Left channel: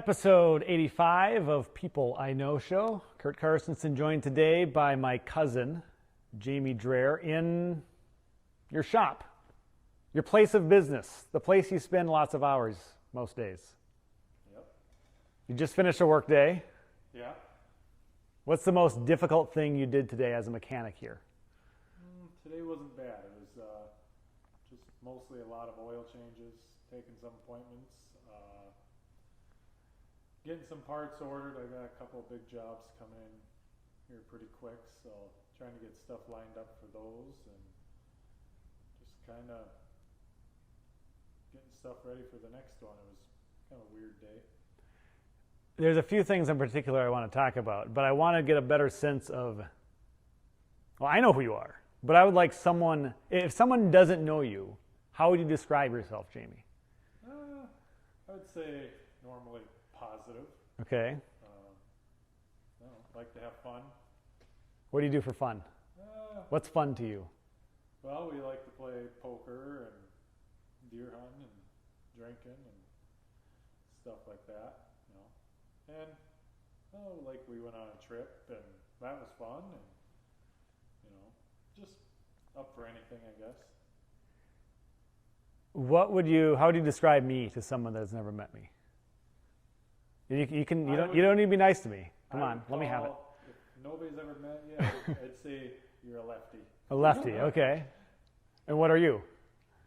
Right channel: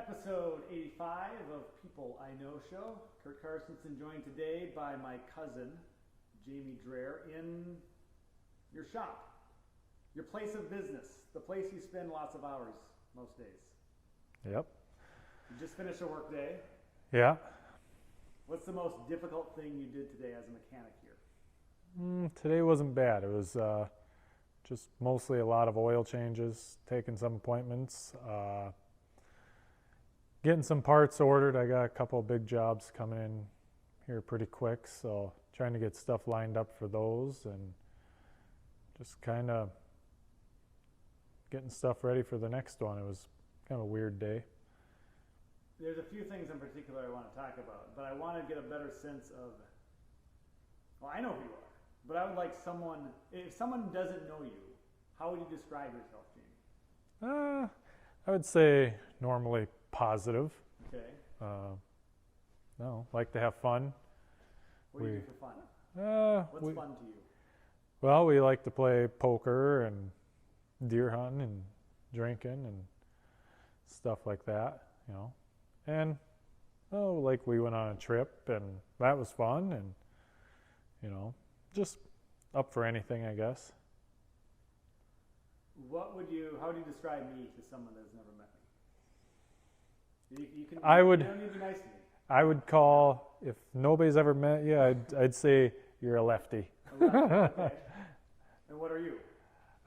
Episode 85 of People I Know Show. Kurt Carstensen joined today by my cousin, Jamie Dreher, in your shop, your place of business, the place you spend lots of hours most days. Yep. You just finished a work day. Yeah. What's the most difficult thing you did today as a mechanic here? Today wasn't bad. It was just mostly a lot of oil changes, taking some appointments, getting some parts ordered. I got a couple of big jobs coming in here pretty quick, so trying to get stuff lined up for those and just kind of getting stuff ready for the next one. It was kind of a weird day. There's a few things in particular I want to talk about, but I want to get a better sense of, well, I know who you are, but I would like someone, if someone doesn't know you, how would you describe yourself, Jamie? I would say normally positive. Okay. No, like to have fun. What do you do for fun? What's fun to you? Well, we like to play poker and deer hunting and drinking and stuff like that, you know. And like we went on a trip and that was fun, and you know, just up for anything, I guess. How would you describe me to someone that has never met me? You don't need to be nice to me. I would call, if nobody's ever met you, I'd say you're a lefty. A lefty, okay. And what are you?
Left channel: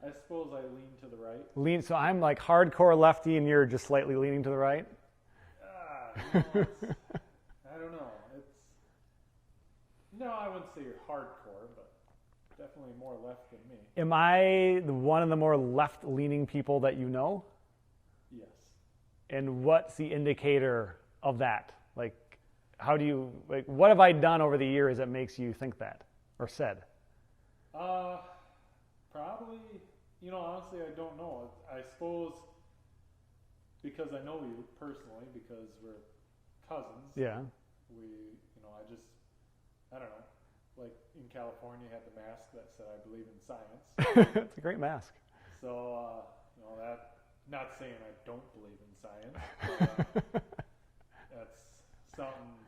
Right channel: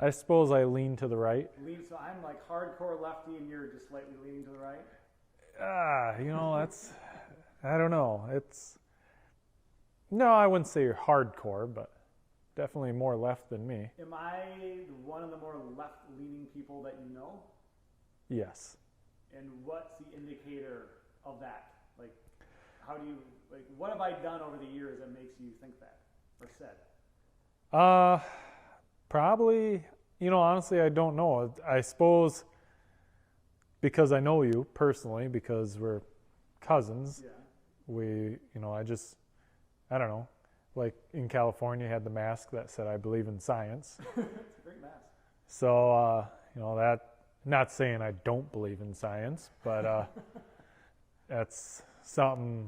I suppose I lean to the right. So I'm like hardcore lefty and you're just slightly leaning to the right? That's, I don't know. No, I wouldn't say you're hardcore, but definitely more left than me. Am I one of the more left-leaning people that you know? Yes. And what's the indicator of that? What have I done over the years that makes you think that or said? Probably, honestly, I don't know. I suppose because I know you personally, because we're cousins. Yeah. I don't know. Like in California, you had the mask that said, "I believe in science." It's a great mask. So, that, not saying I don't believe in science, but that's something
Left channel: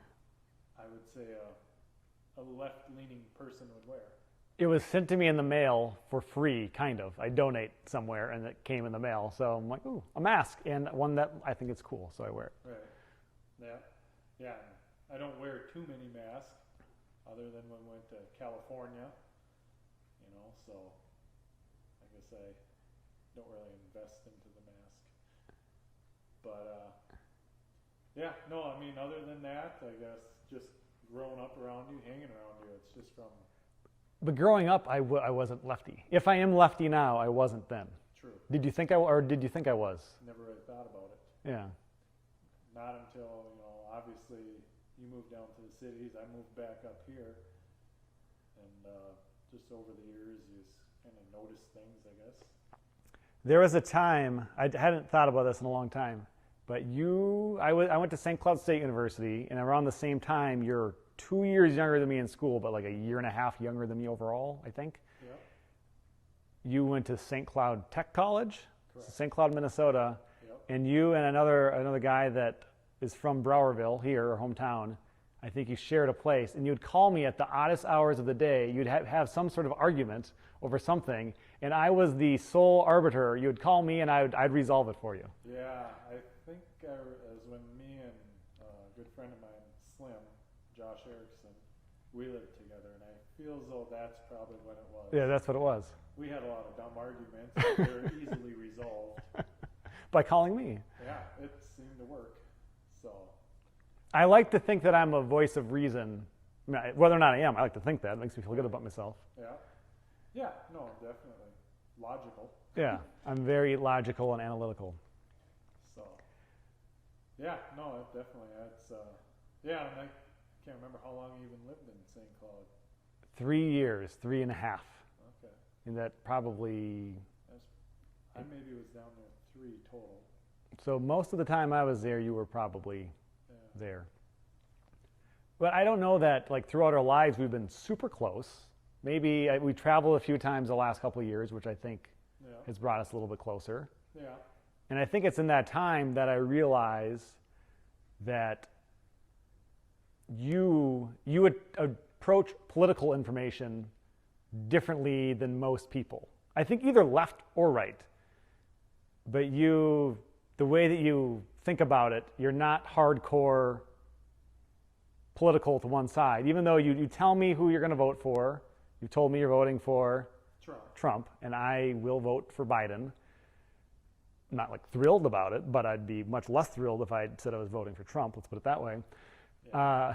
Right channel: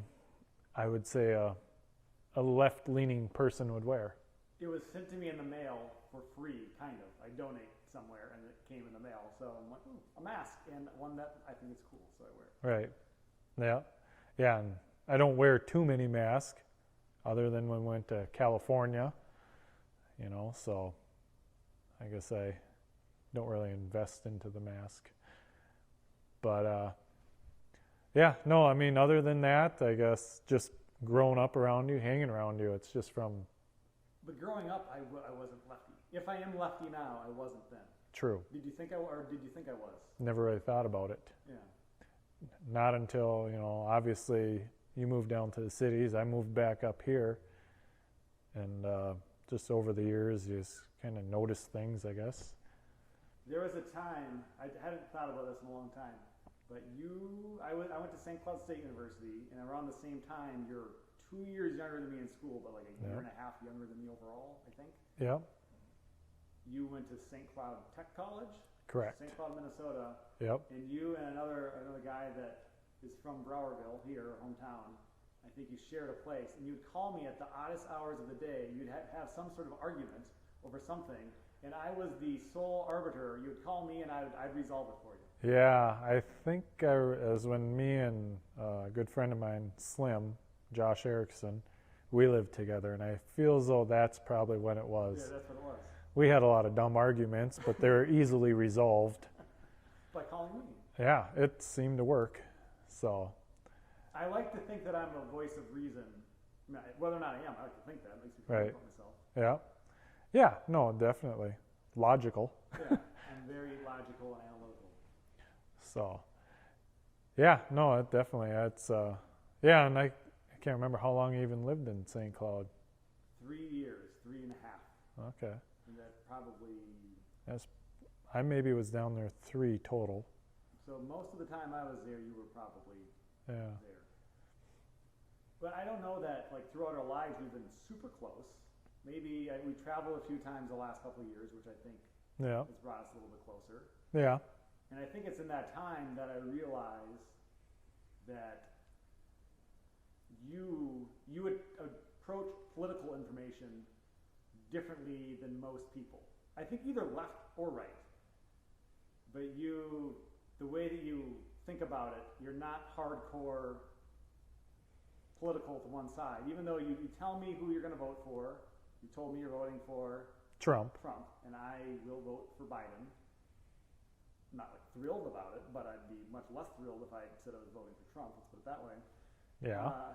I would say a left-leaning person would wear. It was sent to me in the mail for free, kind of. I donate somewhere, and it came in the mail. So I'm like, ooh, a mask, and one that I think is cool, so I wear it. Right. Yeah. Yeah, and I don't wear too many masks, other than when we went to California, so I guess I don't really invest into the mask. But, other than that, I guess just growing up around you, hanging around you, it's just from... But growing up, I wasn't lefty. If I am lefty now, I wasn't then. True. Did you think I was? Never really thought about it. Yeah. Not until, obviously you moved down to the cities. I moved back up here. And just over the years, you just kind of notice things, I guess. There was a time, I hadn't thought about this in a long time, but I went to St. Cloud State University, and around the same time, you're 2 years younger than me in school, but like a year and a half younger than me overall, I think. Yep. You went to St. Cloud Tech College? Correct. St. Cloud, Minnesota. Yep. And you and another guy that is from Browerville, here, our hometown, I think you shared a place, and you'd call me at the oddest hours of the day. You'd have some sort of argument over something, and I was the sole arbiter. You would call me, and I'd resolve it for you. Yeah, I think it was when me and a good friend of mine, Slim, Josh Erickson, we lived together, and I feel as though that's probably when it was. Yeah, that's what it was. We had a lot of dumb arguments, but they were easily resolved. By calling me. Yeah, it seemed to work. So, I like to think that I'm a voice of reason. Whether or not I am, I like to think that. It makes me feel good about myself. Yeah. Yeah, no, definitely. Logical. Yeah, I'm very logical and analytical. So, yeah, no, it definitely. It's, and I can't remember how long you even lived in St. Cloud. 3 years, 3.5. Okay. And that probably... I maybe was down there 3 total. So most of the time I was there, you were probably there. But I don't know that, throughout our lives, we've been super close. Maybe we traveled a few times the last couple of years, which I think has brought us a little bit closer. Yeah. And I think it's in that time that I realize that you would approach political information differently than most people. I think either left or right. But the way that you think about it, you're not hardcore political to one side. Even though you tell me who you're going to vote for, you told me you're voting for Trump, and I will vote for Biden. I'm not like thrilled about it, but I'd be much less thrilled if I said I was voting for Trump. Let's put it that way. Yeah.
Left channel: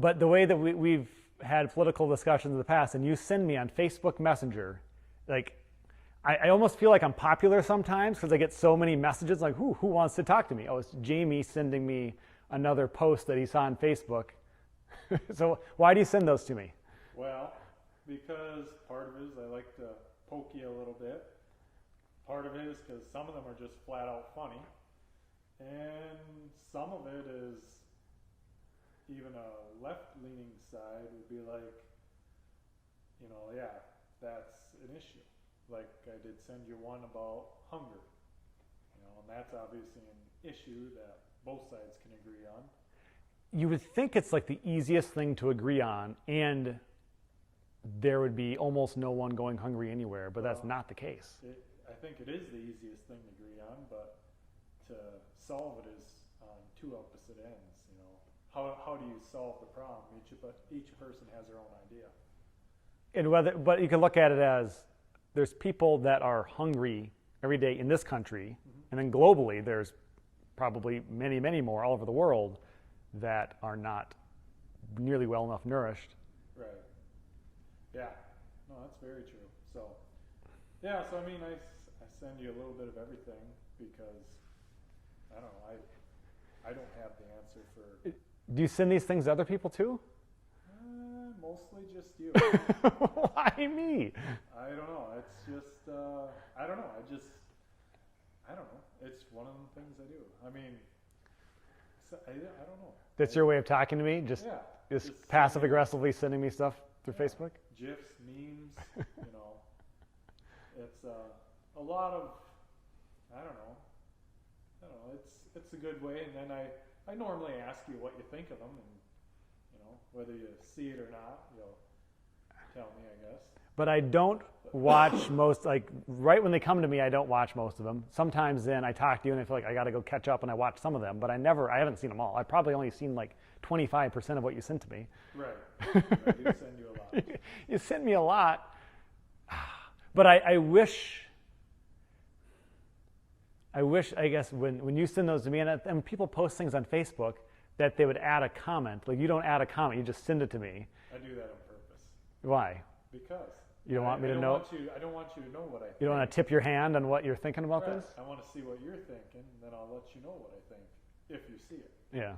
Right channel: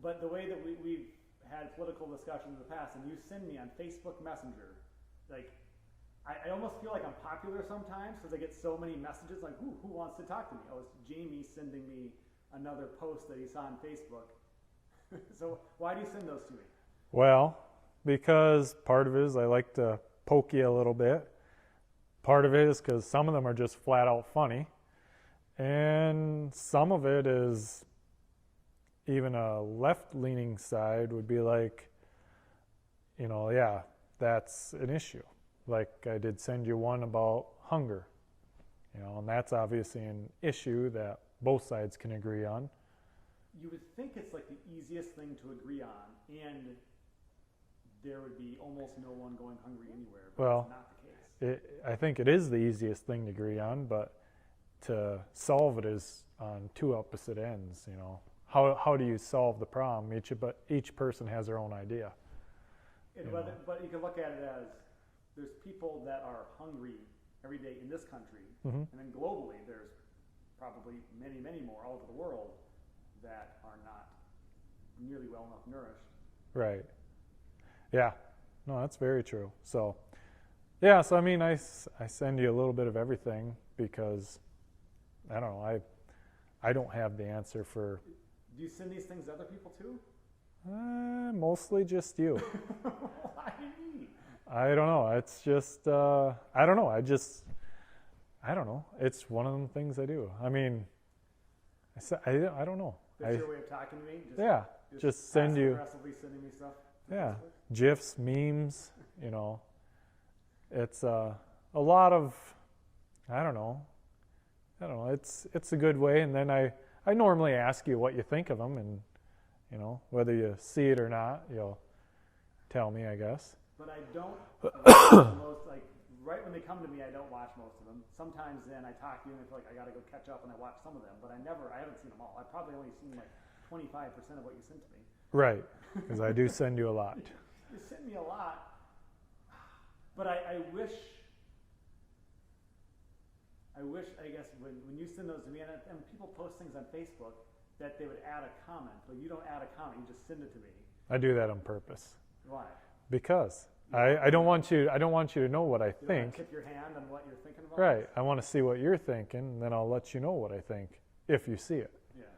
But the way that we've had political discussions in the past, and you send me on Facebook Messenger, like I almost feel like I'm popular sometimes because I get so many messages like, who wants to talk to me? Oh, it's Jamie sending me another post that he saw on Facebook. So why do you send those to me? Well, because part of it is I like to poke you a little bit. Part of it is because some of them are just flat out funny. And some of it is even a left-leaning side would be like, yeah, that's an issue. Like I did send you one about hunger, and that's obviously an issue that both sides can agree on. You would think it's like the easiest thing to agree on, and there would be almost no one going hungry anywhere, but that's not the case. I think it is the easiest thing to agree on, but to solve it is on two opposite ends. How do you solve the problem? Each person has their own idea. And but you can look at it as there's people that are hungry every day in this country, and then globally there's probably many, many more all over the world that are not nearly well enough nourished. Right. Yeah. No, that's very true. So, yeah. So I mean, I send you a little bit of everything because I don't know. I don't have the answer for. Do you send these things to other people too? Mostly just you. Why me? I don't know. It's just I don't know. I don't know. It's one of the things I do. I mean, I don't know. That's your way of talking to me? Just passive aggressively sending me stuff through Facebook? GIFs, memes, It's a lot of, I don't know. It's a good way. And then I normally ask you what you think of them, and whether you see it or not, you'll tell me, I guess. But I don't watch most, like right when they come to me, I don't watch most of them. Sometimes then I talk to you and I feel like I got to go catch up and I watch some of them, but I haven't seen them all. I've probably only seen like 25% of what you sent to me. Right, because I do send you a lot. You send me a lot, but I wish, I guess, when you send those to me, and people post things on Facebook, that they would add a comment. Like you don't add a comment, you just send it to me. I do that on purpose. Why? Because I don't want you to know what I think. You don't want to tip your hand on what you're thinking about right. this? I want to see what you're thinking, and then I'll let you know what I think if you see it. Yeah.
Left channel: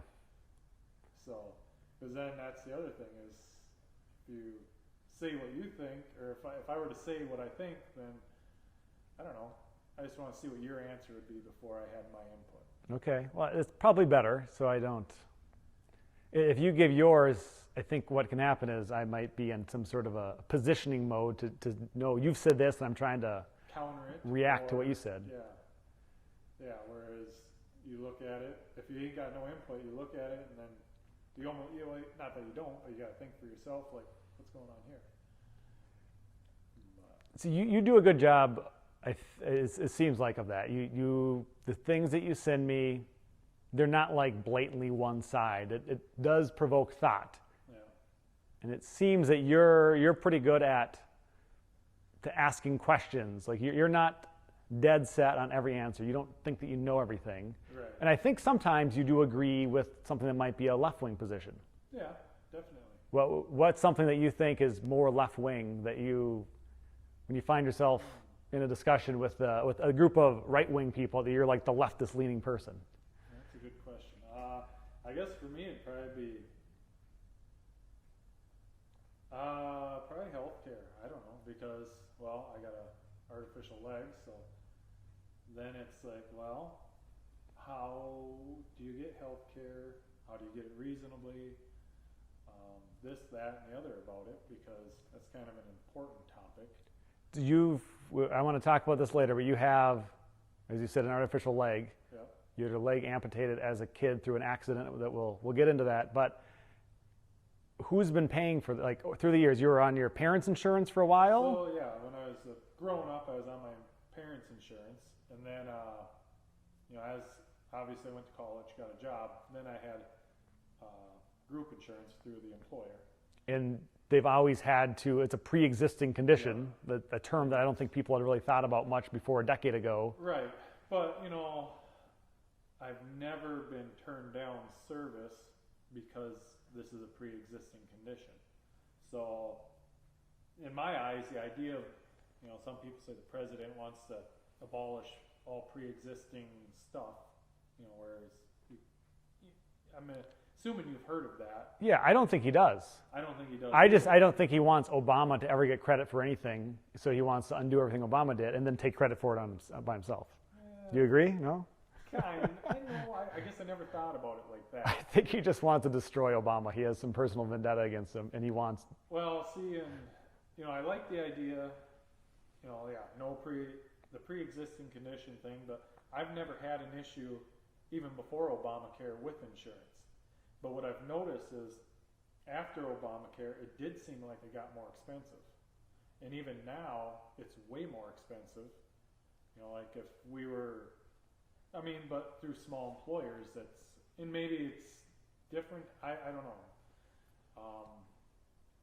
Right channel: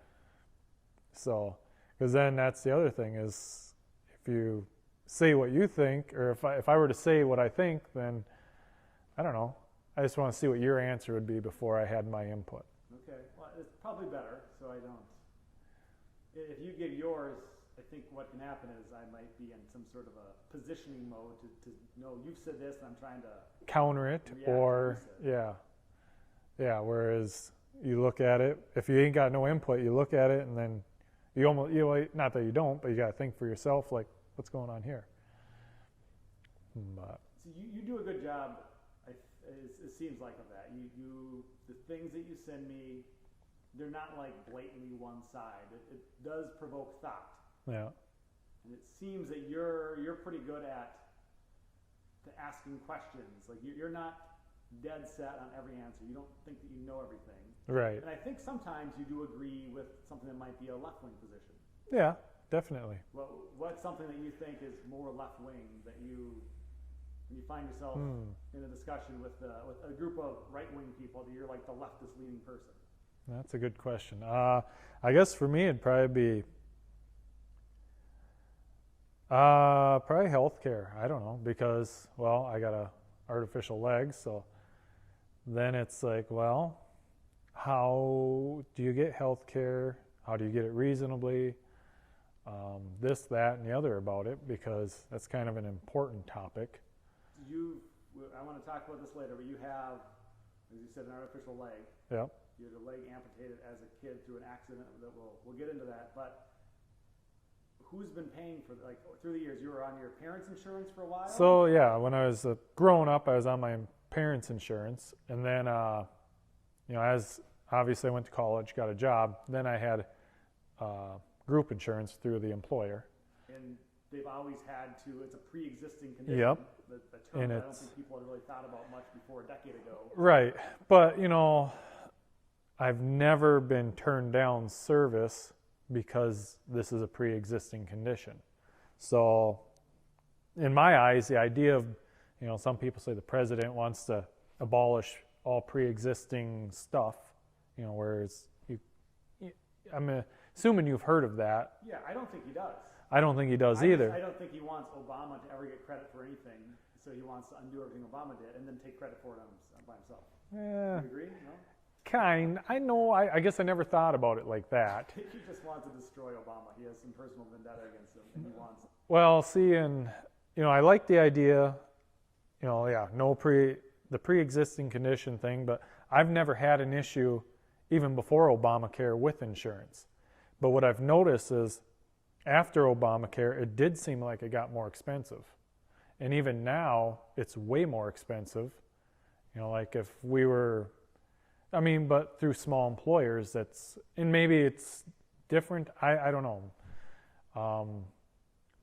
So, because then that's the other thing is, if you say what you think, or if I were to say what I think, then I don't know. I just want to see what your answer would be before I had my input. Okay. Well, it's probably better, so I don't. If you give yours, I think what can happen is I might be in some sort of a positioning mode to know you've said this, and I'm trying to counter it, react to what you said. Yeah. Whereas you look at it, if you ain't got no input, you look at it, and then not that you don't, but you got to think for yourself, like, what's going on here? But. So you do a good job. It seems like of that. The things that you send me, they're not like blatantly one side. It does provoke thought. Yeah. And it seems that you're pretty good at asking questions. Like you're not dead set on every answer. You don't think that you know everything. Right. And I think sometimes you do agree with something that might be a left-wing position. Yeah, definitely. What's something that you think is more left-wing that when you find yourself in a discussion with a group of right-wing people, that you're like the leftist-leaning person? That's a good question. I guess for me it'd probably be probably healthcare. I don't know, because I got a artificial leg, so then it's like, well, how do you get healthcare? How do you get it reasonably? This, that, and the other about it, because that's kind of an important topic. You've I want to talk about this later, but you have, as you said, an artificial leg. Yep. You had your leg amputated as a kid through an accident that we'll get into that. But who's been paying for, like, through the years? You were on your parents' insurance for a while? So yeah, when I was growing up, I was on my parents' insurance, and then as obviously I went to college, got a job, then I had group insurance through the employer. And they've always had to, it's a pre-existing condition, a term And that I don't think people had really thought about much before a decade ago. Right, but I've never been turned down service because this is a pre-existing condition. So in my eyes, the idea of, some people say the president wants to abolish all pre-existing stuff, whereas I'm assuming you've heard of that. Yeah, I don't think he does. I don't think he does either. I don't think he wants Obama to ever get credit for anything, so he wants to undo everything Obama did and then take credit for it by himself. Do you agree? No? I know. I guess I never thought about it like that. I think he just wants to destroy Obama. He has some personal vendetta against him, and he wants... Well, see, and, I like the idea, the pre-existing condition thing, but I've never had an issue, even before Obamacare, with insurance. But what I've noticed is, after Obamacare, it did seem like it got more expensive. And even now, it's way more expensive. Like if we were... but through small employers, and maybe it's different, I don't know.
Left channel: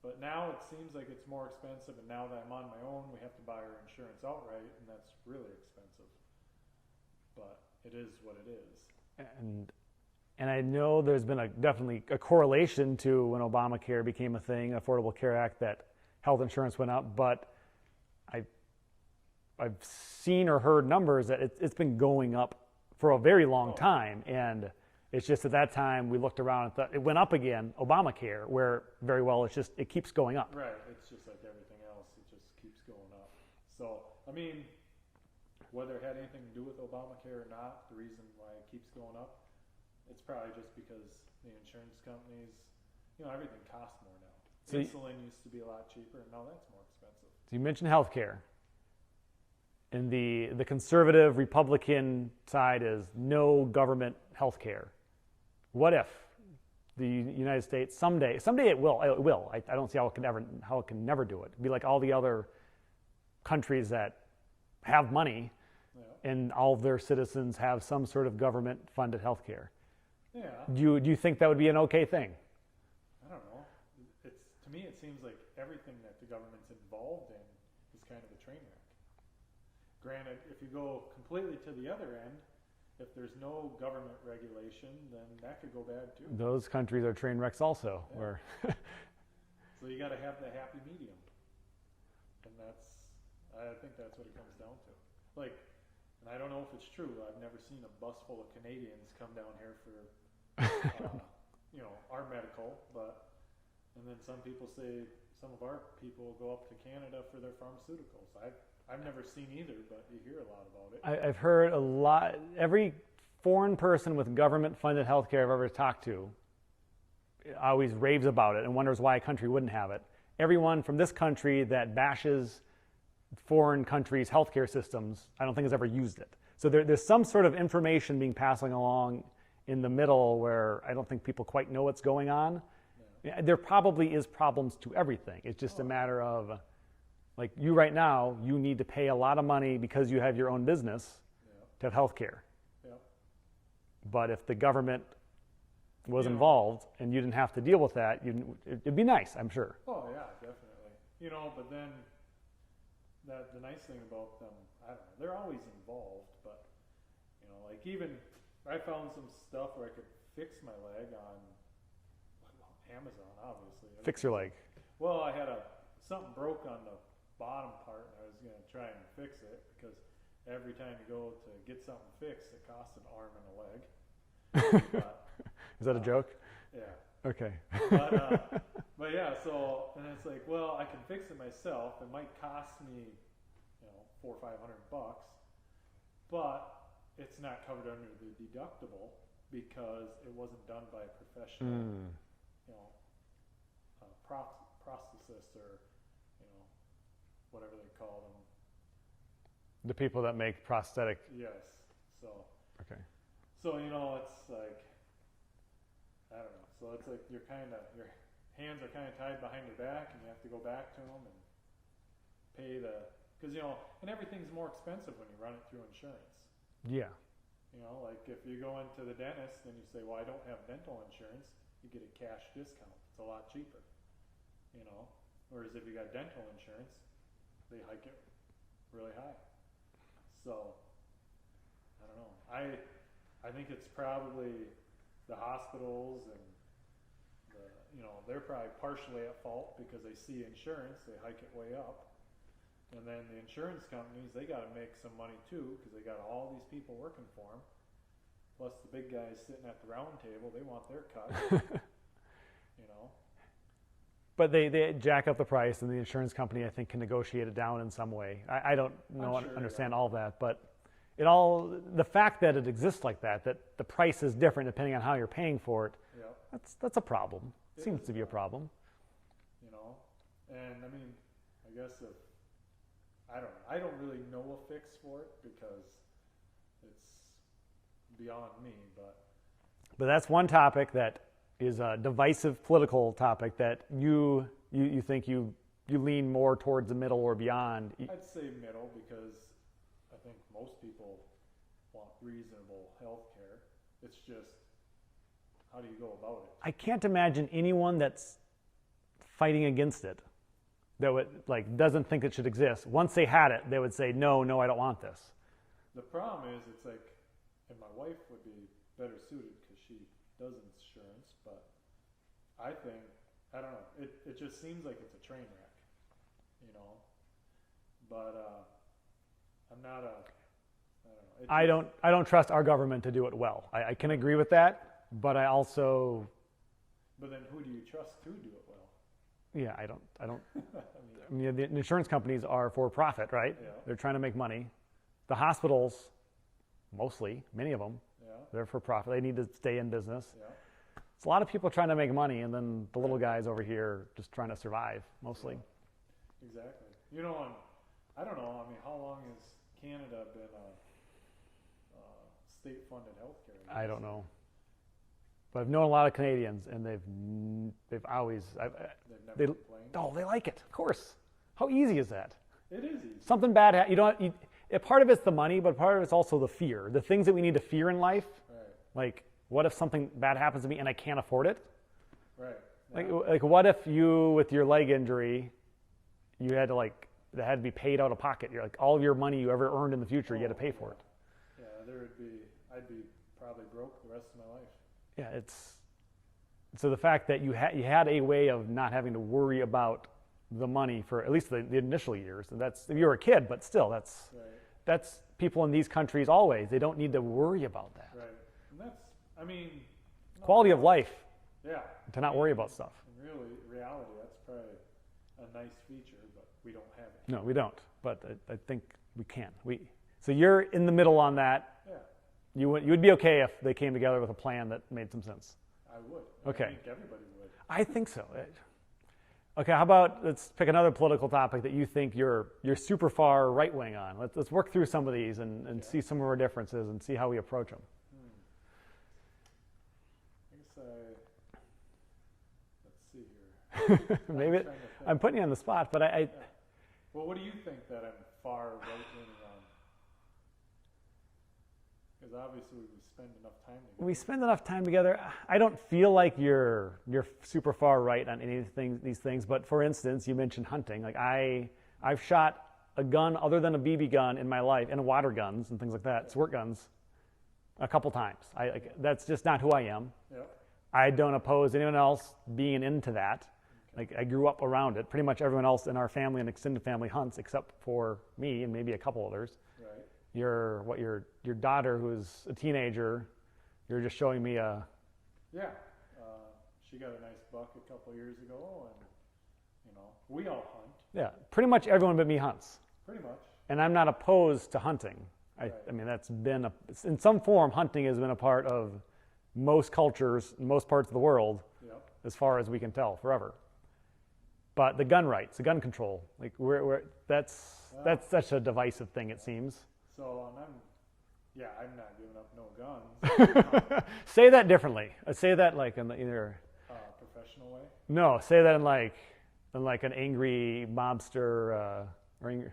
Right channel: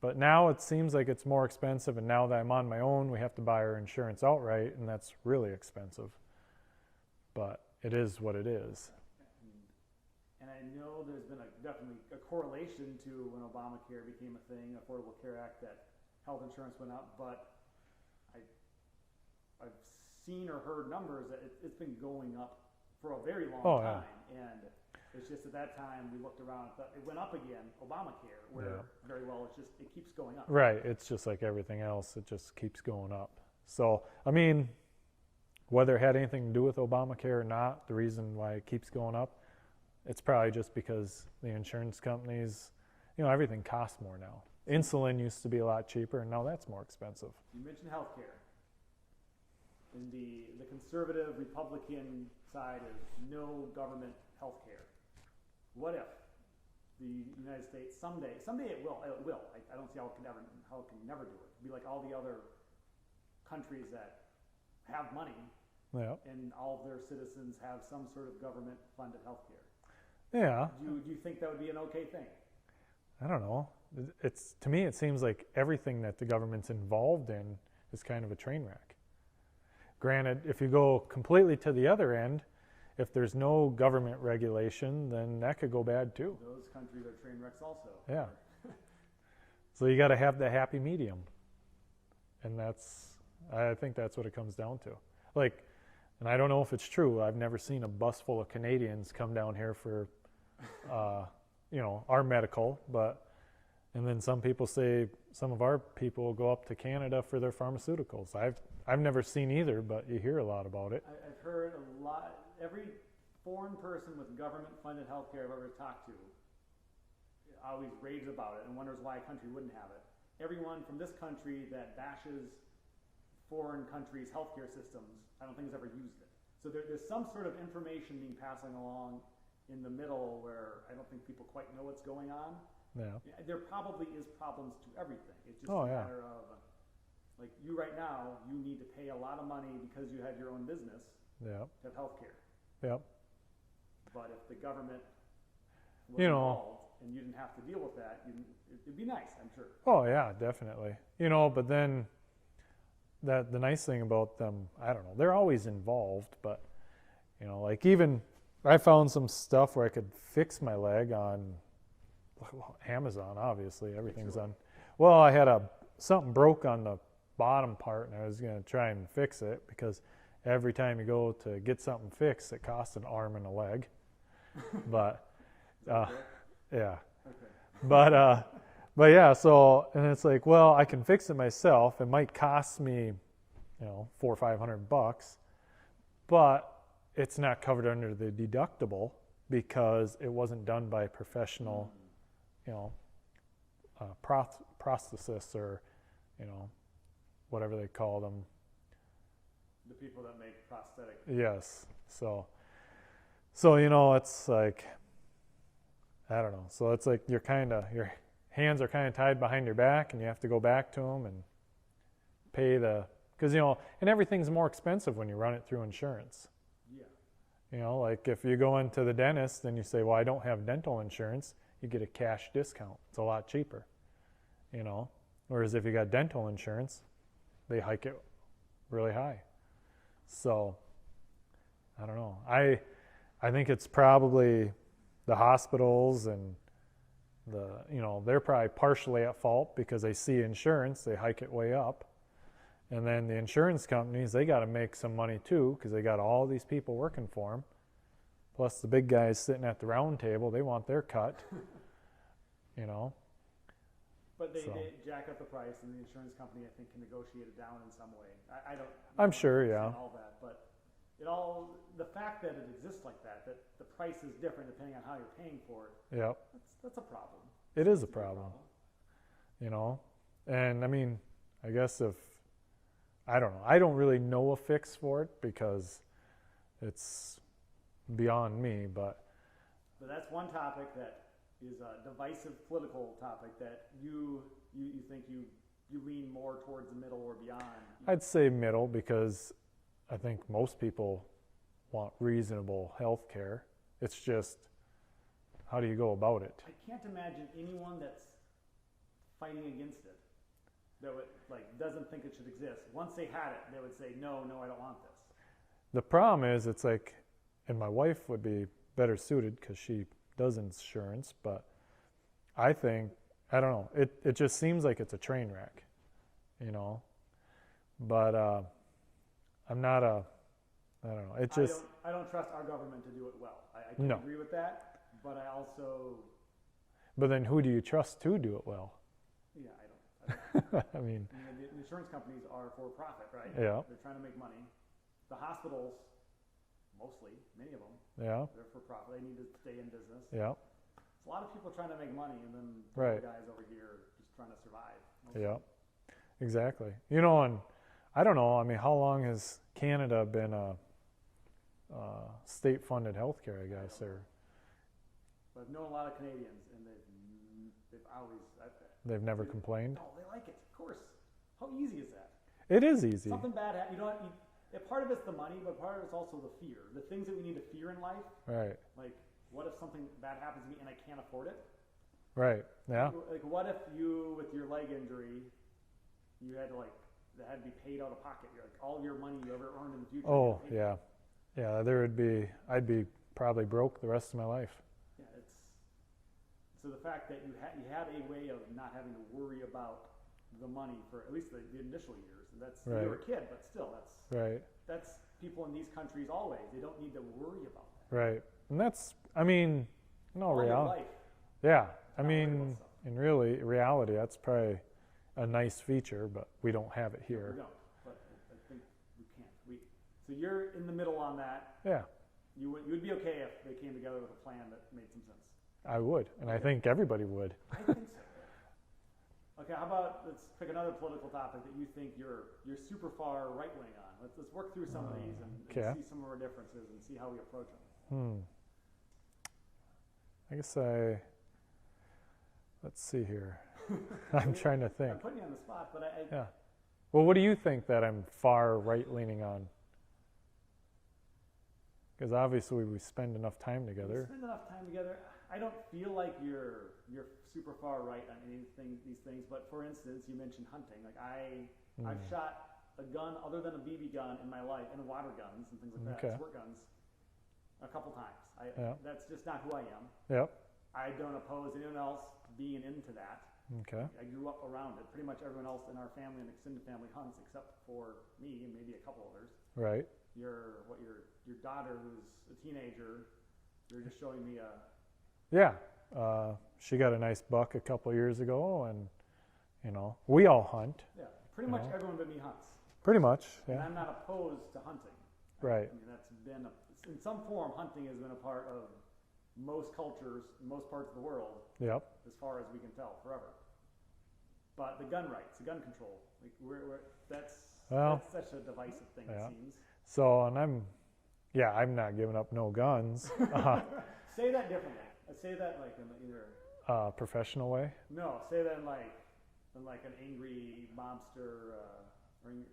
But now it seems like it's more expensive, and now that I'm on my own, we have to buy our insurance outright, and that's really expensive. But it is what it is. And I know there's been definitely a correlation to when Obamacare became a thing, Affordable Care Act, that health insurance went up, but I've seen or heard numbers that it's been going up for a very long time. Yeah. And it's just at that time we looked around and thought it went up again, Obamacare, where very well it keeps going up. Right. It's just like everything else. It just keeps going up. So, whether it had anything to do with Obamacare or not, the reason why it keeps going up, it's probably just because the insurance companies, everything costs more now. Insulin used to be a lot cheaper, and now that's more expensive. You mentioned healthcare. And the conservative Republican side is no government health care. What if the United States someday it will. I don't see how it can never do it. It'd be like all the other countries that have money, and all of their citizens have some sort of government funded health care. Yeah. Do you think that would be an okay thing? I don't know. To me it seems like everything that the government's involved in is kind of a train wreck. Granted, if you go completely to the other end, if there's no government regulation, then that could go bad too. Those countries are train wrecks also. Yeah. So you got to have the happy medium. And I think that's what it comes down to. And I don't know if it's true. I've never seen a bus full of Canadians come down here for, our medical, and then some people say some of our people will go up to Canada for their pharmaceuticals. I've never seen either, but you hear a lot about it. I've heard a lot. Every foreign person with government-funded health care I've ever talked to always raves about it and wonders why a country wouldn't have it. Everyone from this country that bashes foreign countries' healthcare systems, I don't think has ever used it. So there's some sort of information being passed along in the middle where I don't think people quite know what's going on. Yeah. There probably is problems to everything. It's just a matter of... Like you right now, you need to pay a lot of money because you have your own business to have health care. Yep. But if the government was involved and you didn't have to deal with that, it'd be nice, I'm sure. Oh yeah, definitely. But then the nice thing about them, I don't know, they're always involved, but even I found some stuff where I could fix my leg on Amazon, obviously. Fix your leg. Well, I had something broke on the bottom part, and I was going to try and fix it because every time you go to get something fixed, it costs an arm and a leg. But is that a joke? Yeah. Okay. But yeah. So and it's like, well, I can fix it myself. It might cost me, $400 or $500, but it's not covered under the deductible because it wasn't done by a professional, prosthetists or, whatever they call them. The people that make prosthetic. Yes. So, Okay. so it's like, I don't know. So it's like your hands are kind of tied behind your back, and you have to go back to them and pay because and everything's more expensive when you run it through insurance. Yeah. Like if you go into the dentist and you say, well, I don't have dental insurance, you get a cash discount. It's a lot cheaper. Whereas if you got dental insurance, they hike it really high. So I don't know. I think it's probably the hospitals and they're probably partially at fault because they see insurance, they hike it way up. And then the insurance companies, they got to make some money too because they got all these people working for them. Plus the big guys sitting at the round table, they want their cut. But they jack up the price, and the insurance company, I think, can negotiate it down in some way. I don't understand all that, but the fact that it exists like that the price is different depending on how you're paying for it, that's a problem. It seems is to be a problem. And I mean, I guess I don't know. I don't really know a fix for it because it's beyond me, but that's one topic that is a divisive political topic that you think you lean more towards the middle or beyond. I'd say middle because I think most people want reasonable health care. It's just, how do you go about it? I can't imagine anyone that's fighting against it that would doesn't think it should exist. Once they had it, they would say, no, I don't want this. The problem is, it's like, and my wife would be better suited because she does insurance, but I think, I don't know, it just seems like it's a train wreck, but I'm not I don't know. I don't trust our government to do it well. I can agree with that, but I also. But then who do you trust to do it well? Yeah, I don't. I mean, the insurance companies are for profit, right? Yeah. They're trying to make money. The hospitals, many of them, they're for profit. They need to stay in business. Yeah. It's a lot of people trying to make money, and then the little guys over here just trying to survive, mostly. Yeah. Exactly. And I don't know. I mean, how long has Canada been a state-funded healthcare? I guess I don't know. But I've known a lot of Canadians, and they've always never complained. Oh, they like it, of course. How easy is that? It is easy. Something bad part of it's the money, but part of it's also the fear. The things that we need to fear in life. Right. Like, what if something bad happens to me and I can't afford it? Right. Yeah. Like what if you, with your leg injury, you had to that had to be paid out of pocket? You're like, all of your money you ever earned in the future, you had to pay for it. Yeah, I'd be probably broke the rest of my life. Yeah, so the fact that you had a way of not having to worry about the money for at least the initial years, and that's you were a kid, but still, that's people in these countries always. They don't need to worry about that. Right, and that's, I mean, quality of life. Yeah, to not worry about stuff. In reality, that's probably a nice feature, but we don't have it here. No, we don't. But I think we can. So you're in the middle on that. Yeah. You would be okay if they came together with a plan that made some sense. I would. And I think everybody would. I think so. Okay, how about let's pick another political topic that you think you're super far right wing on. Let's work through some of these and see some of our differences and see how we approach them. I guess let's see here. I'm trying to think. I'm putting you on the spot, but Well, what do you think that I'm far right leaning on? Because obviously we spend enough time together. We spend enough time together. I don't feel like you're super far right on these things. But for instance, you mentioned hunting. Like I've shot a gun other than a BB gun in my life, and water guns and things like that, squirt guns, a couple times. That's just not who I am. Yep. I don't oppose anyone else being into that. Okay. Like I grew up around it. Pretty much everyone else in our family and extended family hunts, except for me and maybe a couple others. Right. Your daughter, who's a teenager, you're just showing me a. Yeah, she got a nice buck a couple of years ago, and we all hunt. Yeah, pretty much everyone but me hunts. Pretty much. And I'm not opposed to hunting. Right. I mean, that's been in some form. Hunting has been a part of most cultures, most parts of the world. Yep. As far as we can tell, forever. But the gun rights, the gun control, like that's that's such a divisive thing, it Yeah. seems. So, and I'm not giving up no guns. Say that differently. Say that like in either Professional way. no. Say that in like an angry mobster or angry.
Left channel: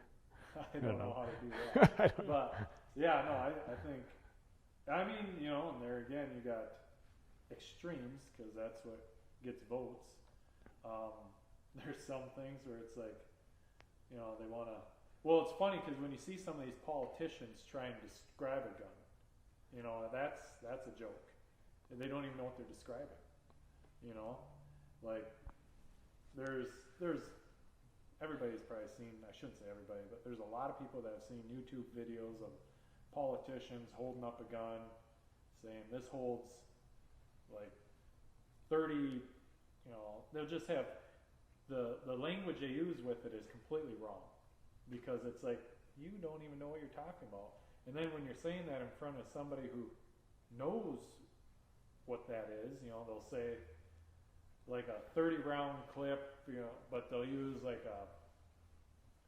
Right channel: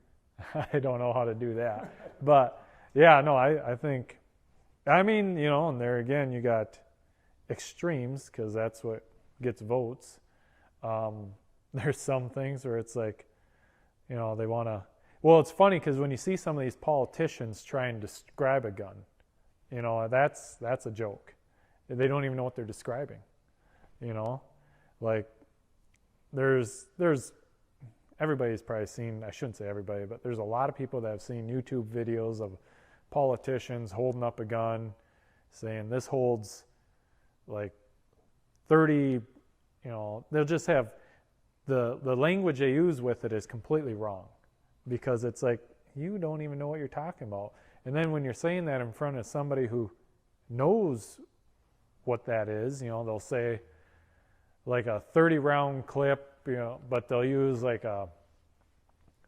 I don't know how to do that. But yeah, no, I think, I mean, you know, and there again, you got extremes because that's what gets votes. There's some things where it's like, you know, they want to, well, it's funny because when you see some of these politicians try and describe a gun, you know, that's a joke. They don't even know what they're describing, you know, like there's everybody's probably seen, I shouldn't say everybody, but there's a lot of people that have seen YouTube videos of politicians holding up a gun saying this holds like 30, you know, they'll just have the language they use with it is completely wrong because it's like you don't even know what you're talking about. And then when you're saying that in front of somebody who knows what that is, you know, they'll say like a 30 round clip, you know, but they'll use like a,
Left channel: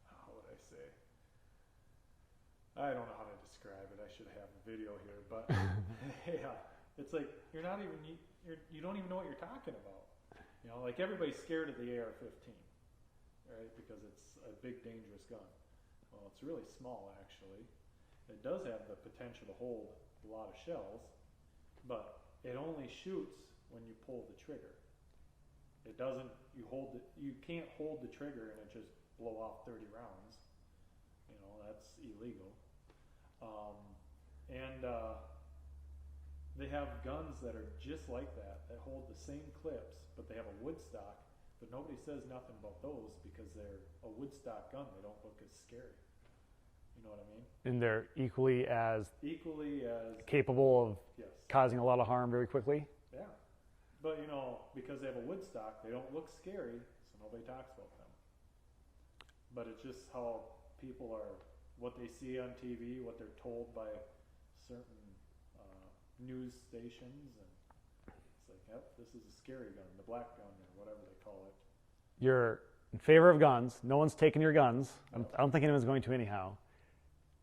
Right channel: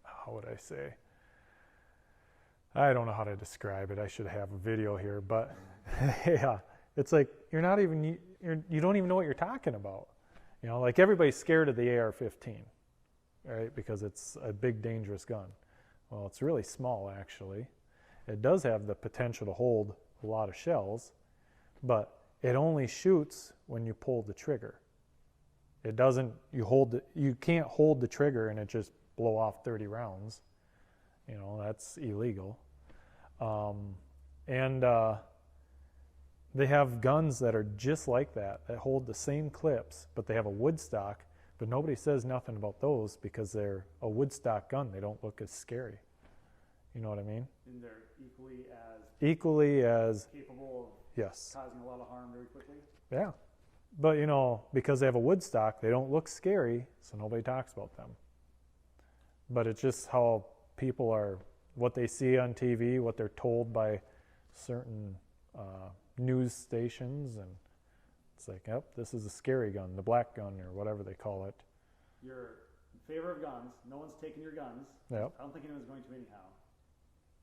how would I say? I don't know how to describe it. I should have a video here, but yeah, it's like you don't even know what you're talking about. You know, like everybody's scared of the AR-15, right? Because it's a big, dangerous gun. Well, it's really small, actually. It does have the potential to hold a lot of shells, but it only shoots when you pull the trigger. It doesn't, you can't hold the trigger and it just blow off 30 rounds. You know, that's illegal. They have guns that are just like that hold the same clips, but they have a wood stock, but nobody says nothing about those because they're a wood stock gun. They don't look as scary. You know what I mean? And they're equally as capable of yes, causing a lot of harm very quickly. Yeah. But, you know, because they have a wood stock, they don't look scary, so nobody talks about them. But it's just how people are, what they see on TV, what they're told by certain news stations, and it's like, yep, this is a scary gun, the black gun, or whatever they call it. You're in favor of guns. No one's taking your guns. Yep. I don't think anyone's going to anyhow.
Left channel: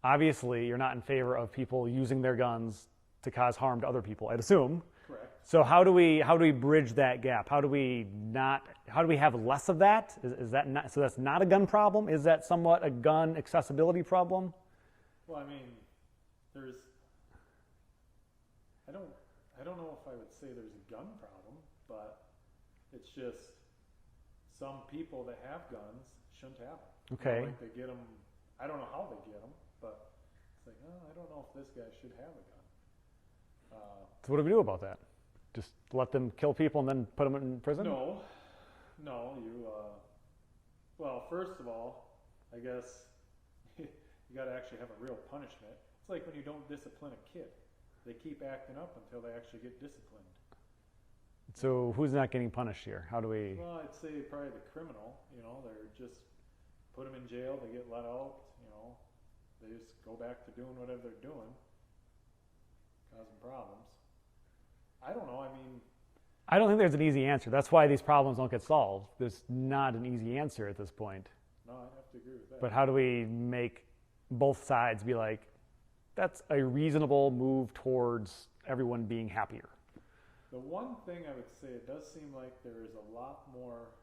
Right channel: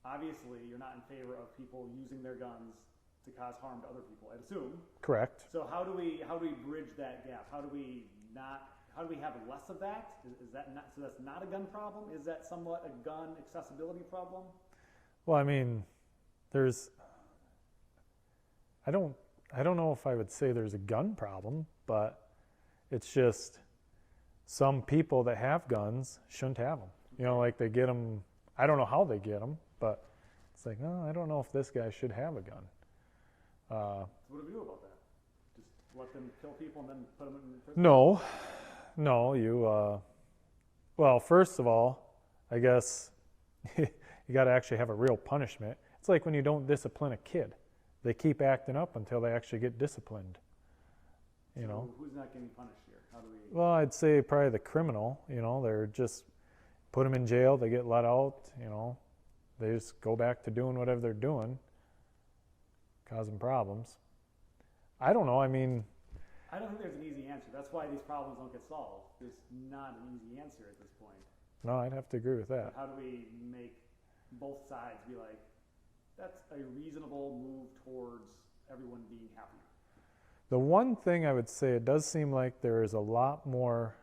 Obviously, you're not in favor of people using their guns to cause harm to other people, I'd assume. Correct. So how do we bridge that gap? How do we have less of that? Is that not, so that's not a gun problem? Is that somewhat a gun accessibility problem? Well, I mean, I don't know if I would say there's a gun problem, but it's just some people that have guns shouldn't have them. Okay. You know, like they get them, I don't know how they get them, but it's like, no, I don't know if this guy should have a gun. So what do we do about that? Just let them kill people and then put them in prison? No, well, first of all, I guess you got to actually have a real punishment. It's like when you don't discipline a kid. They keep acting up until they actually get disciplined. So who's not getting punished here? How do we? Well, I'd say probably the criminal, you know, they're just put them in jail, they get let out, you know, they just go back to doing whatever they're doing, causing problems. I don't know, I mean, I don't think there's an easy answer. That's why these problems don't get solved. There's not an easy answer at this point. No, I'd have to agree with that. But how do we make both sides be like, that's a reasonable move towards everyone being happier? The one thing I would say, it does seem like there is a lot more,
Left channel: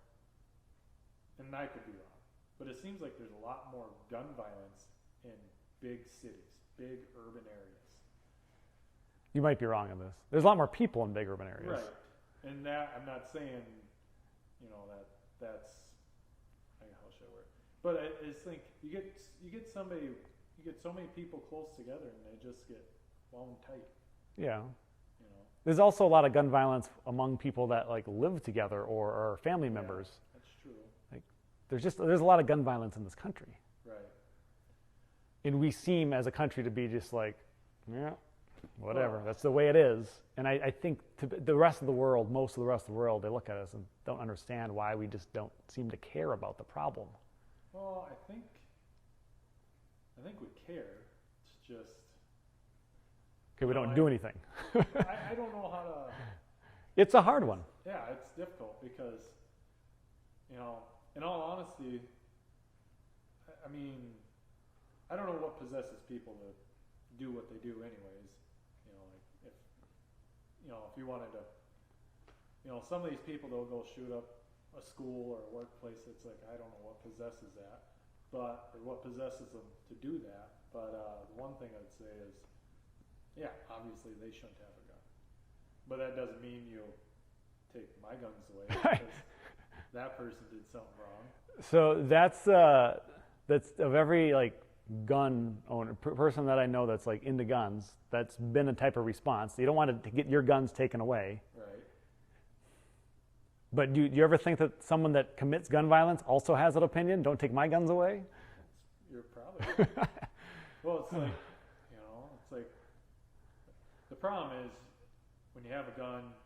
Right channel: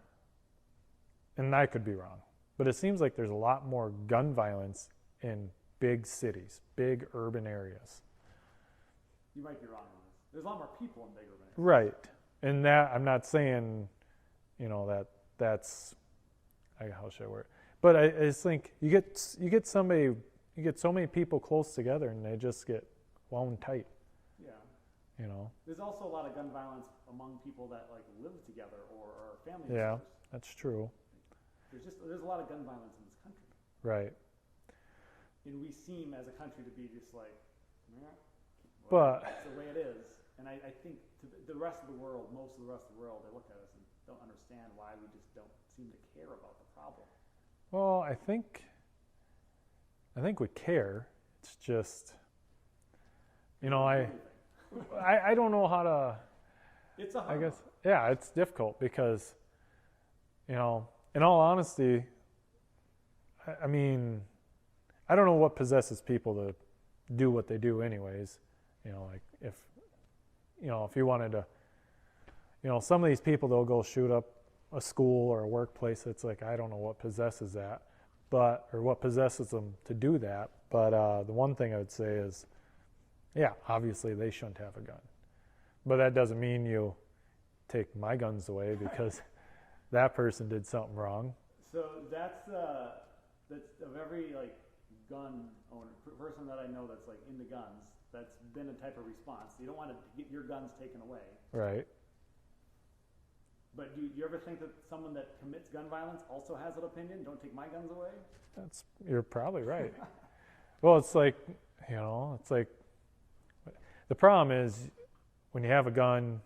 and I could be wrong, but it seems like there's a lot more gun violence in big cities, big urban areas. You might be wrong on this. There's a lot more people in big urban areas. Right. And that, I'm not saying, you know, that's, how should I word it? But I just think you get so many people close together and they just get wound tight. Yeah. You know. There's also a lot of gun violence among people that like live together or are family members. That's true. Like, there's a lot of gun violence in this country. Right. And we seem as a country to be just like, yeah, whatever. That's the way it is. And I think the rest of the world, most of the rest of the world, they look at us and don't understand why we just don't seem to care about the problem. Well, I think we care. It's just, we don't do anything. I don't know how to. It's a hard one. Yeah, it's difficult because, you know, in all honesty, I mean, I don't know what possesses people to do what they do anyways. You know, like if you wanted to, some of these people, they'll go shoot up a school or a workplace. It's like, I don't know what possesses that, or what possesses them to do that. But the one thing I would say is, yeah, obviously they shouldn't have a gun. But that doesn't mean you take my guns away because that person did something wrong. So that's of every like gun owner, person that I know that's like into guns, that's been a type of response. You don't want to get your guns taken away. Right. But do you ever think that someone that commits gun violence also has an opinion? Don't take my guns away? You're probably right. Well, it's like, the problem is when you have a gun,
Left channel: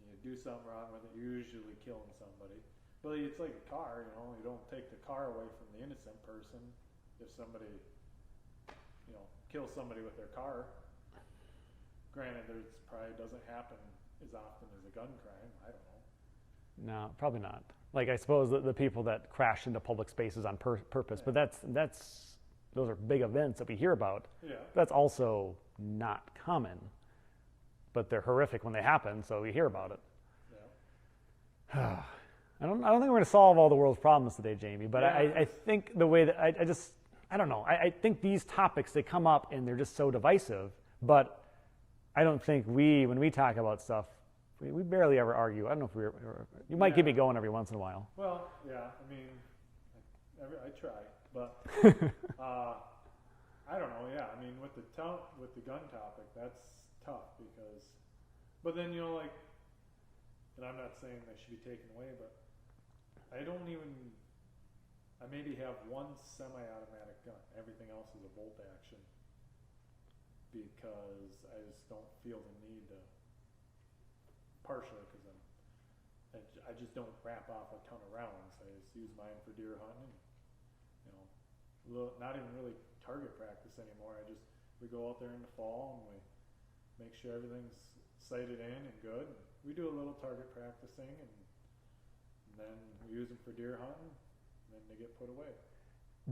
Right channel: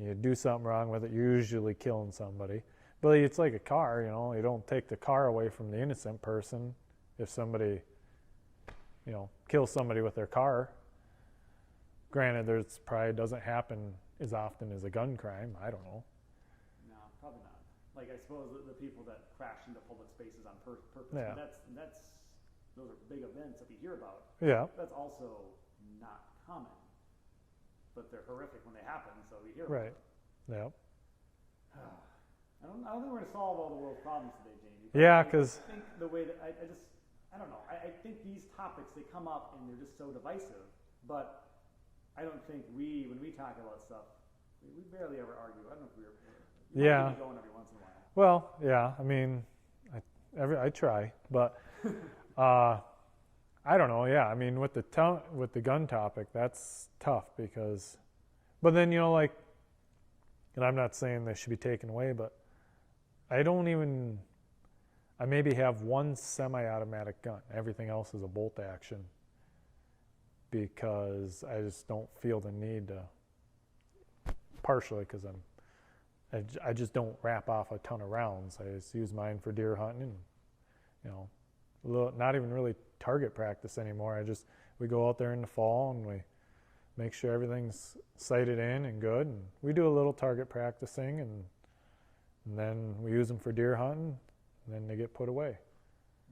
you do something wrong with it, you're usually killing somebody. But it's like a car, you don't take the car away from the innocent person if somebody, kills somebody with their car. Granted, there's probably doesn't happen as often as a gun crime. I don't know. No, probably not. Like, I suppose the people that crash into public spaces on purpose, Yeah. but those are big events that we hear about. Yeah. That's also not common, but they're horrific when they happen, so we hear about Right. it. Yeah. I don't think we're going to solve all the world's problems today, Jamie, but Yeah, I think the way that I don't know. I think these topics, they come up and they're just so divisive, but I don't think when we talk about stuff, we barely ever argue. I don't know if you might keep me going every once in a while. Well, yeah, I mean, I try, but I don't know. Yeah, I mean, with the gun topic, that's tough because, but then and I'm not saying they should be taken away, but I maybe have one semi-automatic gun. Everything else is a bolt action because I just don't feel the need to. Partially because I just don't wrap off a ton of rounds. I just use mine for deer hunting, and, not even really target practice anymore. We go out there in the fall and we make sure everything's sighted in and good. And we do a little target practicing and then we use them for deer hunting and then they get put away.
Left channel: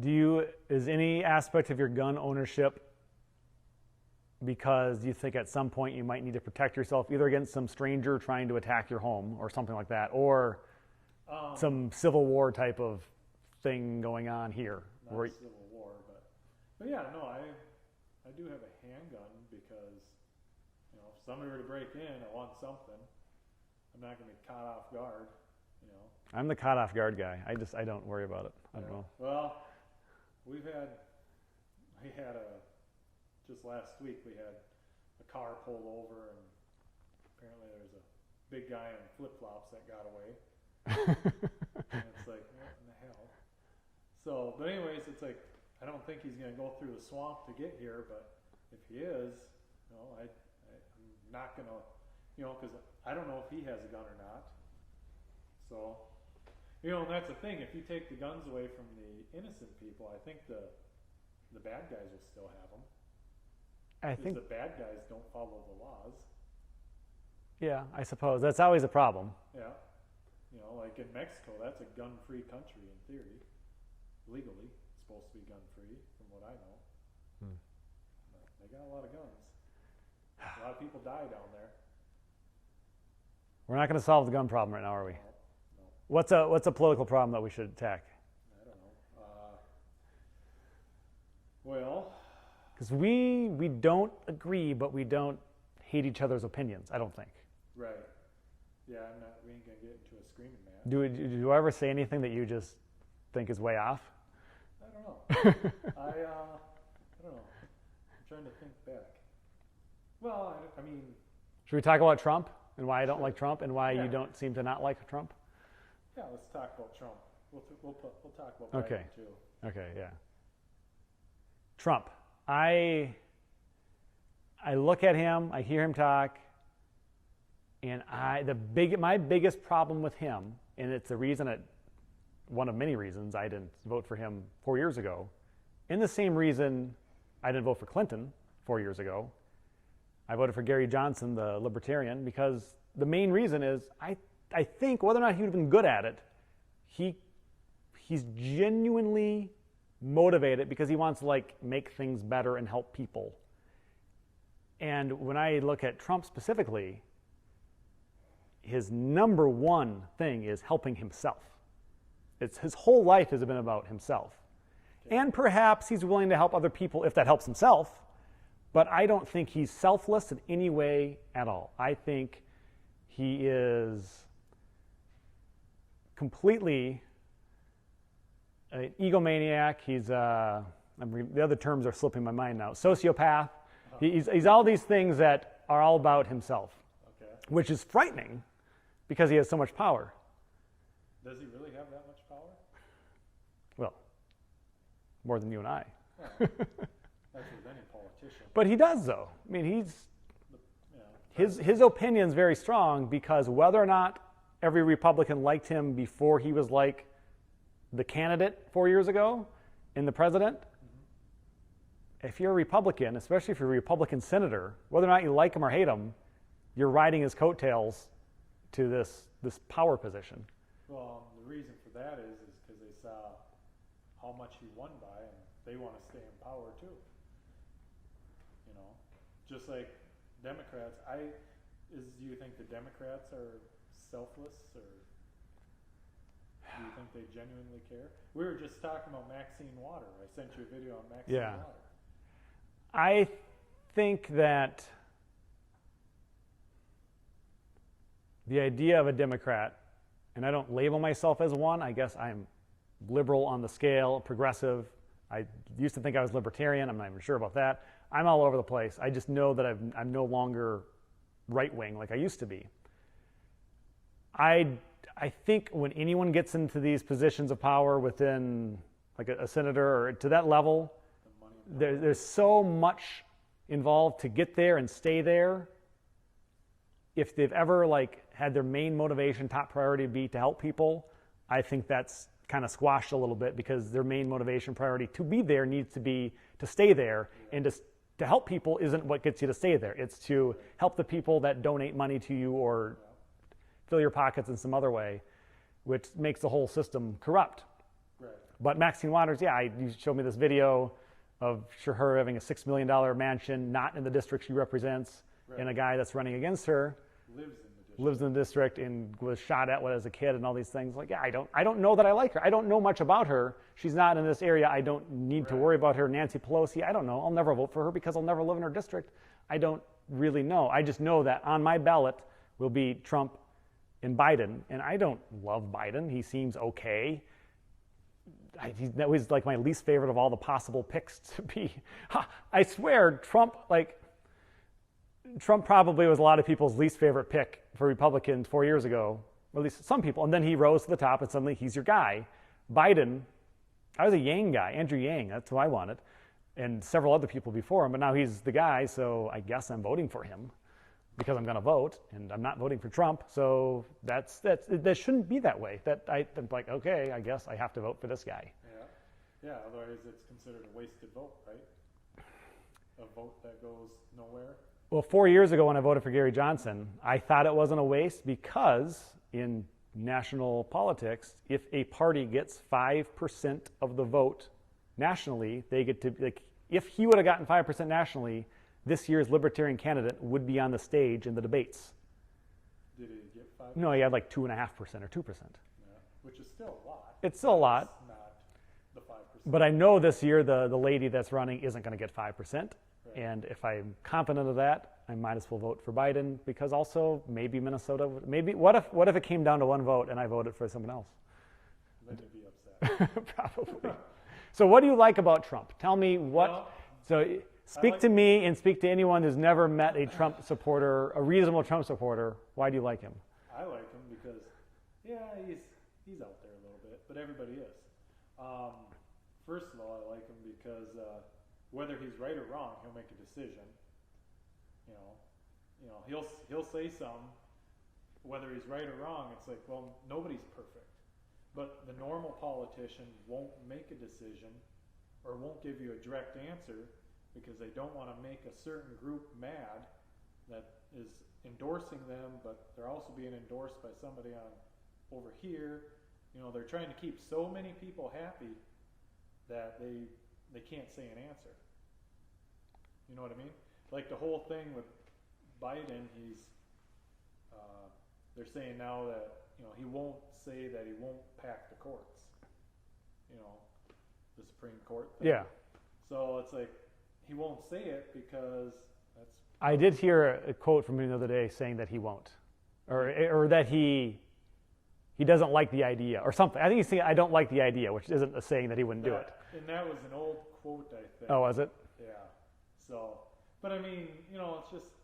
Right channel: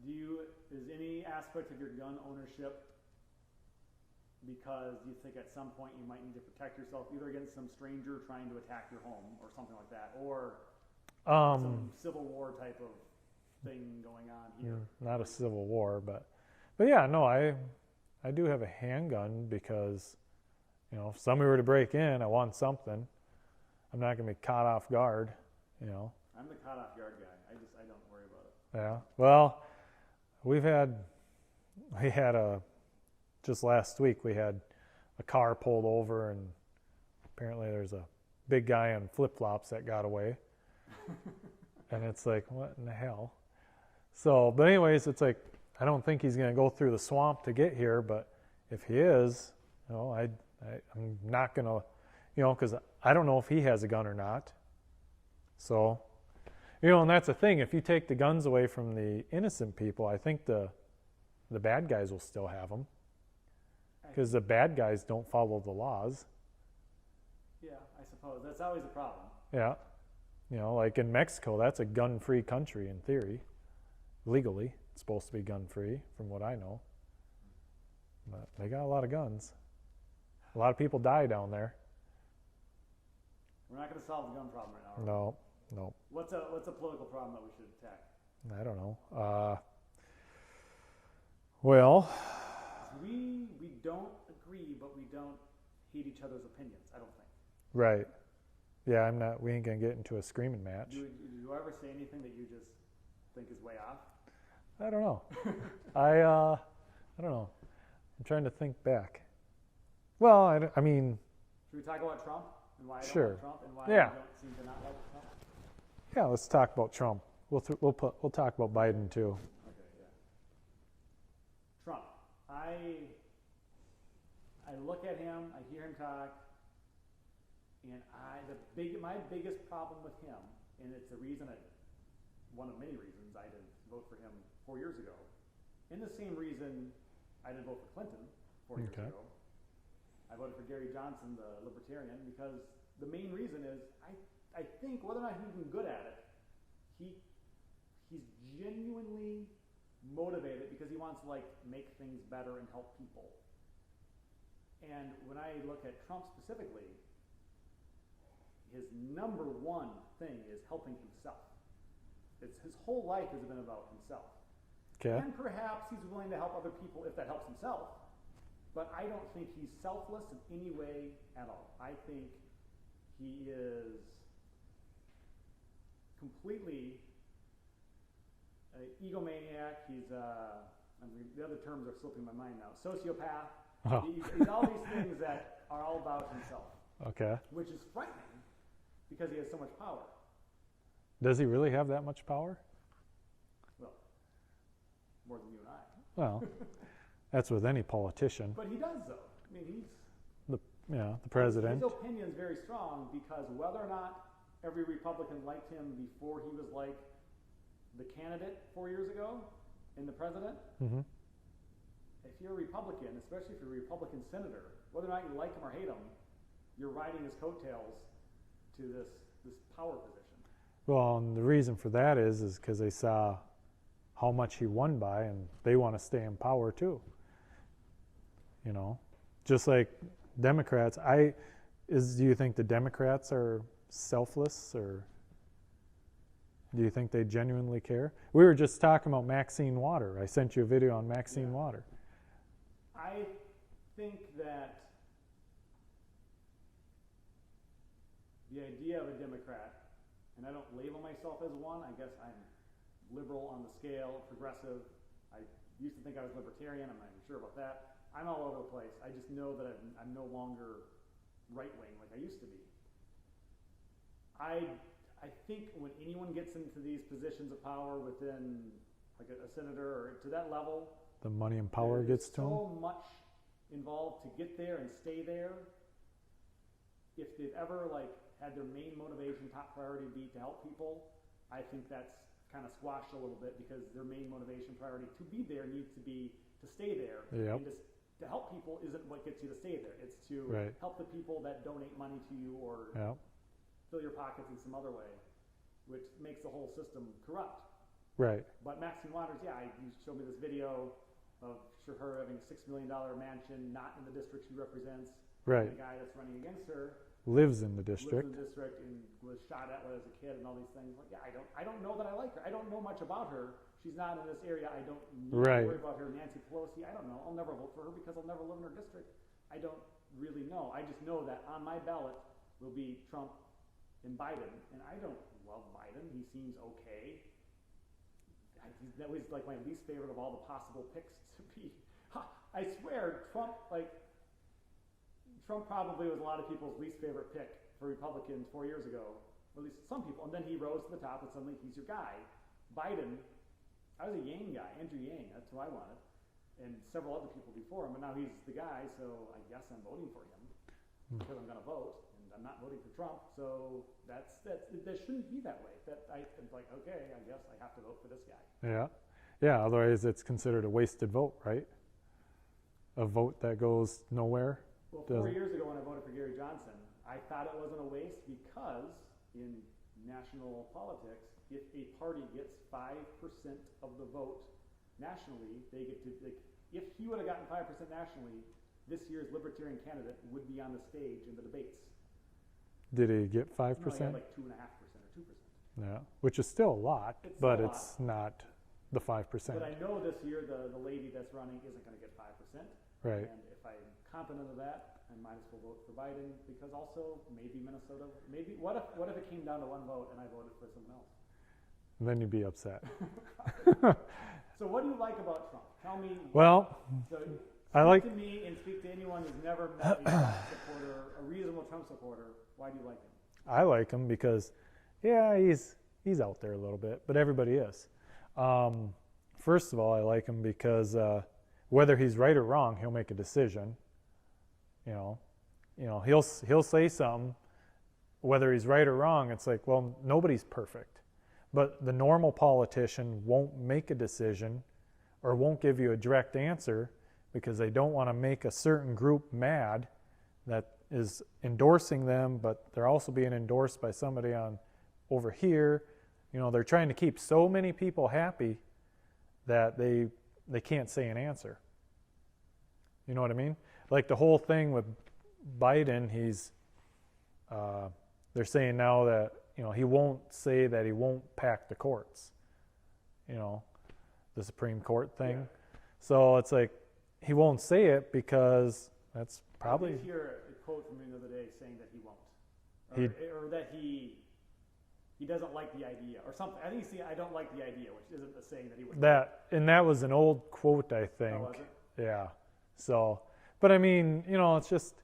Is any aspect of your gun ownership because you think at some point you might need to protect yourself either against some stranger trying to attack your home or something like that, or some Civil War type of thing going on here? Not a Civil War, but yeah, no, I do have a handgun because, if somebody were to break in, I want something. I'm not going to be caught off guard, I'm the caught off guard guy. I don't worry about it. Yeah. Well, we had just last week we had a car pulled over and apparently there's a big guy on flip-flops that got away. And it's like, what in the hell? So, but anyways, it's like, I don't think he's going to go through the swamp to get here, but if he is, I'm not going to, because I don't know if he has a gun or not. So, and that's the thing. If you take the guns away from the innocent people, I think the bad guys will still have them. Because the bad guys don't follow the laws. Yeah, I suppose. That's always a problem. Yeah. Like in Mexico, that's a gun-free country in theory. Legally, it's supposed to be gun-free from what I know. But they got a lot of guns. A lot of people die down there. We're not going to solve the gun problem right now, are we? No. What's a political problem that we should attack? I don't know. Well, because we don't agree, but we don't hate each other's opinions, I don't think. Right. Yeah, we ain't going to get into a screaming match. Do I ever say anything that you just think is way off? I don't know. I don't know. I'm trying to think back. Well, I mean... Should we talk about Trump and why I don't Sure. like Trump and why you don't seem to not like Trump? Yeah, let's talk about Trump. We'll talk about Biden too. Okay, yeah. Trump. I look at him, I hear him talk, and my biggest problem with him, and it's the reason one of many reasons I didn't vote for him 4 years ago, and the same reason I didn't vote for Clinton 4 years ago. I voted for Gary Johnson, the libertarian, because the main reason is I think whether or not he would have been good at it, he's genuinely motivate it because he wants to like make things better and help people. And when I look at Trump specifically, his number one thing is helping himself. His whole life has been about himself. Okay. And perhaps he's willing to help other people if that helps himself, but I don't think he's selfless in any way at all. I think he is completely an egomaniac. He's the other terms are slipping my mind now. Sociopath. Oh. He's all these things that are all about himself. Okay. Which is frightening because he has so much power. Does he really have that much power? Well, more than you and I. Well, that's with any politician. But he does, though. I mean, he's the president. His opinion's very strong because whether or not every Republican liked him before he was like the candidate 4 years ago and the president, if you're a Republican, especially if you're a Republican senator, whether or not you like him or hate him, you're riding his coattails to this power position. Well, and the reason for that is because they saw how much he won by, and they want to stay in power too. You know, just like Democrats. Do you think the Democrats are selfless, or do you think they genuinely care? We were just talking about Maxine Water. I sent you a video on Maxine Water. I think that the idea of a Democrat, and I don't label myself as one, I guess I'm liberal on the scale, progressive. I used to think I was libertarian. I'm not even sure about that. I'm all over the place. I just know that I'm no longer right-wing like I used to be. I think when anyone gets into these positions of power within like a senator or to that level, the money and power, there's so much involved to get there and stay there. If they've ever like had their main motivation, top priority be to help people, I think that's kind of squashed a little bit because their main motivation priority to be there needs to be to stay there. Yep. And to help people isn't what gets you to stay there. It's to help the people that donate money to you or fill your pockets in some other way, which makes the whole system corrupt. Right. But Maxine Waters, you showed me this video of her having a $6 million mansion, not in the district she represents, and a guy that's running against her lives in the district and was shot at as a kid and all these things. Like, I don't know that I like her. I don't know much about her. She's not in this area. I don't need to worry about her. Nancy Pelosi, I don't know. I'll never vote for her because I'll never live in her district. I don't really know. I just know that on my ballot will be Trump and Biden, and I don't love Biden. He seems okay. That was like my least favorite of all the possible picks to be. I swear, Trump probably was a lot of people's least favorite pick for Republicans 4 years ago, or at least some people, and then he rose to the top and suddenly he's your guy. Biden, I was a Yang guy, Andrew Yang, that's who I wanted, and several other people before him, but now he's the guy, so I guess I'm voting for him because I'm going to vote, and I'm not voting for Trump, so that shouldn't be that way. I'm like, okay, I guess I have to vote for this guy. Yeah, otherwise it's considered a wasted vote, right? A vote that goes nowhere. Well, 4 years ago when I voted for Gary Johnson, I thought it wasn't a waste because in national politics, if a party gets 5% of the vote nationally, they get to, like, if he would have gotten 5% nationally, this year's Libertarian candidate would be on the stage in the debates. Did he get 5%? No, he had like 2.5% or 2%. Yeah, which is still a lot. It's still a lot. It's not the 5%. But I know this year the lady that's running isn't going to get 5%. Right. And if I'm confident of that, I might as well vote for Biden because also maybe Minnesota. Maybe what if it came down to one vote and I voted for someone else? Then you'd be upset. Probably. So what do you like about Trump? Tell me what. Well, so speak to me and speak to anyone who's never met a Trump supporter, a reasonable Trump supporter. Why do you like him? I like him because, he's out there a little bit, but everybody is. First of all, I like him because whether he's right or wrong, he'll make a decision. He'll say something. Whether he's right or wrong, it's like, well, nobody's perfect. But the normal politician won't make a decision or won't give you a direct answer because they don't want to make a certain group mad that is endorsing them, but they're also being endorsed by somebody on over here. They're trying to keep so many people happy that they can't say an answer. You know what I mean? Like the whole thing with Biden, they're saying now that, you know, he won't say that he won't pack the courts. You know, the Supreme Court thing. Yeah. So it's like he won't say it because that's. I did hear a quote from him the other day saying that he won't, or that he doesn't like the idea or something. I think he's saying I don't like the idea, which isn't a saying that he wouldn't do it. And that was an old quote, I think. Oh, was it? Yeah. So, but I mean, you know, it's just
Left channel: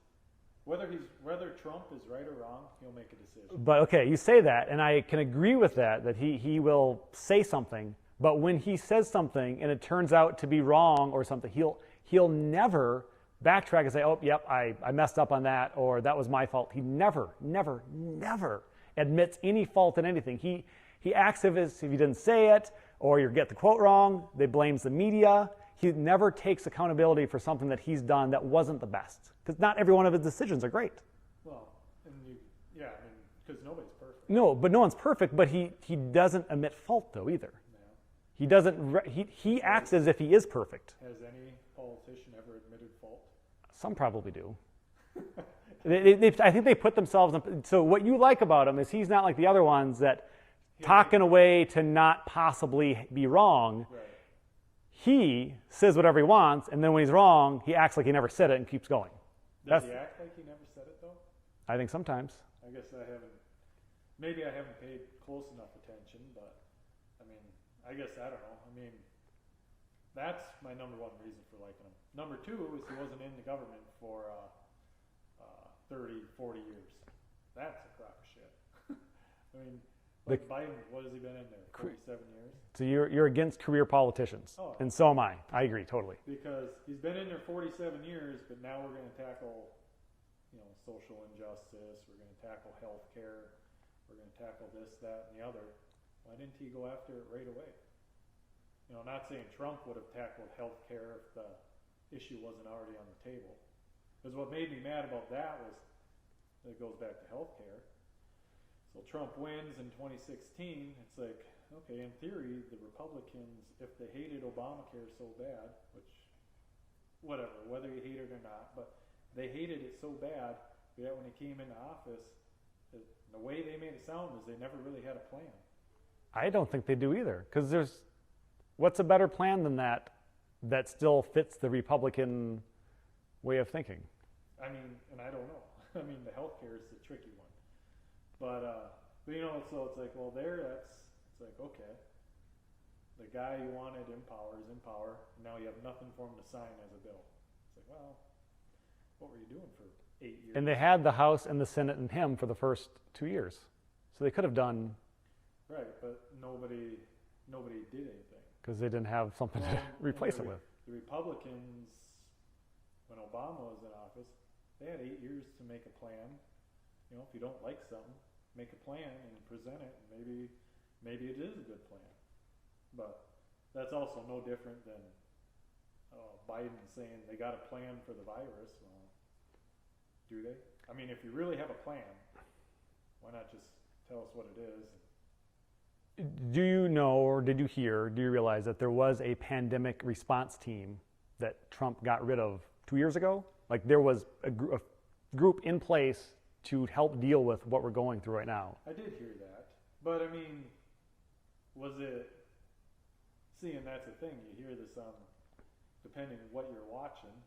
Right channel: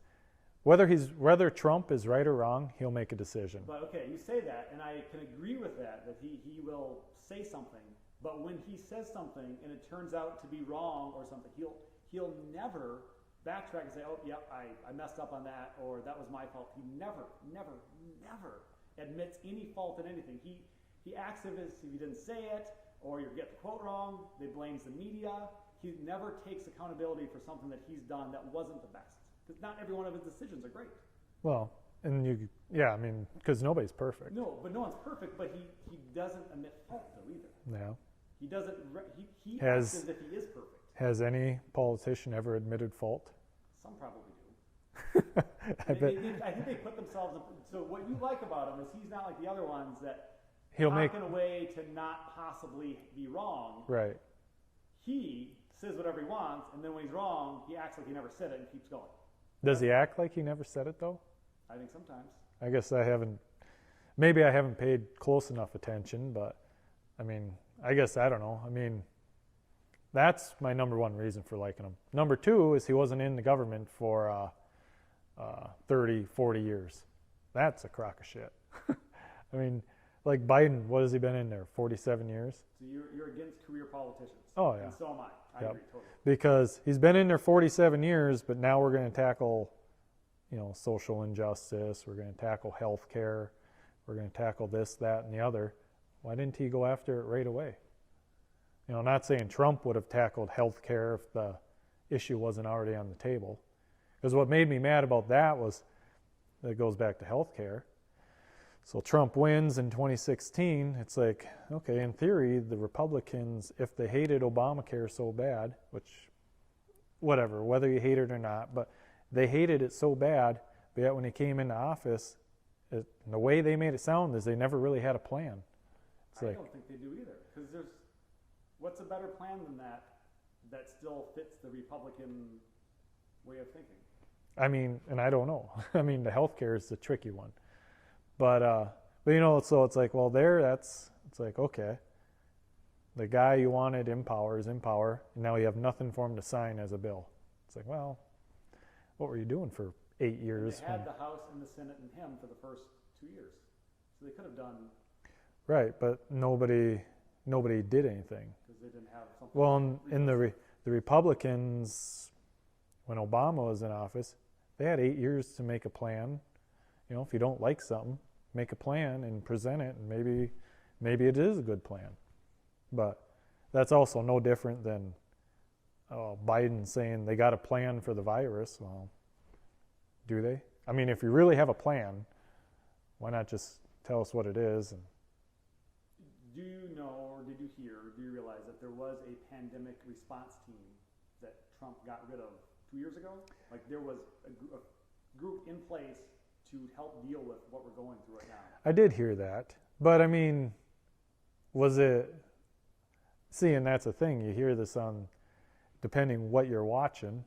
whether Trump is right or wrong, he'll make a decision. But okay, you say that, and I can agree with that he will say something. But when he says something and it turns out to be wrong or something, he'll never backtrack and say, oh, yep, I messed up on that, or that was my fault. He never admits any fault in anything. He acts as if he didn't say it, or you get the quote wrong, they blames the media. He never takes accountability for something that he's done that wasn't the best. Because not every one of his decisions are great. Well, and I mean, because nobody's perfect. No, but no one's perfect, but he doesn't admit fault, though, either. Yeah. He doesn't, he acts as if he is perfect. Has any politician ever admitted fault? Some probably do. I think they put themselves in, so what you like about him is he's not like the other ones that talk in a way to not possibly be wrong. Right. He says whatever he wants, and then when he's wrong, he acts like he never said it and keeps going. Does he act like he never said it, though? I think sometimes. I guess maybe I haven't paid close enough attention, but I mean, I guess I don't know. I mean, that's my number one reason for liking him. Number two is he wasn't in the government for 30, 40 years. That's a crock of shit. I mean, like Biden, what has he been in there? 47 years? So you're against career politicians. Oh, yeah. And so am I. I agree, totally. Because he's been in there 47 years, but now we're going to tackle, you know, social injustice. We're going to tackle health care. We're going to tackle this, that, and the other. Why didn't he go after it right away? You know, not saying Trump would have tackled health care if the issue wasn't already on the table. Because what made me mad about that was, it goes back to health care. So Trump wins in 2016. It's like, okay, in theory, the Republicans, if they hated Obamacare so bad, which, whatever, whether you hate it or not, but they hated it so bad, but yet when he came into office, the way they made it sound is they never really had a plan. I don't think they do either. Because what's a better plan than that still fits the Republican way of thinking? I mean, and I don't know. I mean, the healthcare is the tricky one. But you know, so it's like, well, it's like, okay, the guy you wanted in power is in power, and now you have nothing for him to sign as a bill. It's like, well, what were you doing for 8 years? And they had the House and the Senate and him for the first 2 years. So they could have done. Right, but nobody did anything. Because they didn't have something to replace it with. The Republicans, when Obama was in office, they had 8 years to make a plan. You know, if you don't like something, make a plan and present it, and maybe it is a good plan. But that's also no different than Biden saying they got a plan for the virus. Well, do they? I mean, if you really have a plan, why not just tell us what it is? And do you know, or did you hear, do you realize that there was a pandemic response team that Trump got rid of 2 years ago? Like there was a group in place to help deal with what we're going through right now. I did hear that. But I mean, was it, see, and that's the thing, you hear this on, depending what you're watching,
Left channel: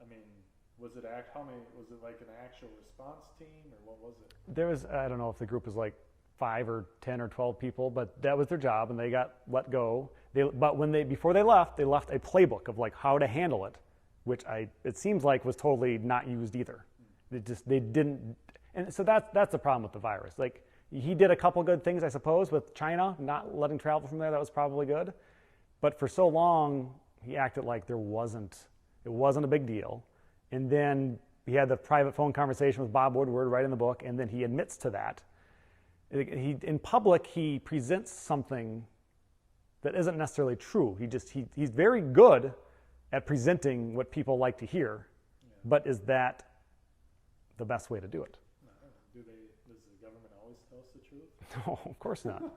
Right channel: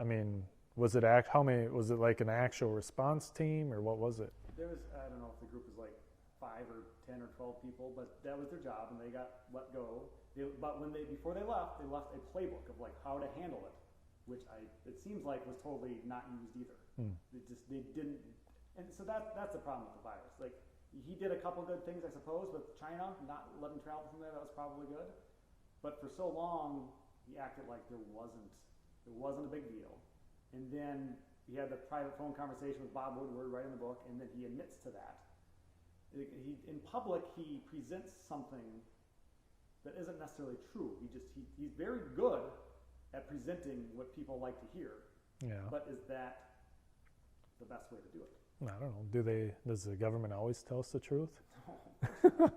I mean, was it like an actual response team, or what was it? There was, I don't know if the group was like 5 or 10 or 12 people, but that was their job, and they got let go. Before they left a playbook of like how to handle it, which it seems like was totally not used either. They didn't, and so that's the problem with the virus. Like he did a couple good things, I suppose, with China not letting travel from there. That was probably good, but for so long he acted like it wasn't a big deal. And then he had the private phone conversation with Bob Woodward right in the book, and then he admits to that. In public, he presents something that isn't necessarily true. He's very good at presenting what people like to hear. Yeah. But is that the best way to do it? I don't know. Does the government always tell us the truth? No, of course not.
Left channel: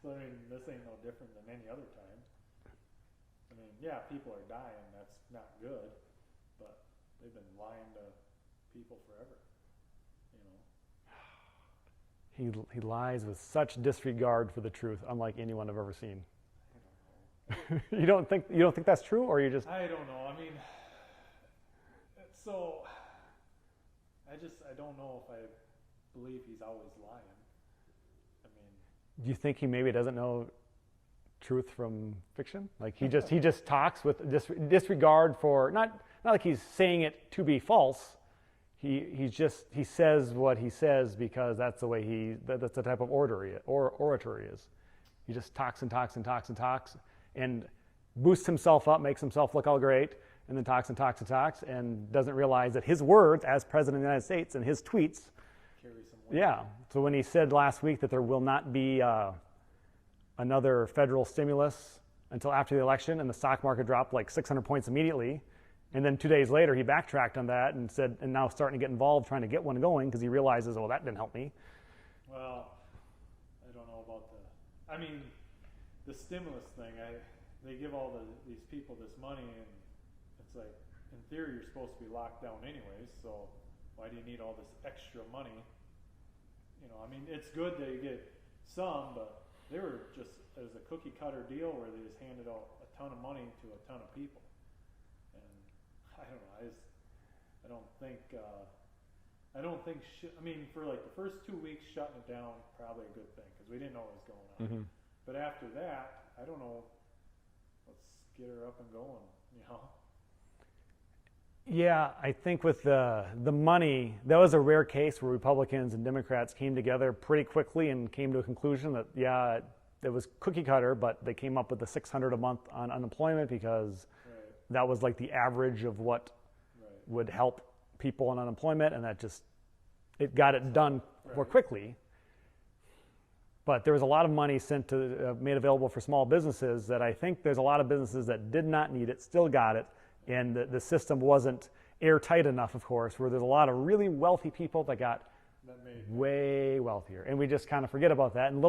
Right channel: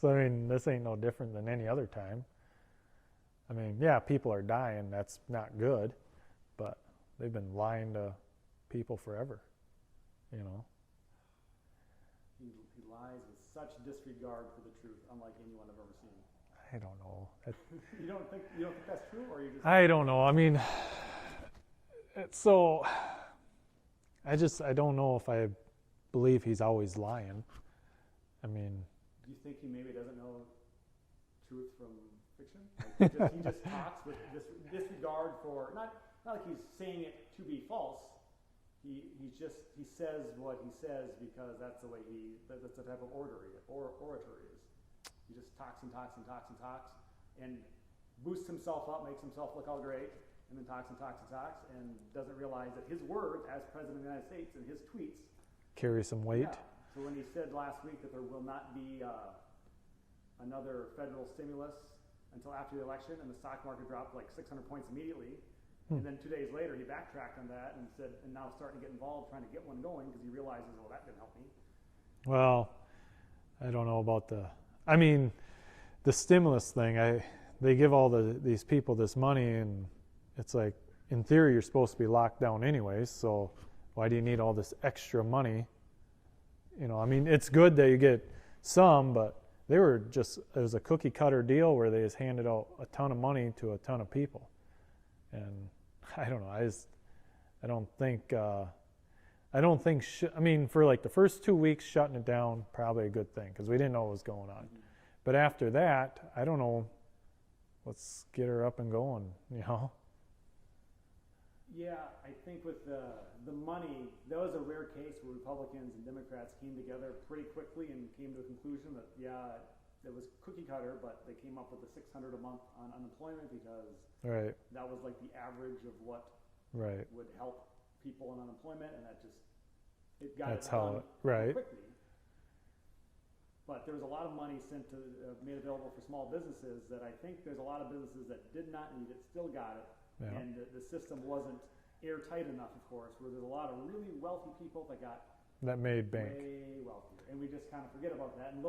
So I mean, this ain't no different than any other time. I mean, yeah, people are dying. That's not good, but they've been lying to people forever, you know. He lies with such disregard for the truth, unlike anyone I've ever seen. I don't know. You don't think that's true, or you just? I don't know. I mean, so I don't know if I believe he's always lying. I mean, do you think he maybe doesn't know truth from fiction? Like he just talks with disregard for not like he's saying it to be false. He says what he says because that's the way that's the type of orator he is. He just talks and talks and talks and talks and boosts himself up, makes himself look all great, and then talks and talks and talks and doesn't realize that his words as president of the United States and his tweets carry some weight. Yeah. So when he said last week that there will not be another federal stimulus until after the election, and the stock market dropped like 600 points immediately, and then 2 days later he backtracked on that and said, and now starting to get involved trying to get one going because he realizes, well, that didn't help me. Well, I don't know about the stimulus thing. They give all these people this money, and it's like, in theory, you're supposed to be locked down anyways, so why do you need all this extra money? You know, I mean, it's good that you get some, but it was a cookie cutter deal where they just handed out a ton of money to a ton of people. And I don't know, I don't think, for like the first 2 weeks, shutting it down, probably a good thing, because we didn't know what was going on. Mm-hmm. But after that, I don't know, let's get her up and going, you know? Yeah, I think with the money, that was a rare case where Republicans and Democrats came together pretty quickly and came to a conclusion that, yeah, it was cookie cutter, but they came up with the $600 a month on unemployment because that was like the average of what would help people on unemployment, and it got it done more quickly. But there was a lot of money made available for small businesses that I think there's a lot of businesses that did not need it, still got it. Yeah. And the system wasn't airtight enough, of course, where there's a lot of really wealthy people that made way wealthier. And we just kind of forget about that. And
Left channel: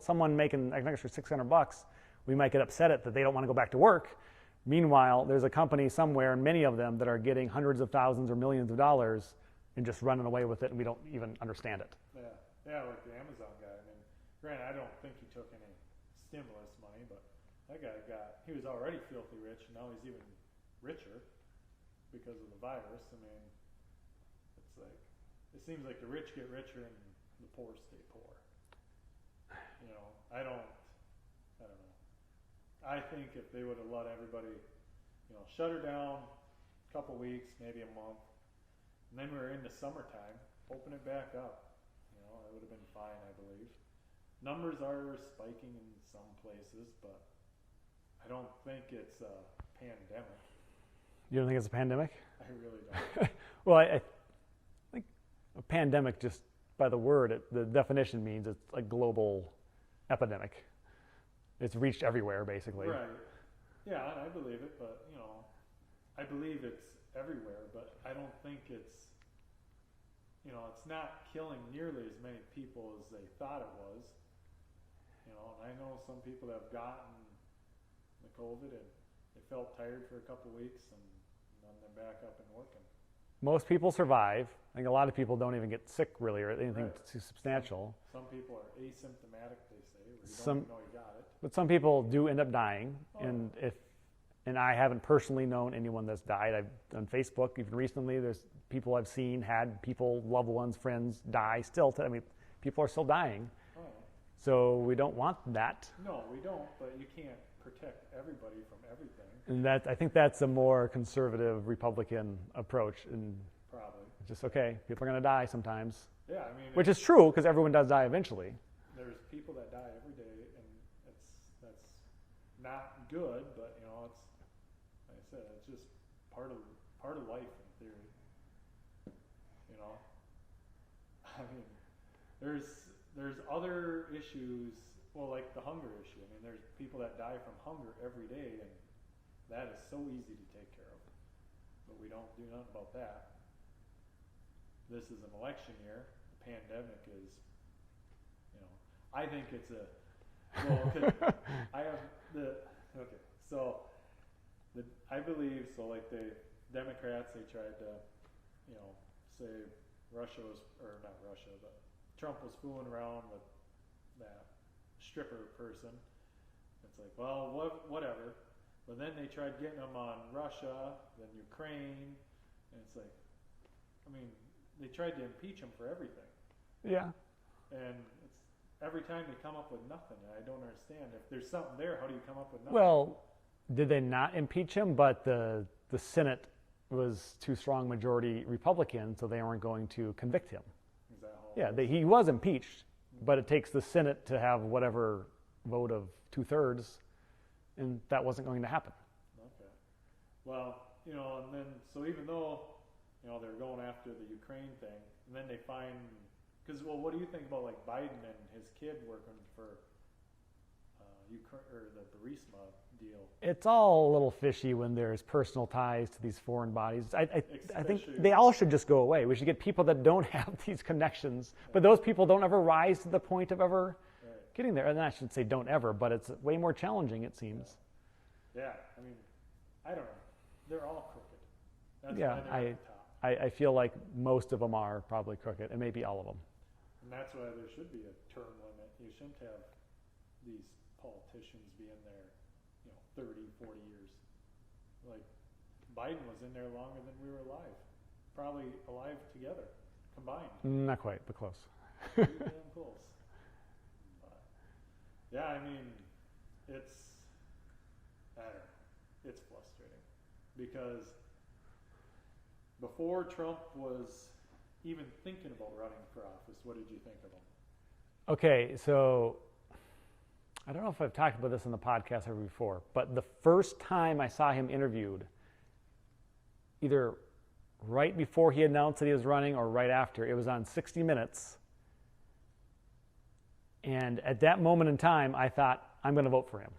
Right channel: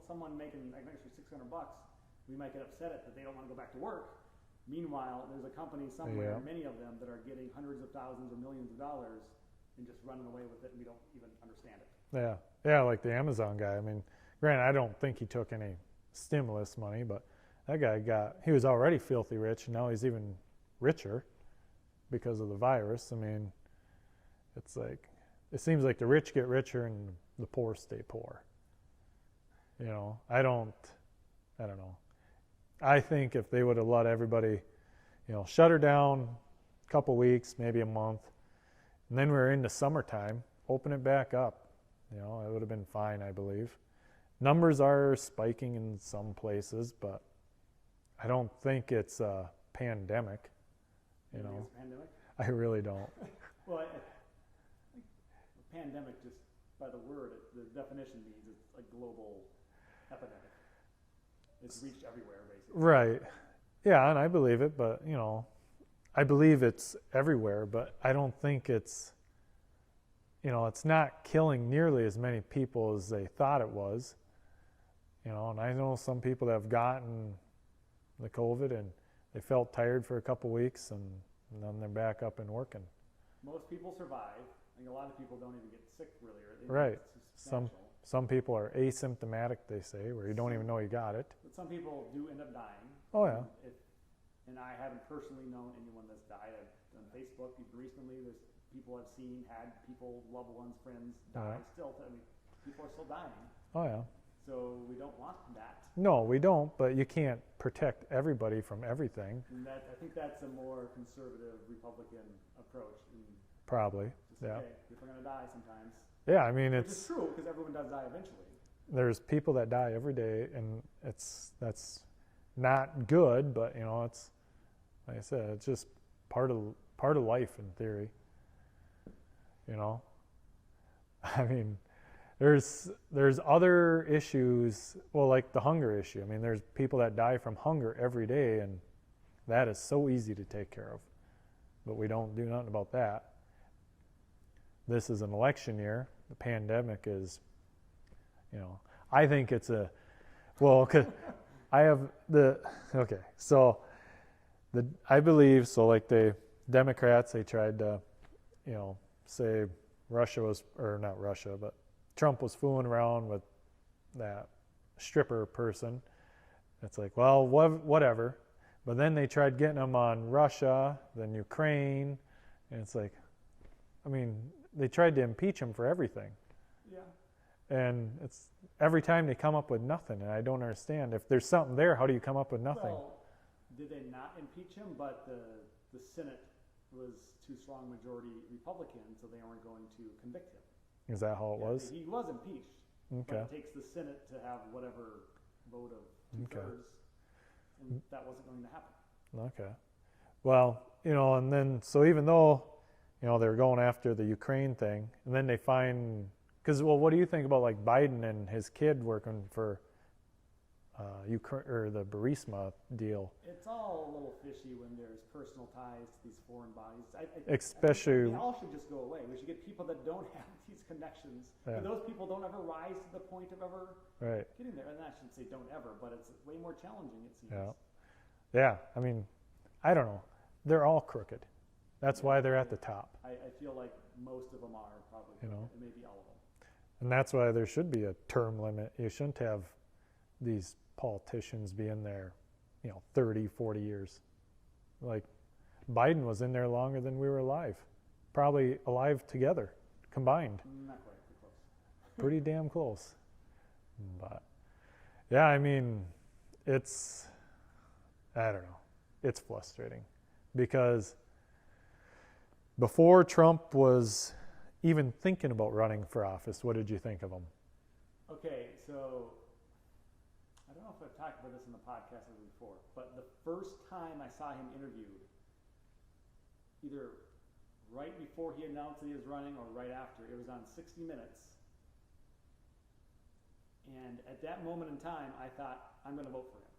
someone making an extra $600, we might get upset at that they don't want to go back to work. Meanwhile, there's a company somewhere, many of them, that are getting hundreds of thousands or millions of dollars and just running away with it, and we don't even understand it. Yeah, like the Amazon guy. I mean, granted, I don't think he took any stimulus money, but that guy he was already filthy rich, and now he's even richer because of the virus. I mean, it's like, it seems like the rich get richer and the poor stay poor. You know, I don't know. I think if they would have let everybody, you know, shut her down a couple weeks, maybe a month, and then we're into summertime, open it back up, you know, it would have been fine, I believe. Numbers are spiking in some places, but I don't think it's a pandemic. You don't think it's a pandemic? I really don't. Well, I think a pandemic, just by the word, the definition means it's a global epidemic. It's reached everywhere, basically. Right. Yeah, and I believe it, but, you know, I believe it's everywhere, but I don't think it's, you know, it's not killing nearly as many people as they thought it was. You know, and I know some people that have gotten the COVID and they felt tired for a couple weeks, and then they're back up and working. Most people survive. I think a lot of people don't even get sick, really, or anything too substantial. Some people are asymptomatic, they say, where you don't even know you got it. But some people do end up dying. Oh, and I haven't personally known anyone that's died. On Facebook, even recently, there's people I've seen had people, loved ones, friends die still. People are still dying. Oh, yeah. So we don't want that. No, we don't, but you can't protect everybody from everything. And I think that's a more conservative Republican approach. And probably. Just, okay, people are going to die sometimes. Yeah, I mean, which is true, because everyone does die eventually. There's people that die every day, and that's not good, but, you know, it's, like I said, it's just part of life in theory. You know? I mean, there's other issues, well, like the hunger issue. I mean, there's people that die from hunger every day, and that is so easy to take care of. But we don't do nothing about that. This is an election year. The pandemic is, you know, I think it's 'cause I have okay, so I believe so. Like the Democrats, they tried to, say Russia was, or not Russia, but Trump was fooling around with that stripper person. It's like, well, whatever. But then they tried getting him on Russia, then Ukraine, and it's like, I mean, they tried to impeach him for everything. Yeah. And it's every time they come up with nothing, and I don't understand. If there's something there, how do you come up with nothing? Well, did they not impeach him? But the Senate was too strong majority Republican, so they weren't going to convict him. Is that how it was? Yeah, he was impeached, but Okay. it takes the Senate to have whatever vote of 2/3, and that wasn't going to happen. Okay. Well, and then, so even though, they were going after the Ukraine thing, and then they find, because, well, what do you think about like Biden and his kid working for Ukraine, or the Burisma deal? It's all a little fishy when there's personal ties to these foreign bodies. I Especially- think they all should just go away. We should get people that don't have these connections, Yeah. but those people don't ever rise to the point of ever Right. getting there. And I should say don't ever, but it's way more challenging, it seems. Yeah. I mean, I don't know. They're all crooked. That's Yeah, why they're at the top. I feel like most of them are probably crooked, and maybe all of them. And that's why there should be a term limit. You shouldn't have these politicians be in there, 30, 40 years. Like Biden was in there longer than we were alive. Probably alive together, combined. Not quite, but close. Pretty damn close. But yeah, I mean, I don't know. It's frustrating because before Trump was even thinking about running for office, what did you think of him? Okay, so I don't know if I've talked about this in the podcast ever before, but the first time I saw him interviewed, either right before he announced that he was running or right after, it was on 60 Minutes. And at that moment in time, I thought, I'm going to vote for him.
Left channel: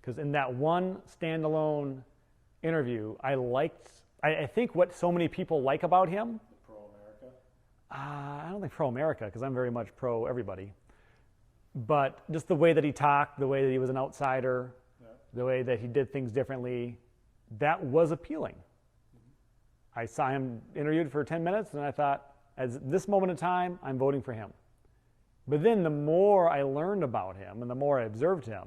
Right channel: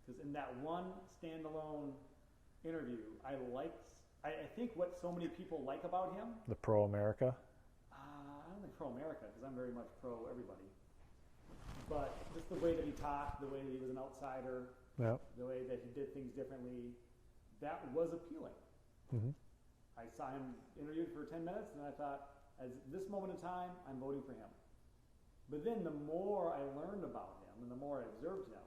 Because in that one standalone interview, I think what so many people like about him. The pro-America? I don't think pro-America, because I'm very much pro-everybody. But just the way that he talked, the way that he was an outsider, Yep. the way that he did things differently, that was appealing. Mm-hmm. I saw him interviewed for 10 minutes, and I thought, at this moment in time, I'm voting for him. But then the more I learned about him and the more I observed him,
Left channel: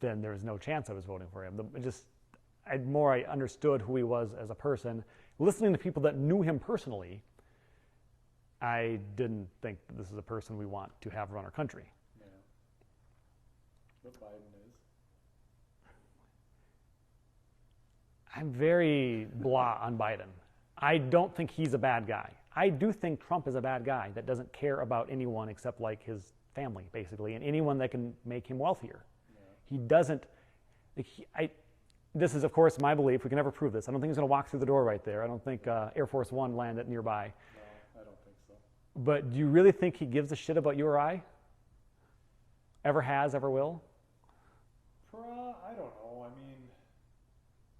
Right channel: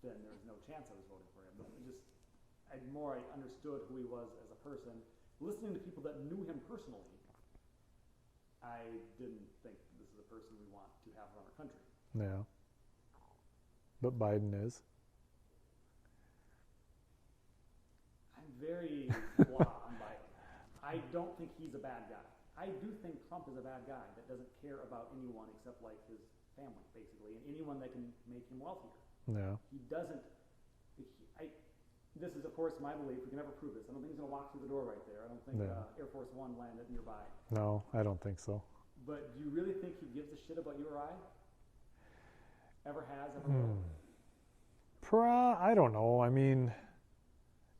then there was no chance I was voting for him. The more I understood who he was as a person, listening to people that knew him personally, I didn't think that this is a person we want to have run our country. Yeah. But Biden is. I'm very blah on Biden. I don't think he's a bad guy. I do think Trump is a bad guy that doesn't care about anyone except like his family, basically, and anyone that can make him wealthier. Yeah. He doesn't. This is, of course, my belief. We can never prove this. I don't think he's going to walk through the door right there. I don't think Air Force One landed nearby. No, I don't think so. But do you really think he gives a shit about you or I? Ever has, ever will? I don't know. I mean,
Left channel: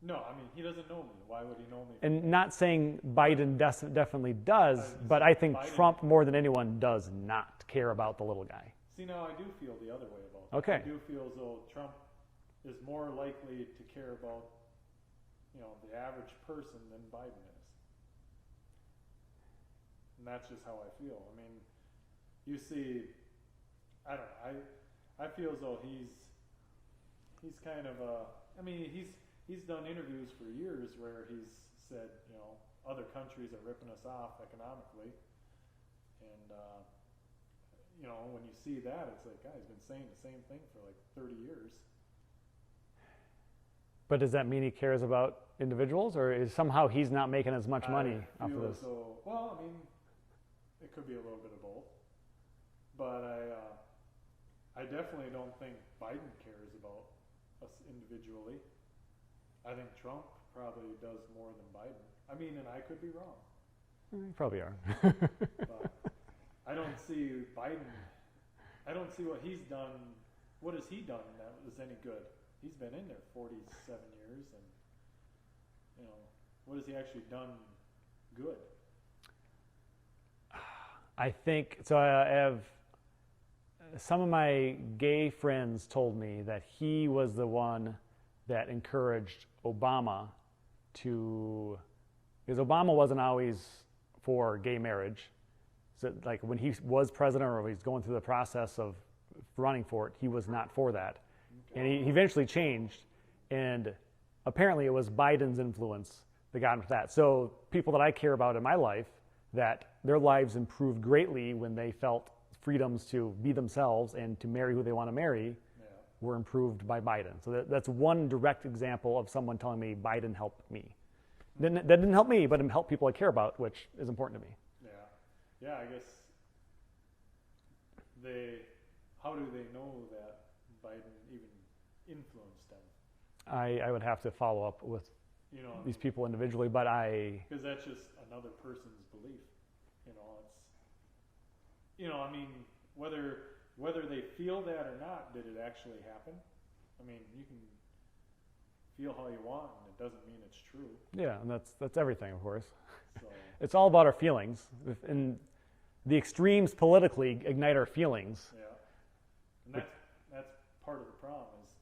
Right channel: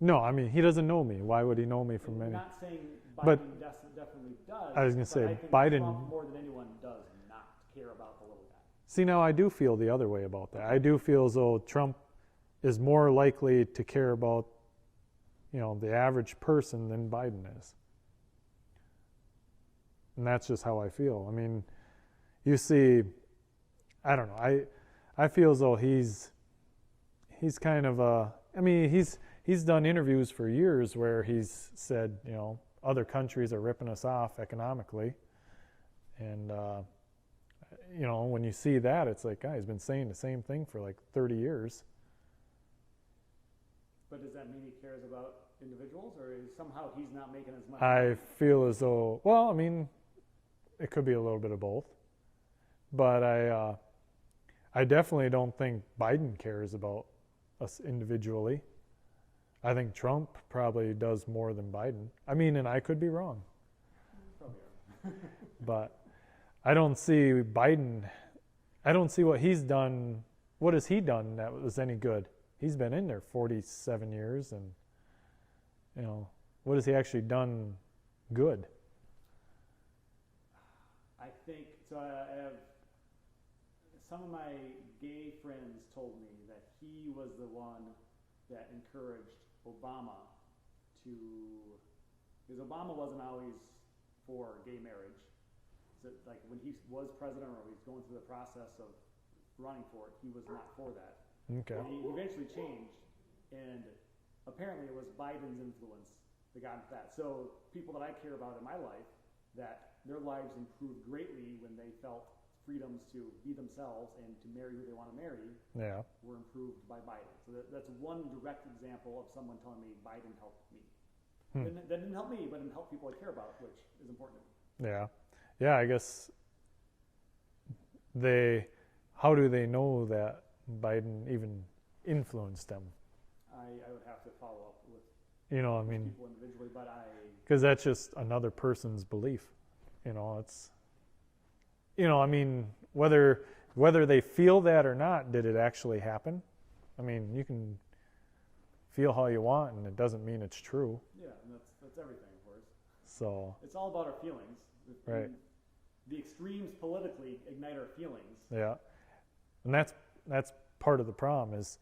no, I mean, he doesn't know me. Why would he know me from And me? not saying Biden definitely does, I was gonna but say, I think Biden- Trump more than anyone does not care about the little guy. See, now I do feel the other way about that. Okay. I do feel as though Trump is more likely to care about, the average person than Biden is. And that's just how I feel. I mean, you see, I don't know. I feel as though he's kind of he's done interviews for years where he's said, other countries are ripping us off economically. And, when you see that, it's like, he's been saying the same thing for like 30 years. But does that mean he cares about individuals, or is somehow he's not making as much money? I feel as though, well, I mean, it could be a little bit of both. But I definitely don't think Biden cares about us individually. I think Trump probably does more than Biden. I mean, and I could be wrong. You probably are. But I don't see Biden, I don't see what he's done. What has he done that was any good? He's been in there 47 years, and, what has he actually done good? I think, so I have, some of my gay friends told me that he was the one that encouraged Obama to, because Obama wasn't always for gay marriage. So like when he was president or he's going through the process of running for it, he was not for that. Okay. And he eventually changed, and apparently it was Biden's influence that got him to that. So people that I care about in my life, that their lives improved greatly when they felt freedoms to be themselves and to marry who they want to marry, were improved by Biden. So that's one direct example of someone telling me Biden helped me. That didn't help me, but it helped people I care about, which is important to me. Yeah, I guess how do they know that Biden even influenced them? I would have to follow up with these people individually, but because that's just another person's belief. It's, whether they feel that or not, did it actually happen? I mean, you can feel how you want, and it doesn't mean it's true. Yeah, and that's everything, of course. So it's all about our feelings, and the extremes politically ignite our feelings. Yeah, and that's part of the problem is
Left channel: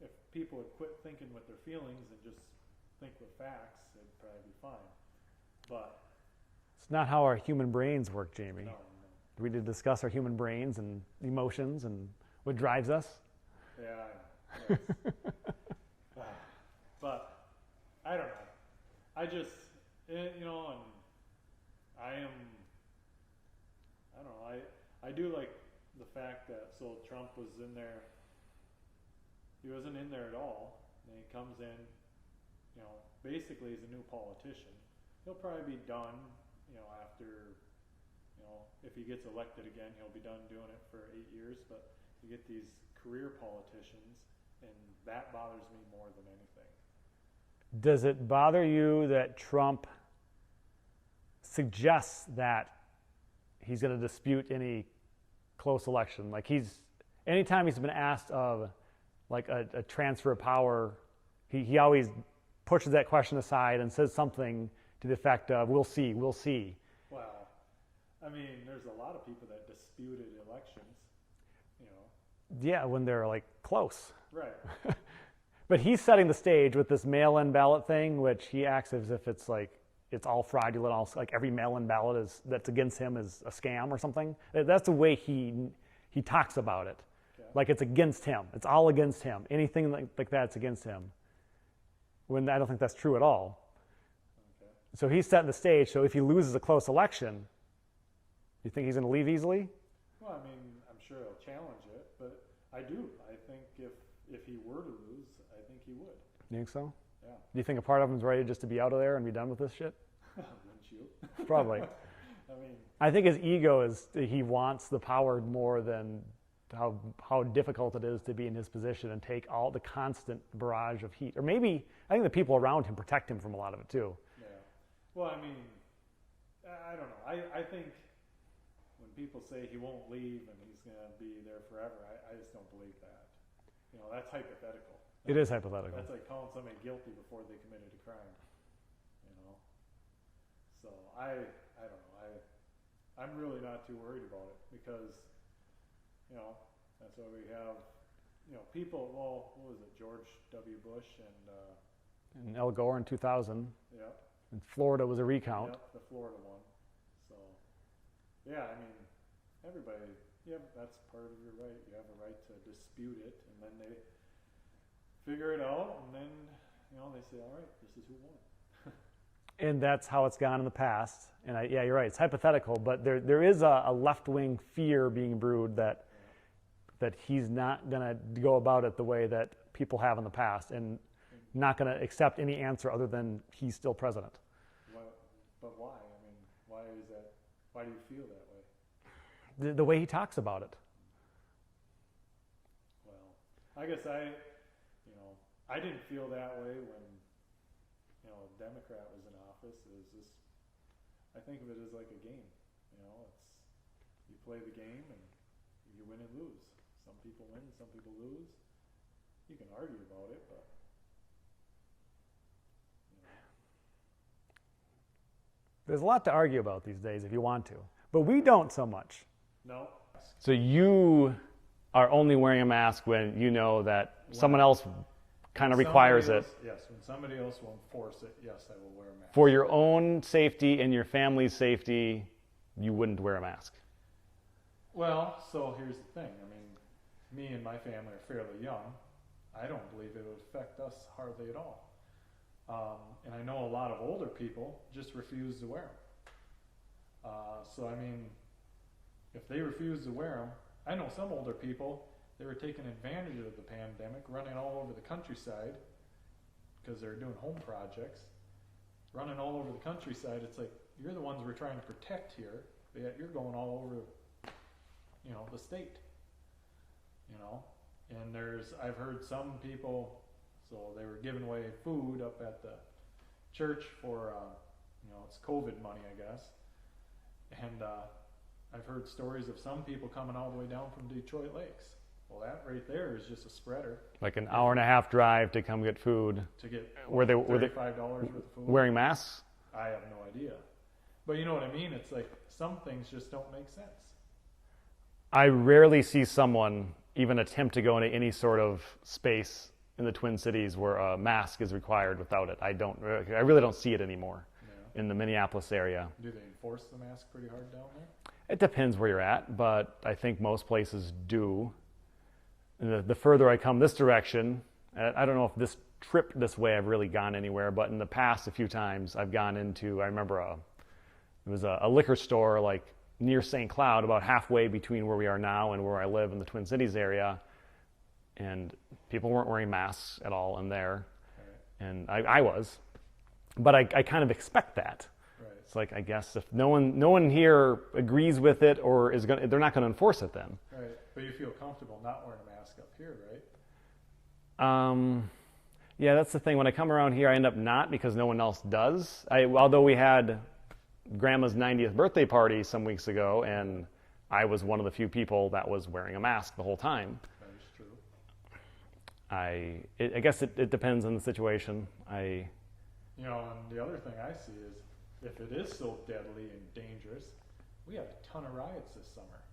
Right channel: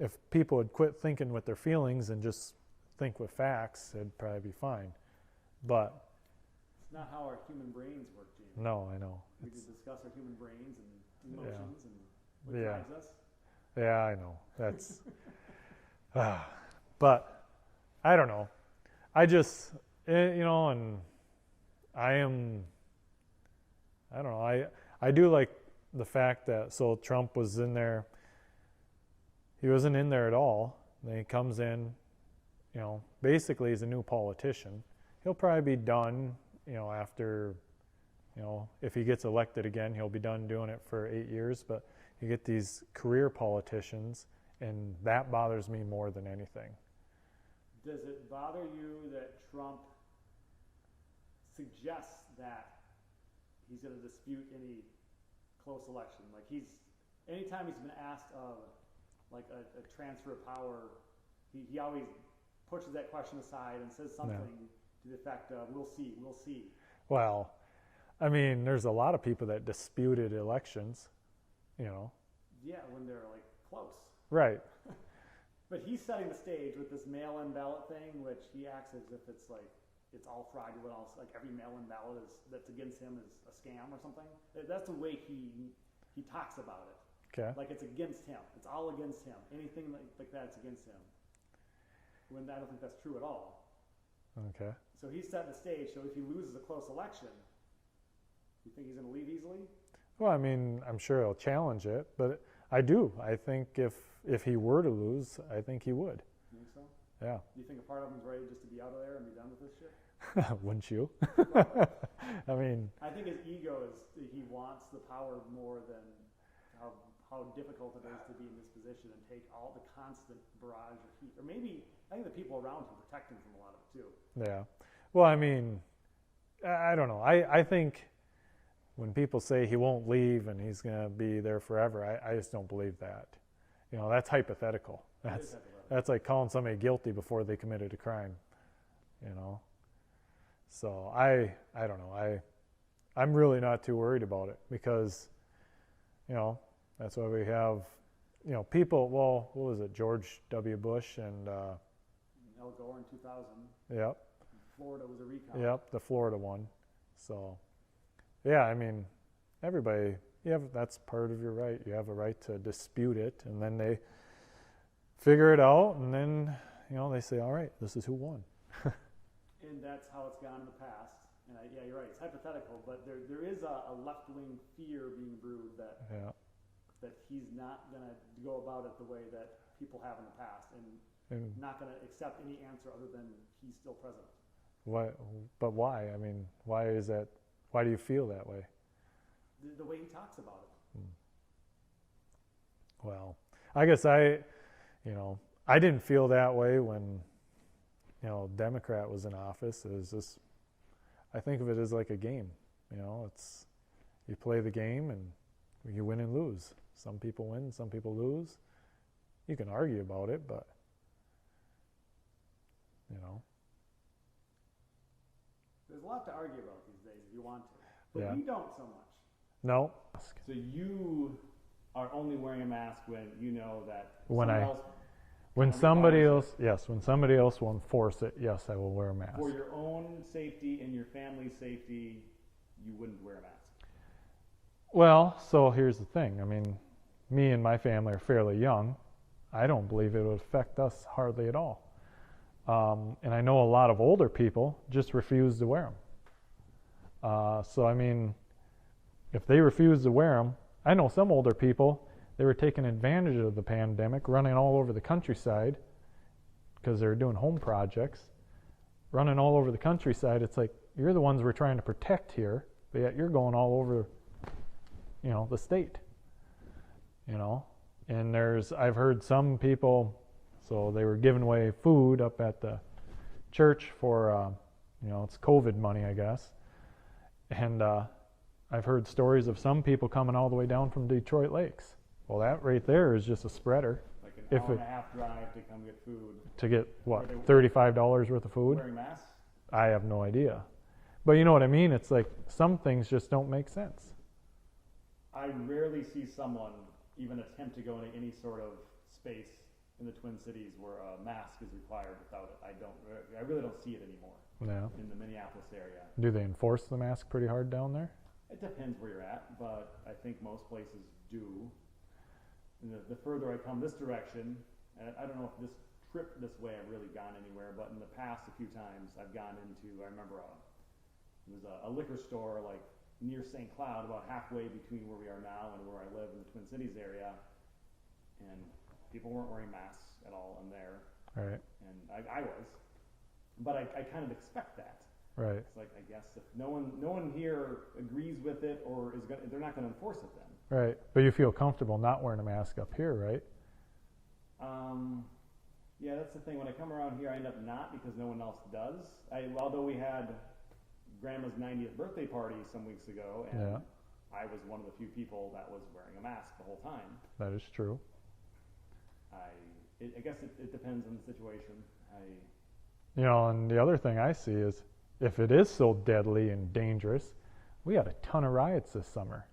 if people would quit thinking with their feelings and just think with facts, it'd probably be fine. But it's not how our human brains work, Jamie. No, I know. We did discuss our human brains and emotions and what drives us. Yeah, I know. That's but I don't know. I just and I don't know. I do like the fact that Trump was in there. He wasn't in there at all. Then he comes in, basically he's a new politician. He'll probably be done, after, if he gets elected again, he'll be done doing it for 8 years. But you get these career politicians, and that bothers me more than anything. Does it bother you that Trump suggests that he's going to dispute any close election? Like anytime he's been asked of like a transfer of power, he always pushes that question aside and says something to the effect of, we'll see. Well, I mean, there's a lot of people that disputed elections, Yeah, when they're like close. Right. But he's setting the stage with this mail-in ballot thing, which he acts as if it's like, it's all fraudulent, like every mail-in ballot that's against him is a scam or something. That's the way he talks about it. Okay. Like it's against him. It's all against him. Anything like that's against him. When I don't think that's true at all. Okay. So he's setting the stage. So if he loses a close election, you think he's going to leave easily? Well, I mean, I'm sure he'll challenge it, but I do. I think if he were to lose, I think he would. You think so? Yeah. Do you think a part of him's ready just to be out of there and be done with this shit? Wouldn't you? Probably. I mean, I think his ego is he wants the power more than how difficult it is to be in his position and take all the constant barrage of heat. Or maybe I think the people around him protect him from a lot of it too. Yeah. Well, I mean, I don't know. I think when people say he won't leave and he's going to be there forever, I just don't believe that. That's hypothetical. It is hypothetical. That's like calling somebody guilty before they committed a crime. So I don't know. I'm really not too worried about it because, that's why we have, people. Well, what was it? George W. Bush and Al Gore in 2000. Yep. And Florida was a recount. Yep, the Florida one. So, yeah, I mean, everybody. That's part of your right. You have a right to dispute it, and then they figure it out, and then they say, all right, this is who won. And that's how it's gone in the past. And you're right. It's hypothetical, but there is a left-wing fear being brewed that he's not going to go about it the way that people have in the past, and not going to accept any answer other than he's still president. But why? I mean, why is that? Why do you feel that way? The way he talks about it. Well, I guess I didn't feel that way when, Democrat was in office. It was just, I think of it as like a game. It's, you play the game and you win and lose. Some people win, some people lose. You can argue about it, but, There's a lot to argue about these days if you want to, but we don't so much. No. So you are only wearing a mask when you know that someone else kind of requires it. Yes, when somebody else will enforce it, yes, I will wear a mask. For your own safety and your family's safety, you wouldn't wear a mask. Well, so here's the thing. I mean, me and my family are fairly young. I don't believe it would affect us hardly at all. And I know a lot of older people just refuse to wear them. So, I mean, if they refuse to wear them, I know some older people, they were taking advantage of the pandemic, running all over the countryside because they're doing home projects, running all over the countryside. It's like, you're the ones we're trying to protect here, but yet you're going all over, the state, And I've heard some people, so they were giving away food up at the church for, it's COVID money, I guess. And I've heard stories of some people coming all the way down from Detroit Lakes. Well, that right there is just a spreader. Like an hour and a half drive to come get food. To get, $35 worth of food? Wearing masks? I have no idea. But you know what I mean? It's like some things just don't make sense. I rarely see someone even attempt to go into any sort of space in the Twin Cities where a mask is required without it. I really don't see it anymore in the Minneapolis area. Do they enforce the mask pretty hard down there? It depends where you're at, but I think most places do. And the further I come this direction, I don't know if this trip this way I've really gone anywhere, but in the past a few times I've gone into, I remember it was a liquor store like near St. Cloud, about halfway between where we are now and where I live in the Twin Cities area, and people weren't wearing masks at all in there. Right. And I was, but I kind of expect that. Right. It's like, I guess if no one here agrees with it or they're not going to enforce it then. Right. But you feel comfortable not wearing a mask up here, right? Yeah, that's the thing. When I come around here, I end up not because no one else does. Although we had Grandma's 90th birthday party some weeks ago, and I was one of the few people that was wearing a mask the whole time. That is true. I guess it depends on the situation. And the other thing I see is, if it is so deadly and dangerous, we had a ton of riots this summer.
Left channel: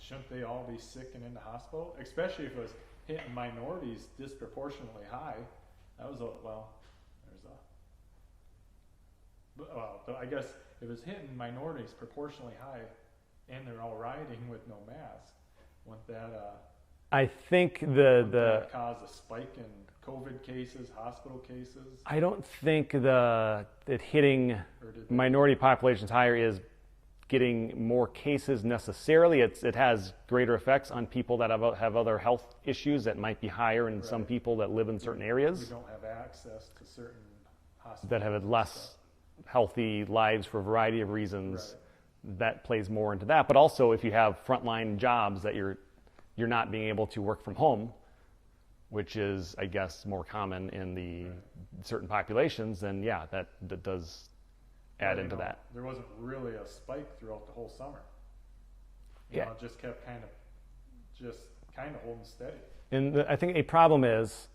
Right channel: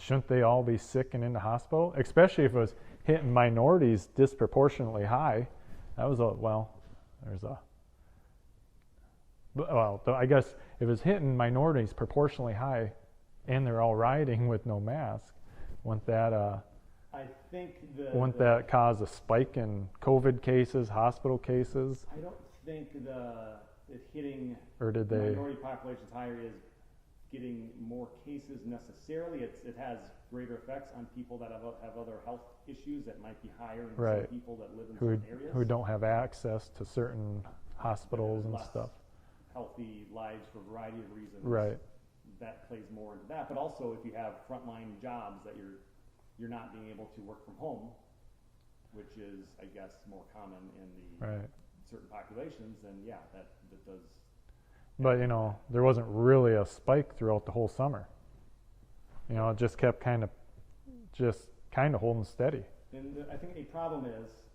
Shouldn't they all be sick and in the hospital? Especially if it was hitting minorities disproportionately high. That was I guess if it's hitting minorities proportionally high and they're all rioting with no mask, wouldn't that I think that cause a spike in COVID cases, hospital cases? I don't think it hitting minority populations higher is getting more cases necessarily. It has greater effects on people that have other health issues that might be higher in some people that live in certain areas. Who don't have access to certain hospitals. That have less healthy lives for a variety of reasons. Right. That plays more into that. But also if you have frontline jobs that you're not being able to work from home, which is, I guess, more common in the certain populations, then that does add into that. There wasn't really a spike throughout the whole summer. It just kept kind of holding steady. And I think a problem is,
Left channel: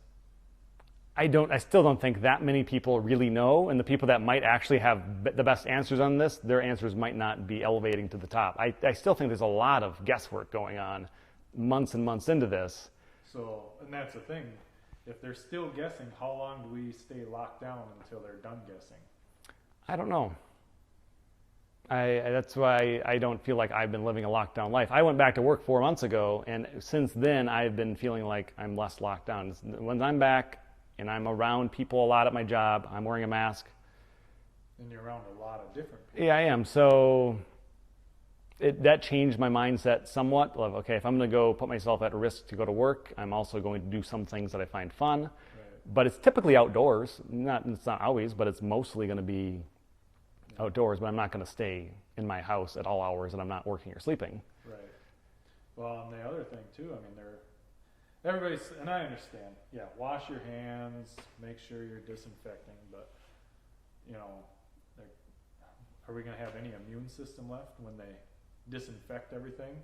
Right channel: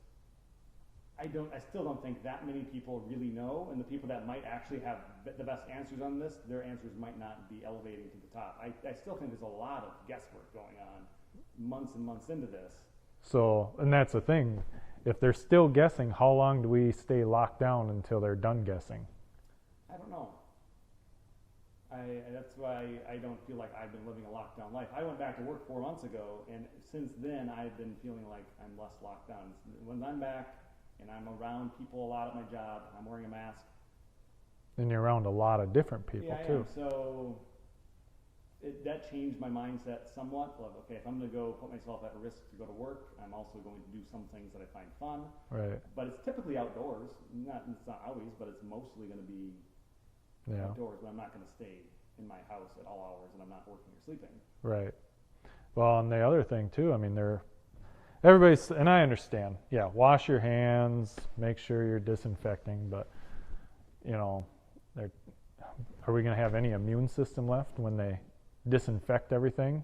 I still don't think that many people really know, and the people that might actually have the best answers on this, their answers might not be elevating to the top. I still think there's a lot of guesswork going on months and months into this. So, and that's the thing. If they're still guessing, how long do we stay locked down until they're done guessing? I don't know. That's why I don't feel like I've been living a lockdown life. I went back to work 4 months ago, and since then I've been feeling like I'm less locked down. When I'm back and I'm around people a lot at my job, I'm wearing a mask. And you're around a lot of different people. Yeah, I am. So that changed my mindset somewhat. Of, okay, if I'm going to go put myself at risk to go to work, I'm also going to do some things that I find fun. Right. But it's typically outdoors. It's not always, but it's mostly going to be outdoors. But I'm not going to stay in my house at all hours and I'm not working or sleeping. Right. Well, and the other thing too, I mean, everybody's, and I understand, wash your hands, make sure you're disinfecting, but, are we going to have any immune system left when they disinfect everything?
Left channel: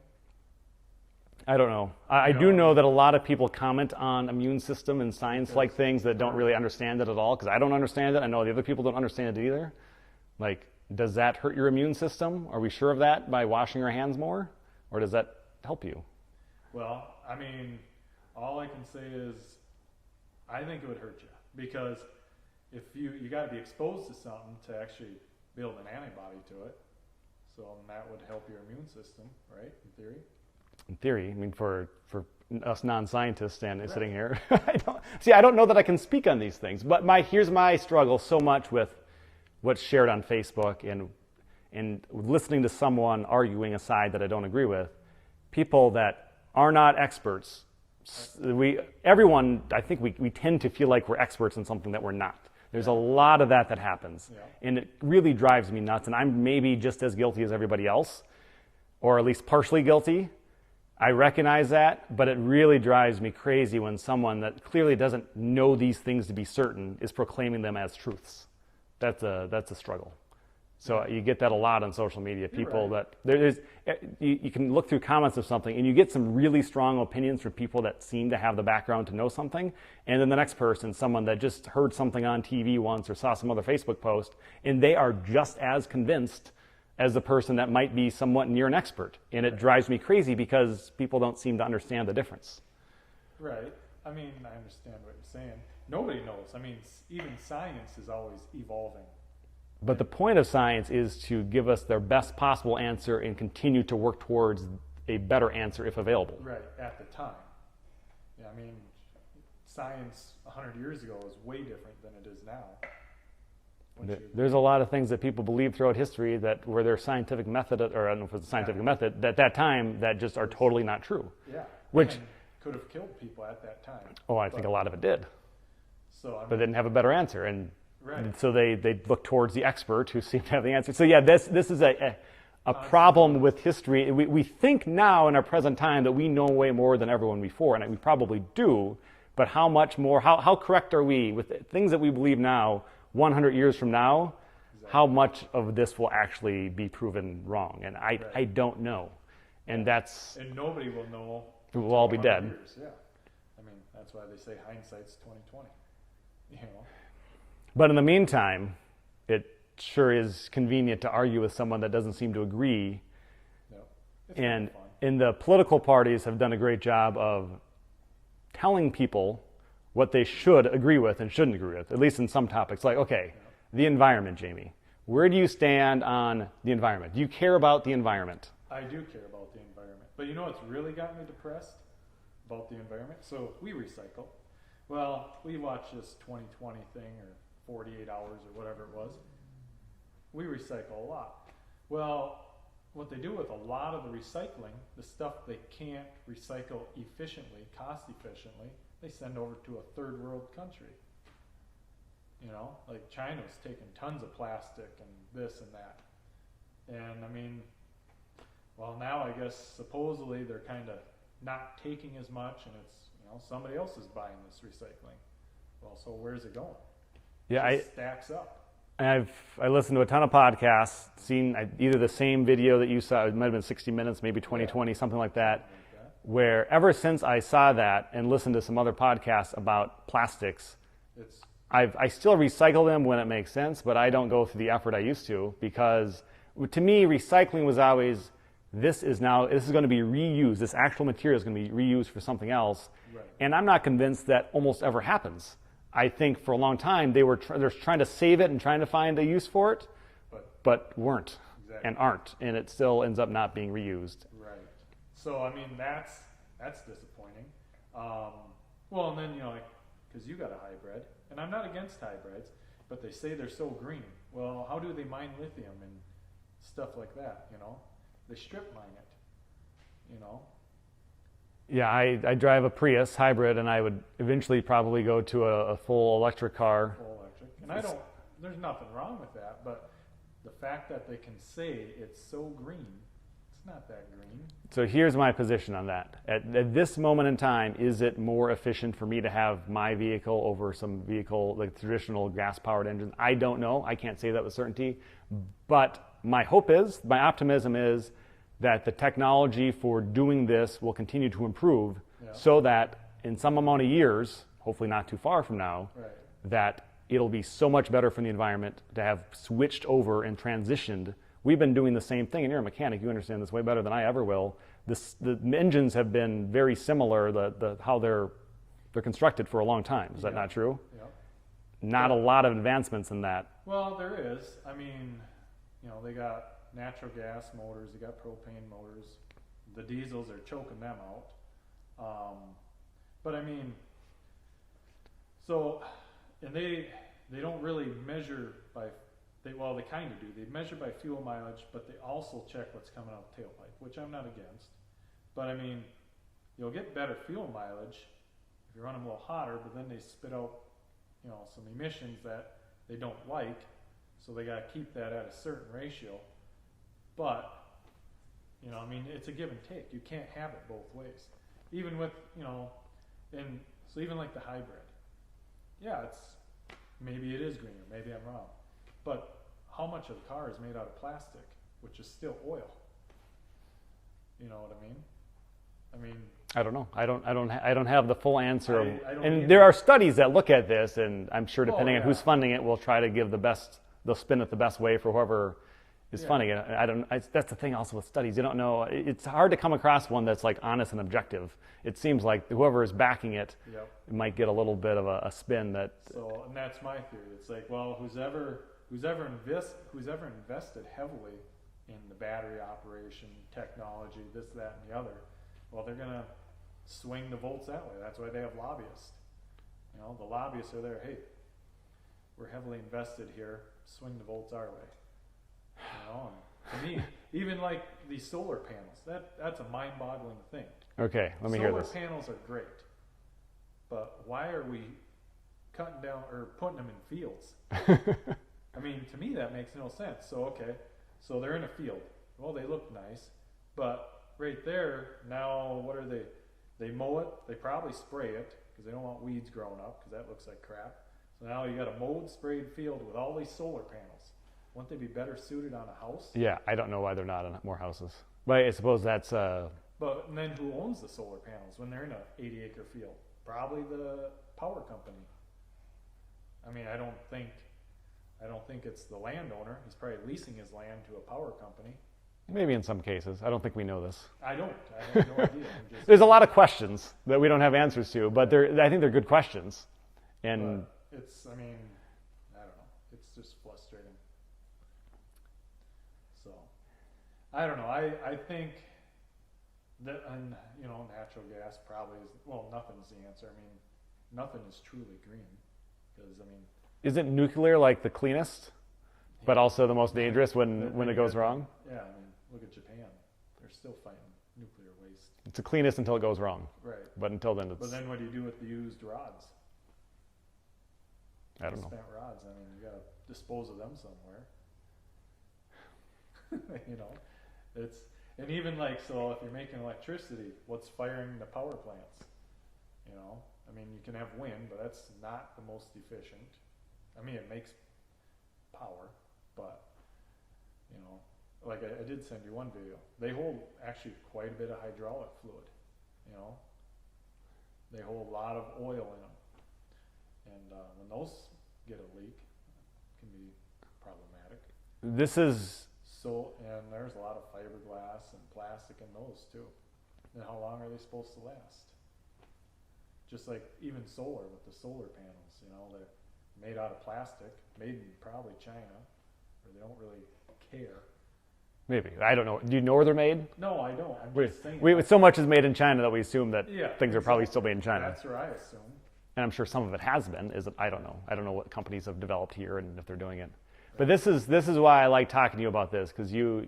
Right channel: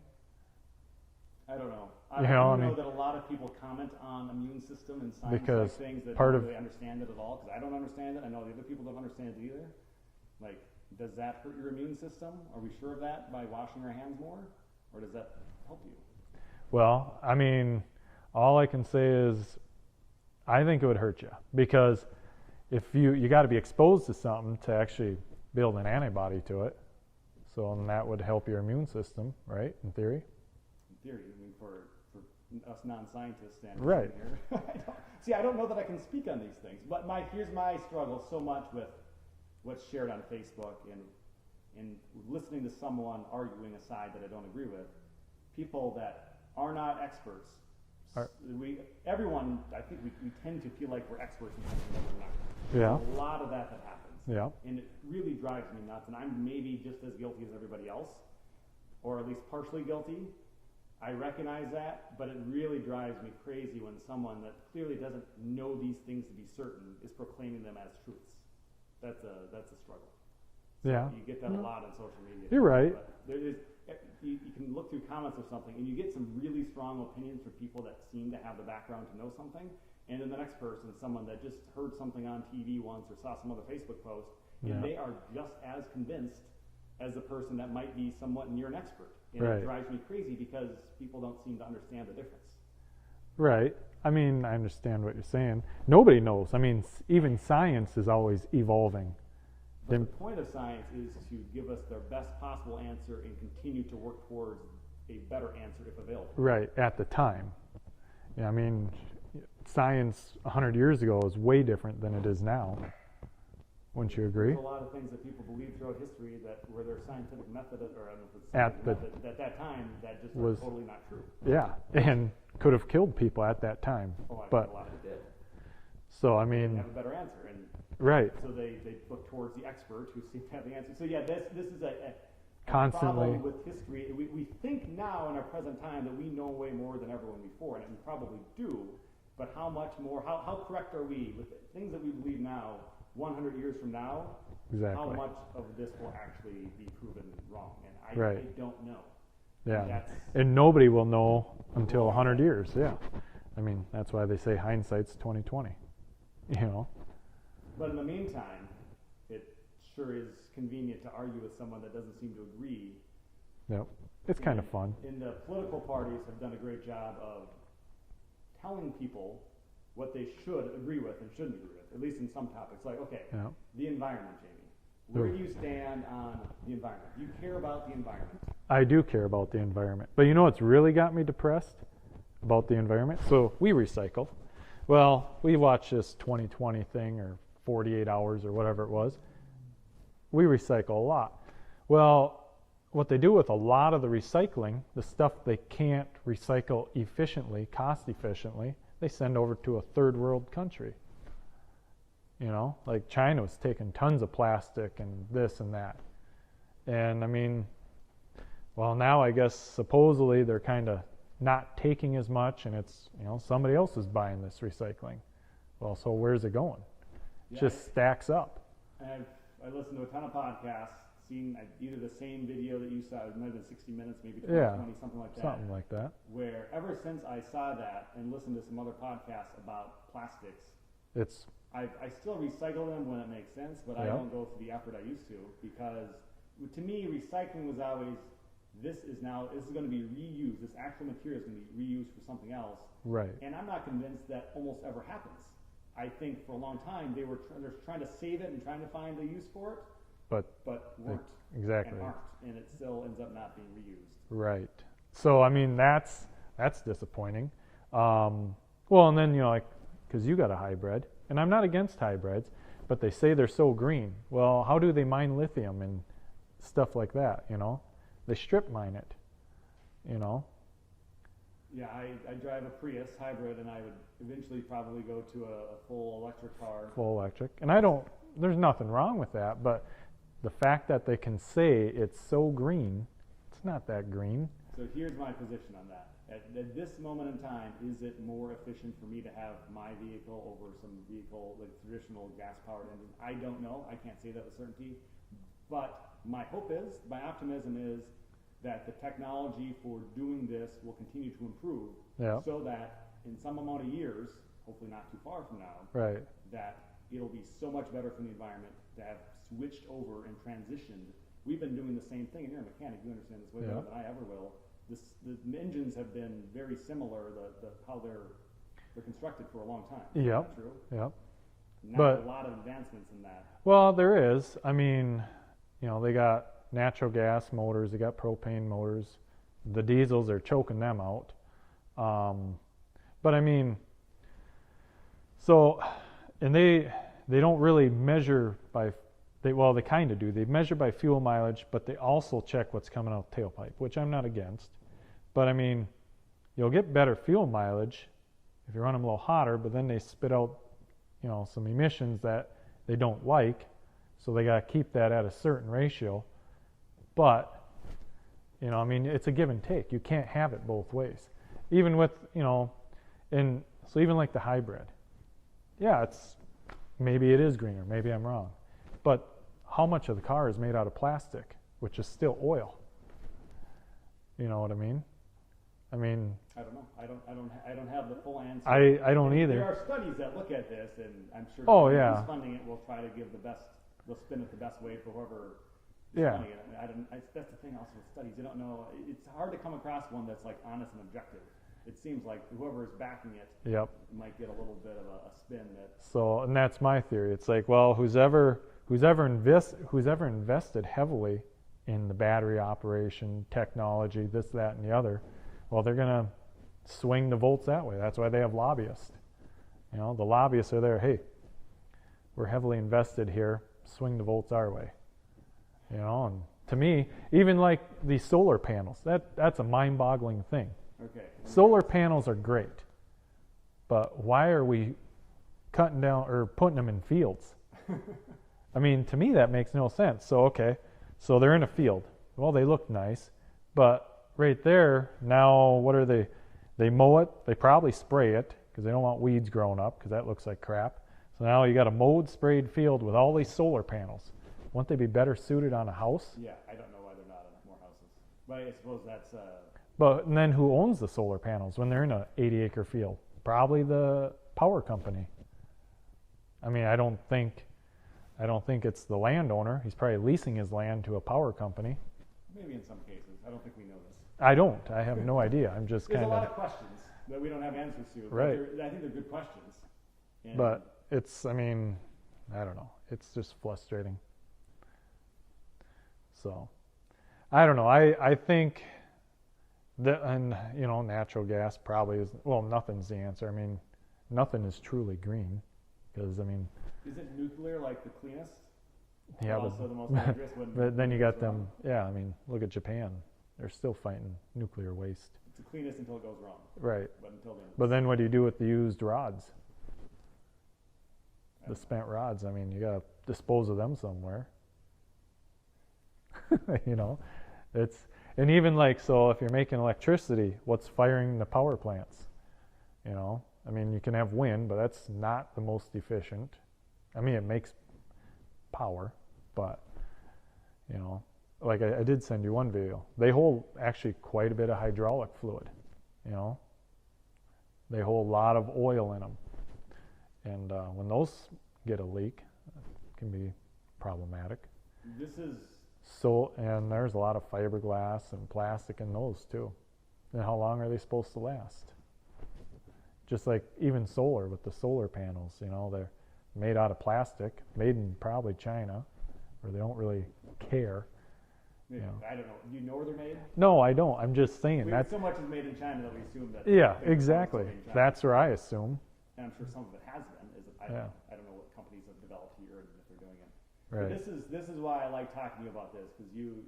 I don't know. I do know that a lot of people comment on immune system and science-like things that don't really understand it at all, because I don't understand it. I know the other people don't understand it either. Like, does that hurt your immune system? Are we sure of that by washing our hands more? Or does that help you? Well, I mean, all I can say is I think it would hurt you, because if you got to be exposed to something to actually build an antibody to it. So that would help your immune system, right? In theory. In theory, I mean, for us non-scientists standing Right. sitting here, I don't know that I can speak on these things. But here's my struggle so much with what's shared on Facebook and listening to someone arguing a side that I don't agree with. People that are not experts. Everyone, I think we tend to feel like we're experts in something that we're not. There's a lot of that happens. Yeah. And it really drives me nuts. And I'm maybe just as guilty as everybody else, or at least partially guilty. I recognize that, but it really drives me crazy when someone that clearly doesn't know these things to be certain is proclaiming them as truths. That's a struggle. So you get that a lot on social media. People that you can look through comments of something and you get some really strong opinions from people that seem to have the background to know something, and then the next person, someone that just heard something on TV once or saw some other Facebook post, and they are just as convinced as the person that might be somewhat near an expert. And it drives me crazy because people don't seem to understand the difference. Right. I mean, I understand what you're saying. Nobody knows. I mean, even science is always evolving. But the point of science is to give us their best possible answer and continue to work towards a better answer if available. Right, at the time. Yeah, I mean, science 100 years ago is way different than it is now. Wouldn't you agree? There's a lot of things that people believe throughout history that were their scientific method, or I don't know if it's a scientific method, at that time that just are totally not true. Yeah, and could have killed people at that time. Oh, I think a lot of it did. So, I mean, but didn't have a better answer. And right. So they look towards the expert who seemed to have the answer. So yeah, this is a problem with history. We think now in our present time that we know way more than everyone before, and we probably do, but how much more, how correct are we with things that we believe now, 100 years from now? Exactly. How much of this will actually be proven wrong? And I don't know. Yeah. And nobody will know until 100 dead. years. Yeah. I mean, that's why they say hindsight's 20/20. You know. But in the meantime, it sure is convenient to argue with someone that doesn't seem to agree. Yep. It's kind of fun. And the political parties have done a great job of telling people what they should agree with and shouldn't agree with, at least in some topics. Like, okay, the environment, Jamie. Where do you stand on the environment? Do you care about the environment? I do care about the environment. But you know what's really got me depressed about the environment? So we recycle. Well, we watched this 2020 thing, or 48 hours or whatever it was. We recycle a lot. Well, what they do with a lot of the recycling, the stuff they can't recycle efficiently, cost efficiently, they send over to a third world country. You know, like China was taking tons of plastic and this and that. And I mean, well, now I guess supposedly they're kind of not taking as much, and it's, you know, somebody else is buying this recycling. Well, so where's it going? Yeah, it just stacks up. I listened to a ton of podcasts, seen either the same video that you saw, it might have been 60 Minutes, maybe 2020, something like that. Something like that. Where ever since I saw that and listened to some other podcasts about plastics, I still recycle them when it makes sense, but I don't go through the effort I used to, because to me, recycling was always, this is going to be reused. This actual material is going to be reused for something else. Right. And I'm not convinced that almost ever happens. I think for a long time they're trying to save it and trying to find a use for it, but weren't. Exactly. And aren't, and it still ends up not being reused. Right. So I mean, that's disappointing. Well, and then, you know, like, because you got a hybrid, and I'm not against hybrids, but they say they're so green. Well, how do they mine lithium and stuff like that? You know, they strip mine it. You know. Yeah, I drive a Prius hybrid, and I would eventually probably go to a full electric car. Full electric. And there's nothing wrong with that, but the fact that they can say it's so green, it's not that green. So here's my position on that. At this moment in time, is it more efficient for me to have my vehicle over some vehicle, like traditional gas-powered engines? I don't know. I can't say that with certainty. But my optimism is that the technology for doing this will continue to improve, so that in some amount of years, hopefully not too far from now, that it'll be so much better for the environment to have switched over and transitioned. We've been doing the same thing, and you're a mechanic, you understand this way better than I ever will. The engines have been very similar, how they're they're constructed for a long time. Is that Yeah. not true? Yeah. Not But- a lot of advancements in that. Well, there is. I mean, they got natural gas motors, they got propane motors. The diesels are choking them out. But I mean, so, and they don't really measure by, they kind of do. They measure by fuel mileage, but they also check what's coming out the tailpipe, which I'm not against. But I mean, you'll get better fuel mileage if you run them a little hotter, but then they spit out, some emissions that they don't like, so they got to keep that at a certain ratio. But, I mean, it's a give and take. You can't have it both ways. Even with, and so even like the hybrid. Yeah, maybe it is greener, maybe I'm wrong. But how much of the car is made out of plastic, which is still oil? You know what I mean? I don't know. I don't have the full answer. I don't and either. there are studies that look at this, and I'm sure depending on yeah. who's funding it, will try to give they'll spin it the best way for whoever is Yeah. funding it. That's the thing also with studies. You don't know. It's hard to come across one that's like honest and objective. It seems like whoever is backing it Yep. might get a little bit of a spin that. So, and that's my theory. It's like, well, who's ever invested heavily in the battery operation, technology, this, that, and the other, well, they're gonna swing the votes that way. That's why they have lobbyists. The lobbyists are there. Hey, we're heavily invested here. Swing the votes our way. And to me, even like these solar panels, that's a mind-boggling thing. Okay, let me hear Solar this. panels are great, but why are we cutting down or putting them in fields? I mean, to me, that makes no sense. So, okay, so they're in a field. Well, they look nice, but right there, now what are they? They mow it. They probably spray it because they don't want weeds growing up because that looks like crap. So now you got a mowed, sprayed field with all these solar panels. Wouldn't they be better suited on a house? Yeah, I don't know why they're not on more houses. But I suppose that's. But and then who owns the solar panels when they're in an 80-acre field? Probably the power company. I mean, I don't think it's the landowner. He's probably leasing his land to a power company. Maybe in some cases. I don't think we know this. I have no idea. I'm just. There's a lot of questions that we don't have answers to, but Right. I think they're good questions. And But it's. I mean, I don't know. It's just frustrating. So, I don't know. I think that, and natural gas probably is. Well, nothing's the answer. I mean, nothing is truly green, because I mean. isn't nuclear like the cleanest, but Yeah, also the most dangerous when then it you goes got wrong? Yeah, I mean, look at Japan. They're still fighting nuclear waste. It's the cleanest until it goes wrong. Right. But until then, it's. But then what do you do with the used rods? I don't The know. spent rods. I mean, you got to dispose of them somewhere. It's, and even like, so if you're making electricity, what's firing the power plants? I mean, you can have wind, but that's not the most efficient. I mean, it makes power, but, like I did send you one video. They hold actually quite a bit of hydraulic fluid, They hold a lot of oil in them. And when those get a leak, it can be problematic. This is. So, and there's a lot of fiberglass and plastic in those too. And how long are they supposed to last? Just like even solar with the solar panels, they're made out of plastic, made in probably China, where they don't really care. Maybe. I don't know. Do you know where they're made? No, I don't. I'm just saying. So much is made in China that we assume that Yeah, things are probably still exactly. made in China. That's where I assume. And I'm sure some of it has been. I don't Yeah. know. I don't know what companies have developed here and if they're doing it. Right. But this is why I like talking to you about this, because you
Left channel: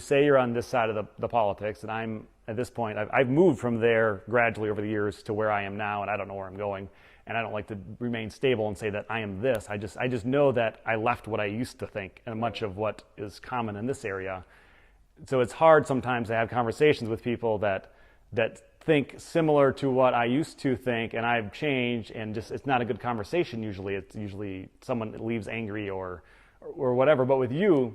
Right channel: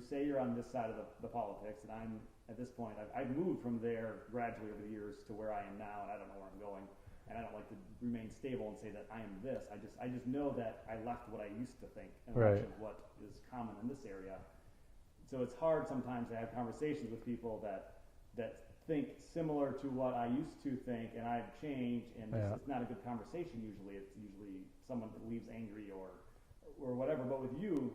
say you're on this side of the politics, and I'm at this point I've moved from there gradually over the years to where I am now, and I don't know where I'm going, and I don't like to remain stable and say that I am this. I just know that I left what I used to think and much Right. of what is common in this area. So it's hard sometimes to have conversations with people that think similar to what I used to think, and I've changed, and just it's not a good conversation usually. It's usually someone that leaves angry or whatever. But with you,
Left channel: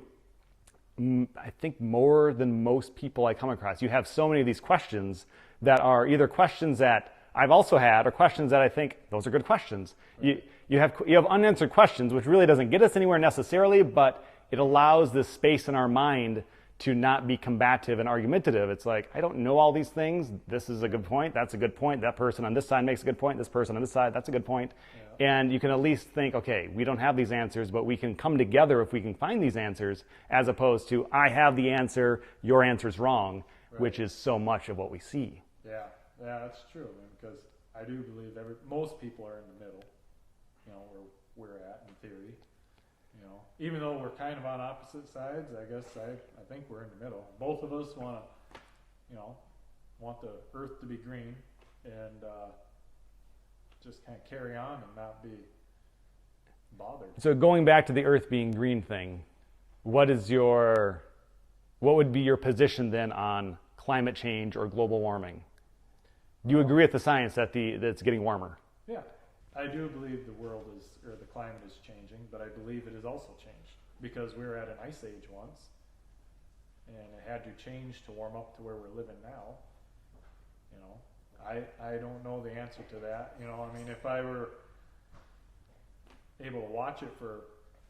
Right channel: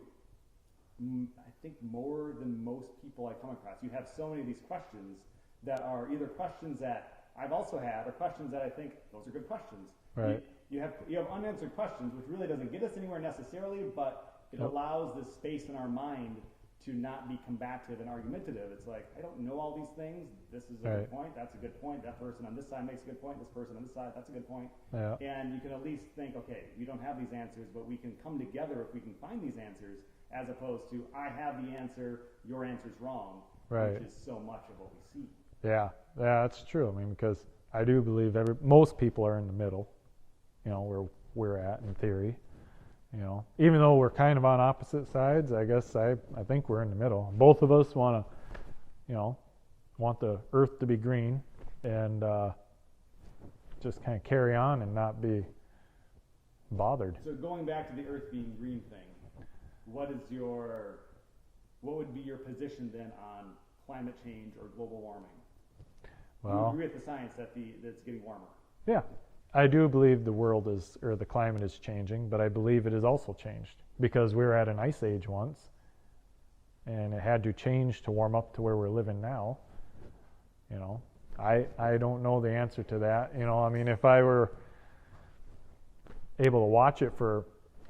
I think more than most people I come across, you have so many of these questions that are either questions that I've also had or questions that I think those are good questions. Right. You have unanswered questions, which really doesn't get us anywhere necessarily, but it allows this space in our mind to not be combative and argumentative. It's like, I don't know all these things. This is a good point. That's a good point. That person on this side makes a good point. This person on this side, that's a good point. Yeah. And you can at least think, okay, we don't have these answers, but we can come together if we can find these answers, as opposed to, I have the answer, your answer's wrong, which is so much of what we see. Yeah, that's true. I mean, because I do believe most people are in the middle, where we're at in theory. Even though we're kind of on opposite sides, I guess I think we're in the middle. Both of us want to, want the earth to be green and just kind of carry on and not be bothered. So going back to the earth being green thing, what would be your position then on climate change or global warming? Do you agree with the science that it's getting warmer? Yeah. I do believe the climate is changing, but I believe it has also changed because we were at an ice age once and it had to change to warm up to where we're living now. I don't know the answer to that. I mean, if I were able to watch it for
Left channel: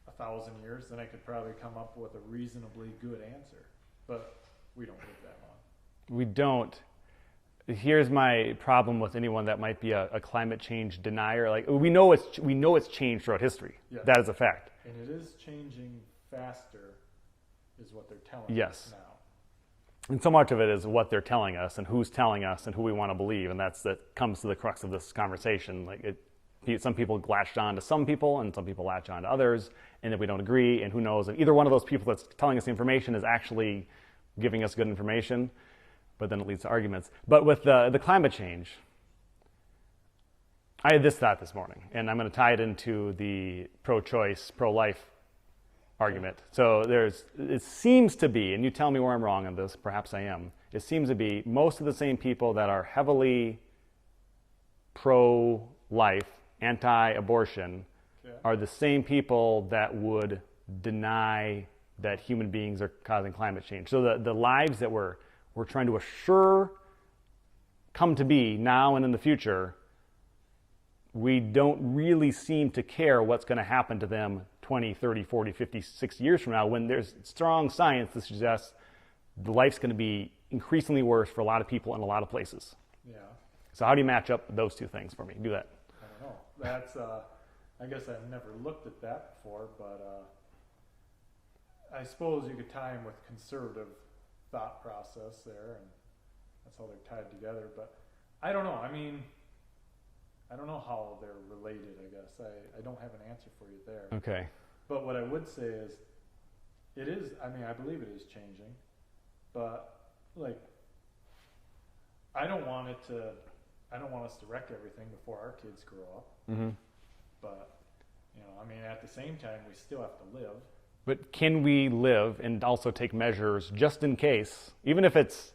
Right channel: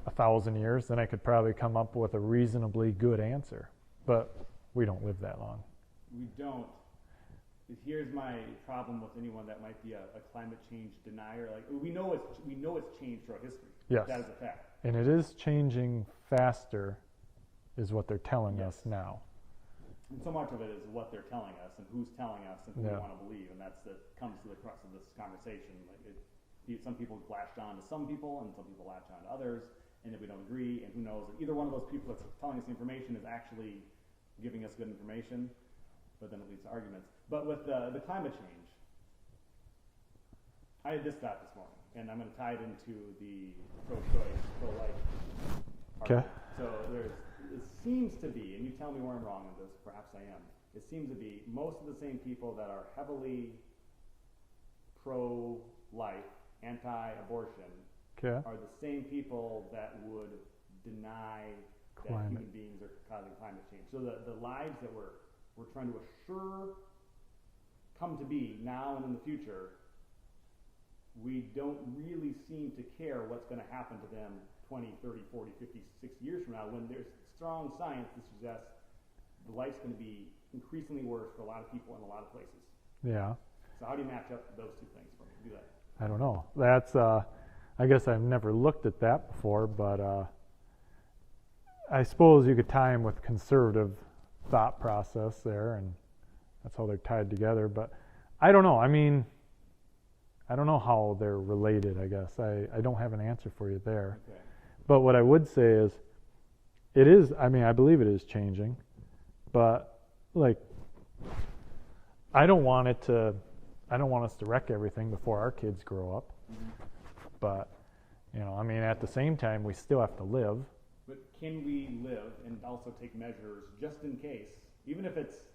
1,000 years, then I could probably come up with a reasonably good answer, but we don't live that long. We don't. Here's my problem with anyone that might be a climate change denier. Like, we know it's changed throughout history. Yes. That is a fact. And it is changing faster, is what they're telling us now. And so much of it is what they're telling us and who's telling us and who we want to believe, and that comes to the crux of this conversation. Like, some people latched on to some people, and some people latch on to others, and if we don't agree, and who knows if either one of those people that's telling us the information is actually giving us good information. But then it leads to arguments. But with the climate change, I had this thought this morning, and I'm going to tie it into the pro-choice, pro-life argument. So it seems to be, and you tell me where I'm wrong on this, perhaps I am, it seems to be most of the same people that are heavily pro-life, anti-abortion, are the same people that would deny that human beings are causing climate change. So the lives that we're trying to assure come to be now and in the future, we don't really seem to care what's going to happen to them 20, 30, 40, 50, 60 years from now, when there's strong science that suggests the life's going to be increasingly worse for a lot of people in a lot of places. Yeah. So how do you match up those two things for me? Do that. I don't know. That's, I guess I've never looked at that before, but I suppose you could tie them with conservative thought process there, and that's how they're tied together. But I don't know. I mean, I don't know how they're related, I guess. I don't have an answer for you there. Okay. But what I would say is, it is, I mean, I believe it is changing, but like, I don't want us to wreck everything before our kids grow up. Mm-hmm. But, I mean, at the same time, we still have to live. But can we live and also take measures just in case, even if it's,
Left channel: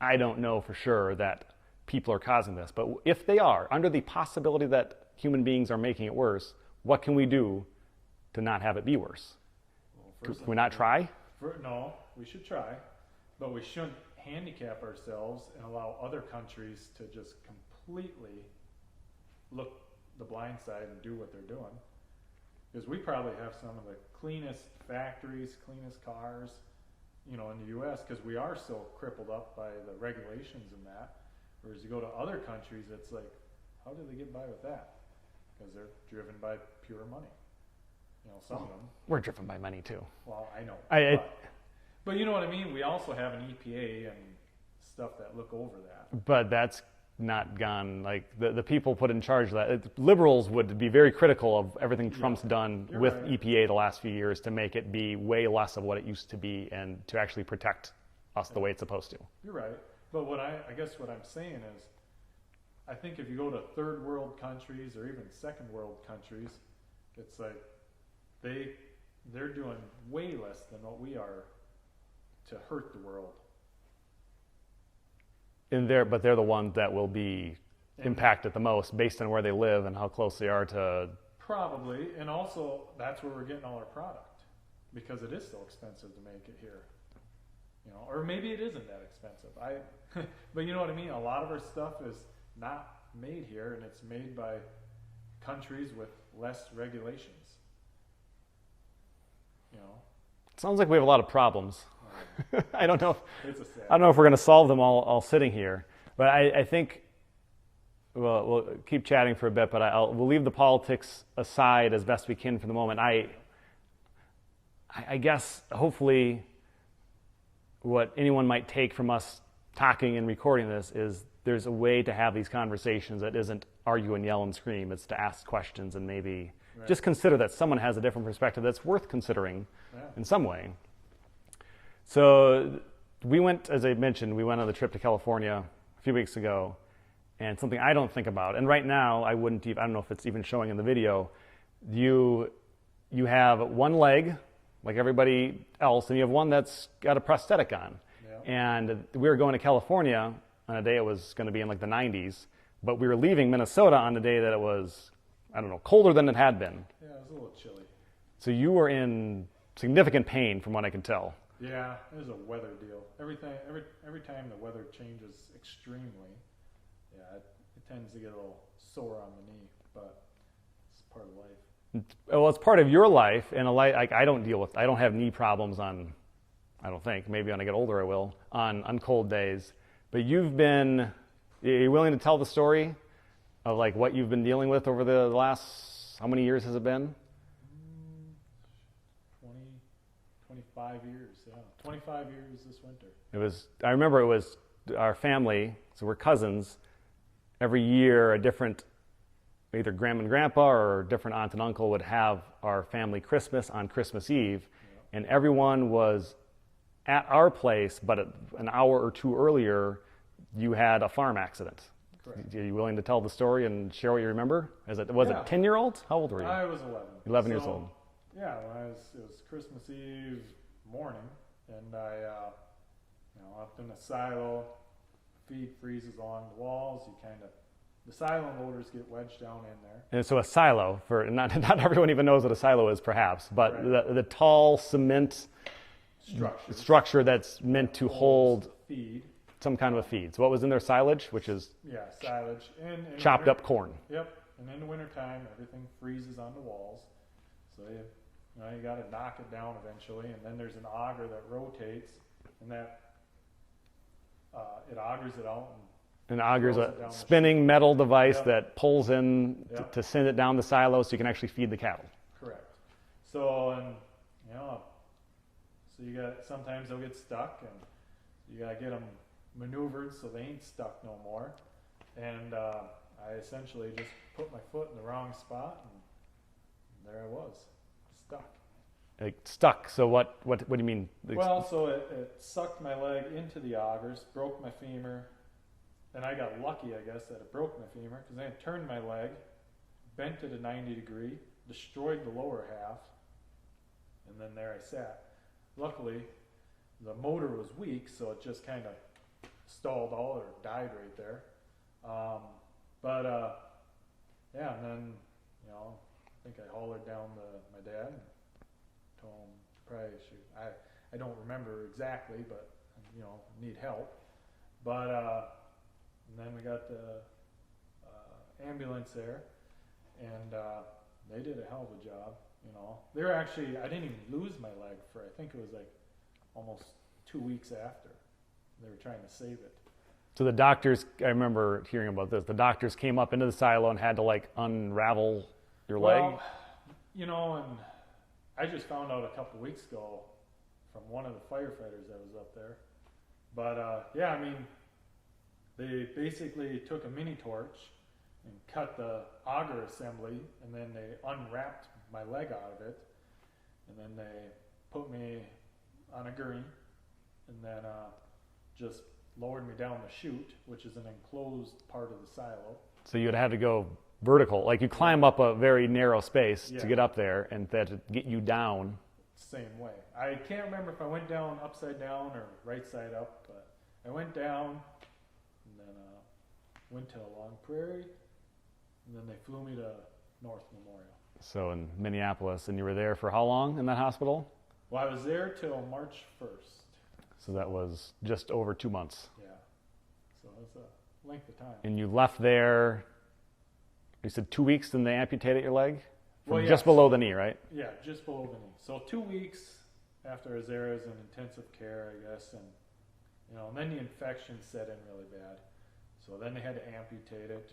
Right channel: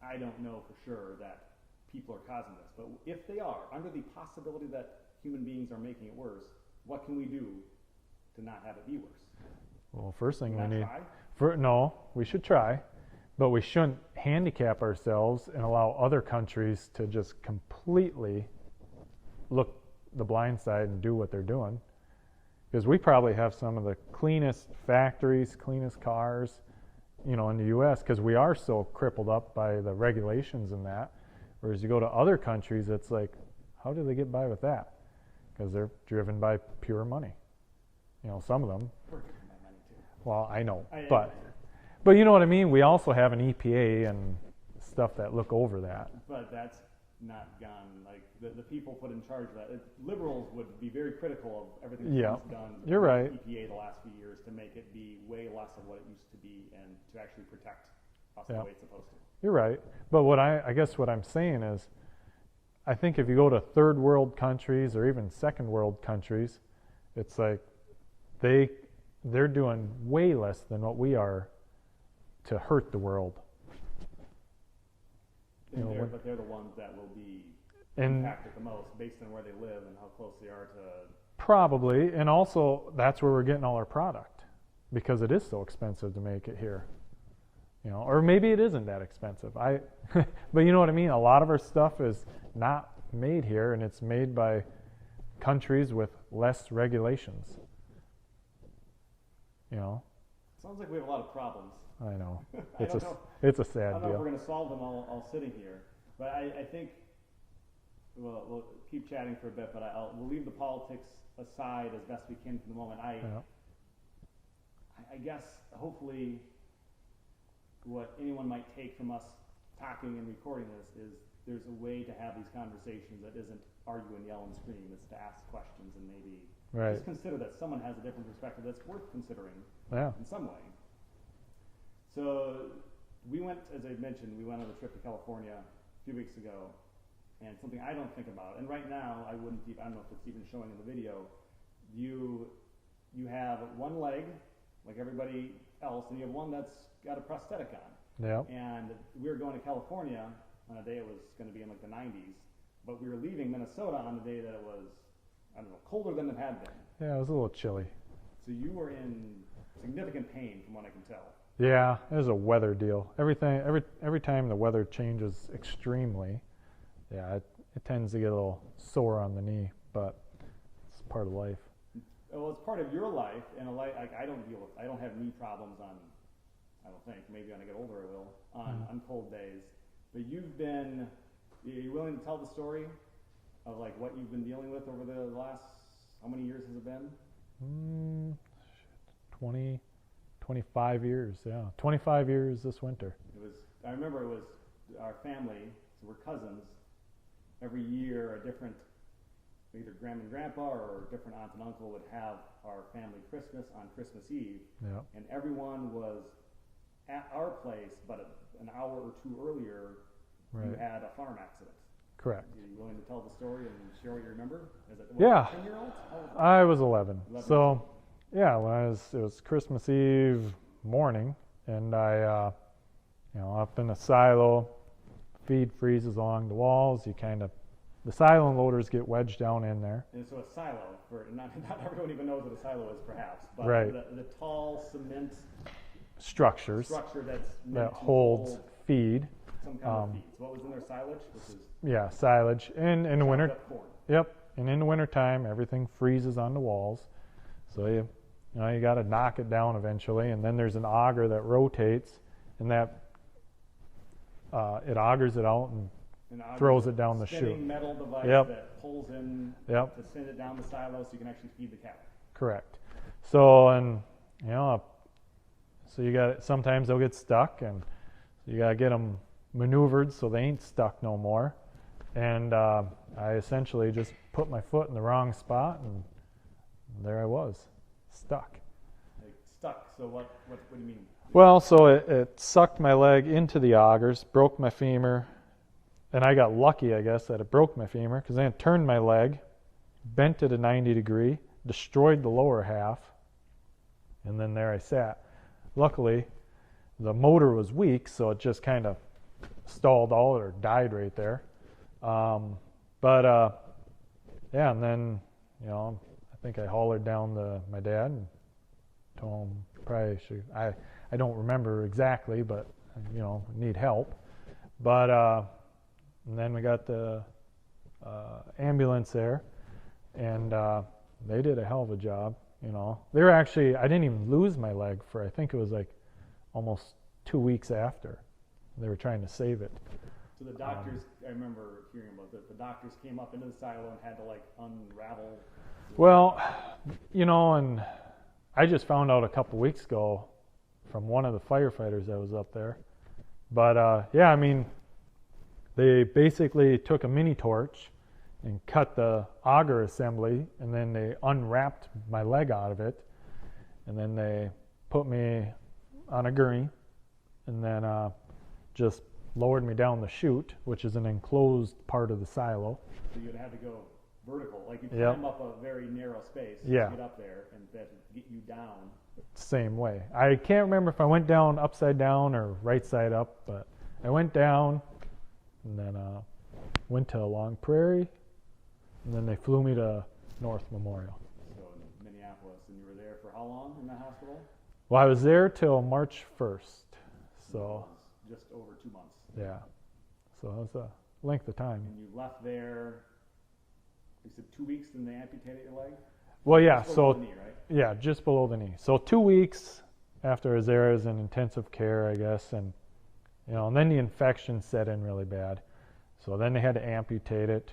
I don't know for sure that people are causing this, but if they are, under the possibility that human beings are making it worse, what can we do to not have it be worse? Well, first thing, can we not try? No, we should try, but we shouldn't handicap ourselves and allow other countries to just completely look the blind side and do what they're doing. Because we probably have some of the cleanest factories, cleanest cars, in the U.S. because we are so crippled up by the regulations and that. Whereas you go to other countries, it's like, how do they get by with that? Because they're driven by pure money. Some of them. We're driven by money too. Well, I know. But you know what I mean? We also have an EPA and stuff that look over that. But that's not gone, like the people put in charge of that. Liberals would be very critical of everything Trump's done with EPA the last few years to make it be way less of what it used to be and to actually protect us the way it's supposed to. You're right. But I guess what I'm saying is, I think if you go to third world countries or even second world countries, it's like they're doing way less than what we are to hurt the world. But they're the ones that will be impacted the most based on where they live and how close they are to... Probably, and also that's where we're getting all our product, because it is so expensive to make it here. Or maybe it isn't that expensive. But you know what I mean? A lot of our stuff is not made here, and it's made by countries with less regulations. Sounds like we have a lot of problems. I know. I don't know. It's a sad. I don't know if we're going to solve them all sitting here, but I think we'll keep chatting for a bit. But we'll leave the politics aside as best we can for the moment. I guess hopefully what anyone might take from us talking and recording this is there's a way to have these conversations that isn't argue and yell and scream. It's to ask questions and maybe just consider that someone has a different perspective that's worth considering in some way. So we went, as I mentioned, we went on the trip to California a few weeks ago, and something I don't think about, and right now I wouldn't even, I don't know if it's even showing in the video, you have one leg like everybody else, and you have one that's got a prosthetic on. Yeah. And we were going to California on a day it was going to be in like the 90s, but we were leaving Minnesota on the day that it was, I don't know, colder than it had been. Yeah, it was a little chilly. So you were in significant pain from what I can tell. Yeah, it was a weather deal. Every time the weather changes extremely, it tends to get a little sore on the knee, but it's part of life. Well, it's part of your life, and like I don't have knee problems I don't think, maybe when I get older I will, on cold days. But are you willing to tell the story of like what you've been dealing with over the last, how many years has it been? 25 years, yeah. 25 years this winter. I remember it was our family, so we're cousins, every year a different, either grandma and grandpa or different aunt and uncle would have our family Christmas on Christmas Eve, and everyone was at our place, but an hour or two earlier, you had a farm accident. Correct. Are you willing to tell the story and share what you remember? Was it 10-year-old? How old were you? I was 11. 11 years old. Yeah, it was Christmas Eve morning, and I, up in a silo, feed freezes along the walls. The silo loaders get wedged down in there. And so a silo, for not everyone even knows what a silo is, perhaps, but the tall cement structure that's meant to hold feed. Some kind of a feed. So what was in their silage, which is silage and chopped up corn. Yep, and in the wintertime, everything freezes on the walls, so you got to knock it down eventually. And then there's an auger that rotates, and that it augers it out and throws it down the spinning chute. metal device that pulls in to send it down the silo, so you can actually feed the cattle. Correct. So so sometimes they'll get stuck, and you got to get them maneuvered so they ain't stuck no more. And I essentially just put my foot in the wrong spot, and there I was, stuck. Like stuck. So what do you mean? Well, so it sucked my leg into the augers, broke my femur, and I got lucky, I guess, that it broke my femur, because then it turned my leg, bent it a 90 degree, destroyed the lower half, and then there I sat. Luckily, the motor was weak, so it just kind of stalled out or died right there. And then, I think I hollered down my dad and told him I don't remember exactly, but, need help. But, and then we got the ambulance there, and they did a hell of a job. They were actually, I didn't even lose my leg for, I think it was like almost 2 weeks after. They were trying to save it. So the doctors, I remember hearing about this, the doctors came up into the silo and had to like unravel your leg. And I just found out a couple weeks ago from one of the firefighters that was up there. But they basically took a mini torch and cut the auger assembly, and then they unwrapped my leg out of it, and then they put me on a gurney, and then just lowered me down the chute, which is an enclosed part of the silo. So you'd have to go vertical, like you climb up a very narrow space to get up there, and that to get you down. Same way. I can't remember if I went down upside down or right side up, but I went down, and then went to Long Prairie, and then they flew me to North Memorial. So in Minneapolis, and you were there for how long in that hospital? Well, I was there till March 1st. So that was just over 2 months. Yeah. So it was a length of time. And you left there, you said 2 weeks, and they amputated your leg? Well, yeah. Just below the knee, right? Yeah, just below the knee. So 2 weeks, after I was there, I was in intensive care, I guess, and and then the infection set in really bad. So then they had to amputate it.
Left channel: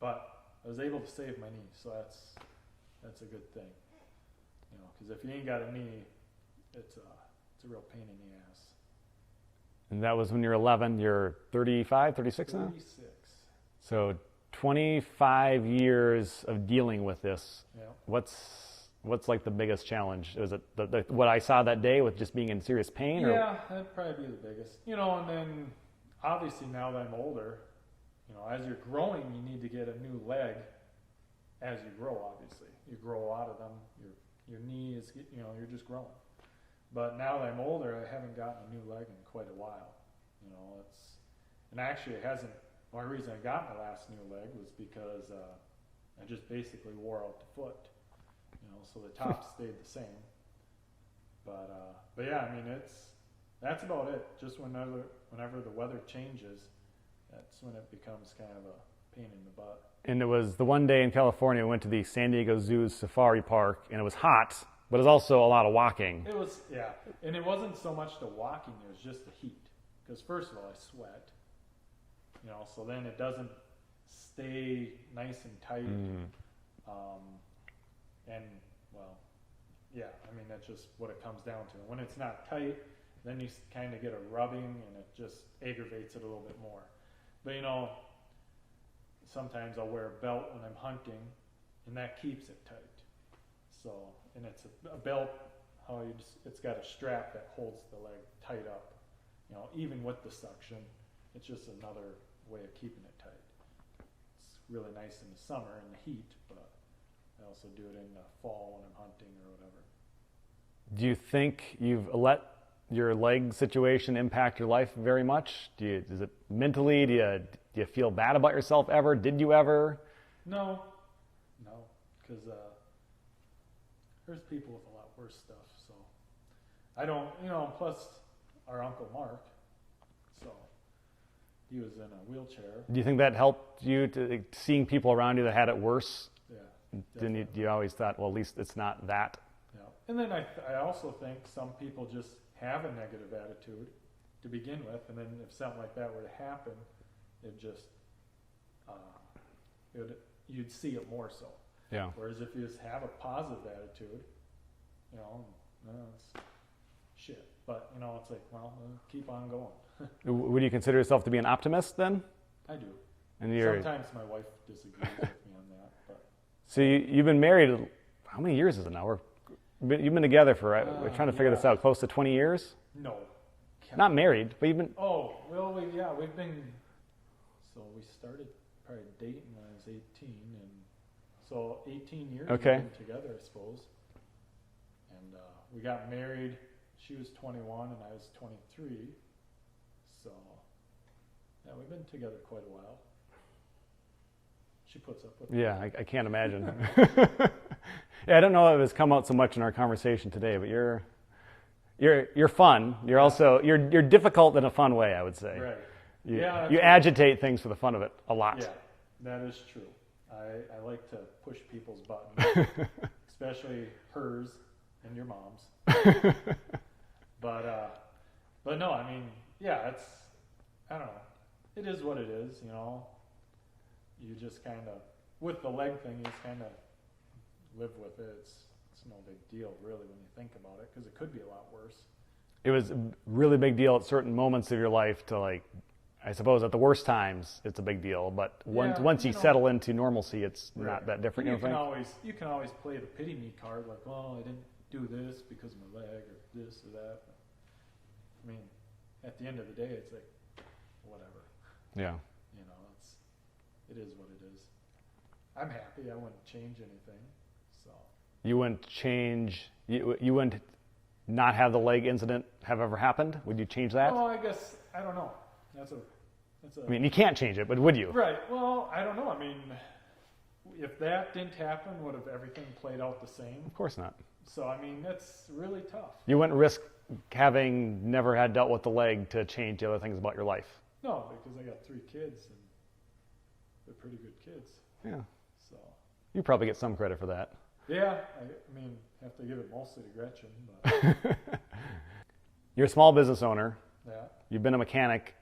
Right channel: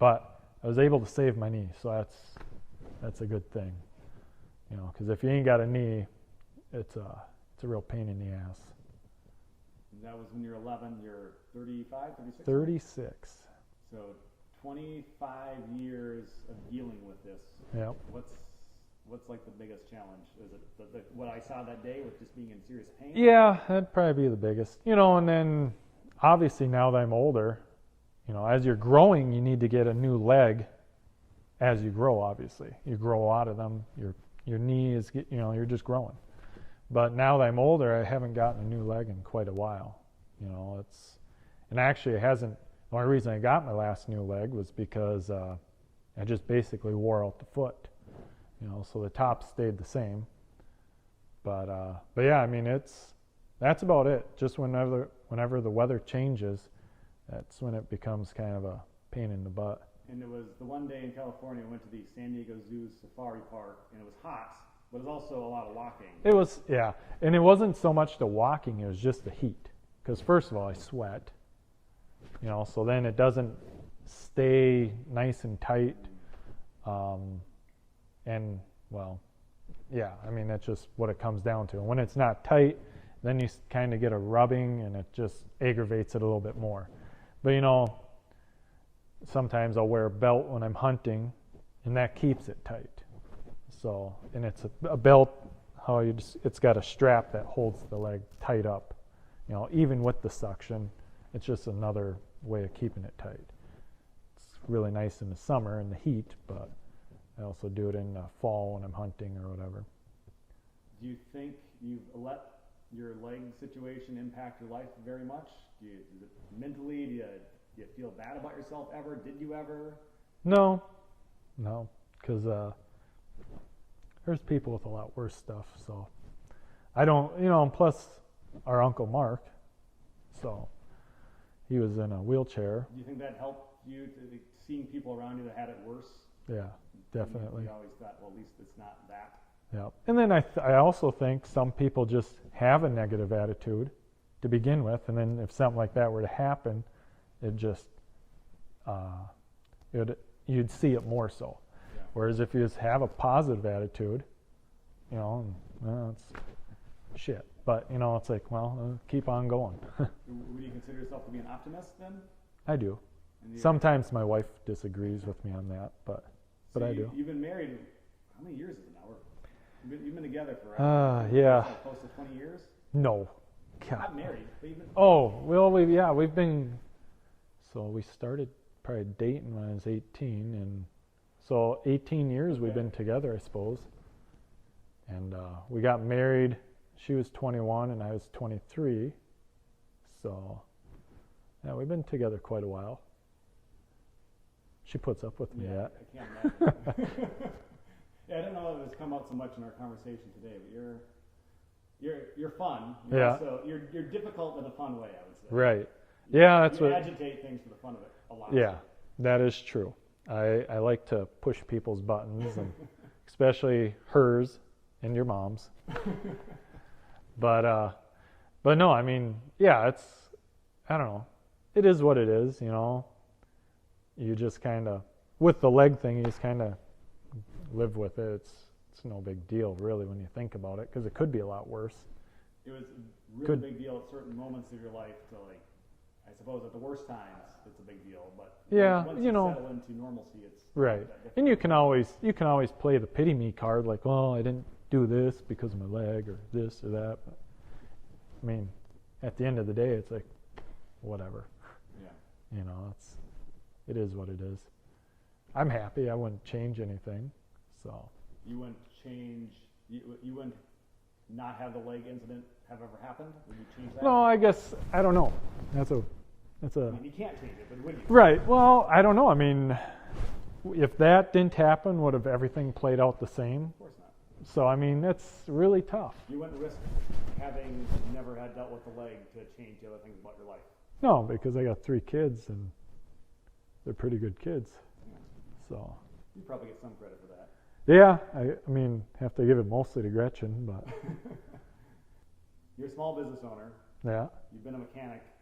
But I was able to save my knee, so that's a good thing. Because if you ain't got a knee, it's a real pain in the ass. And that was when you're 11. You're 35, 36 now? 36. So 25 years of dealing with this. Yep. What's like the biggest challenge? Was it what I saw that day with just being in serious pain? Yeah, that'd probably be the biggest. And then obviously now that I'm older, as you're growing, you need to get a new leg as you grow, obviously. You grow out of them. Your knee is, you're just growing. But now that I'm older, I haven't gotten a new leg in quite a while. And actually it hasn't, the only reason I got my last new leg was because I just basically wore out the foot. So the top stayed the same. But yeah, I mean, that's about it. Just whenever the weather changes, that's when it becomes kind of a pain in the butt. And it was the one day in California, we went to the San Diego Zoo's Safari Park, and it was hot, but it was also a lot of walking. It was, yeah. And it wasn't so much the walking, it was just the heat. Because first of all, I sweat, so then it doesn't stay nice and tight. And, well, yeah, I mean, that's just what it comes down to. And when it's not tight, then you kind of get a rubbing, and it just aggravates it a little bit more. But, sometimes I'll wear a belt when I'm hunting, and that keeps it tight. So, and it's a belt, it's got a strap that holds the leg tight up. Even with the suction, it's just another way of keeping it tight. It's really nice in the summer in the heat, but I also do it in the fall when I'm hunting or whatever. Do you think you've let your leg situation impact your life very much? Is it mentally? Do you feel bad about yourself ever? Did you ever? No, because there's people with a lot worse stuff. So I don't, and plus our Uncle Mark, so he was in a wheelchair. Do you think that helped you to seeing people around you that had it worse? Yeah, definitely. Then you always thought, well, at least it's not that. Yeah, and then I also think some people just have a negative attitude to begin with, and then if something like that were to happen, it just you'd see it more so. Yeah. Whereas if you just have a positive attitude, it's shit. But it's like, well, keep on going. Would you consider yourself to be an optimist then? I do. And sometimes my wife disagrees with me on that, but. So you've been married. How many years is it now? You've been together for. We're trying to figure this out. Close to 20 years. No. God. Not married, but you've been. Oh well, we've been. So we started probably dating when I was 18, and so 18 years we've been together, I suppose. And we got married. She was 21 and I was 23. So yeah, we've been together quite a while. She puts up with me. Yeah, I can't imagine. Yeah, I don't know if it's come out so much in our conversation today, but you're fun. You're also you're difficult in a fun way, I would say. Right. You agitate things for the fun of it a lot. Yeah, that is true. I like to push people's buttons, especially hers and your mom's. But no, I mean, yeah, I don't know. It is what it is, You just kind of, with the leg thing, you just kind of live with it. It's no big deal, really, when you think about it, because it could be a lot worse. It was a really big deal at certain moments of your life to, like, I suppose at the worst times it's a big deal, but once you settle into normalcy, it's not that different. And you can always play the pity me card, like, well, I didn't do this because of my leg or this or that. But, I mean, at the end of the day, it's like, whatever. Yeah. It is what it is. I'm happy. I wouldn't change anything. So you wouldn't change. You wouldn't not have the leg incident have ever happened. Would you change that? No, I guess I don't know. That's a. I mean, you can't change it, but would you? Right. Well, I don't know. I mean, if that didn't happen, would have everything played out the same? Of course not. So I mean, that's really tough. You wouldn't risk having never had dealt with the leg to change the other things about your life. No, because I got 3 kids and they're pretty good kids. Yeah. So you probably get some credit for that. Yeah, I mean, have to give it mostly to Gretchen, but You're a small business owner. yeah. You've been a mechanic.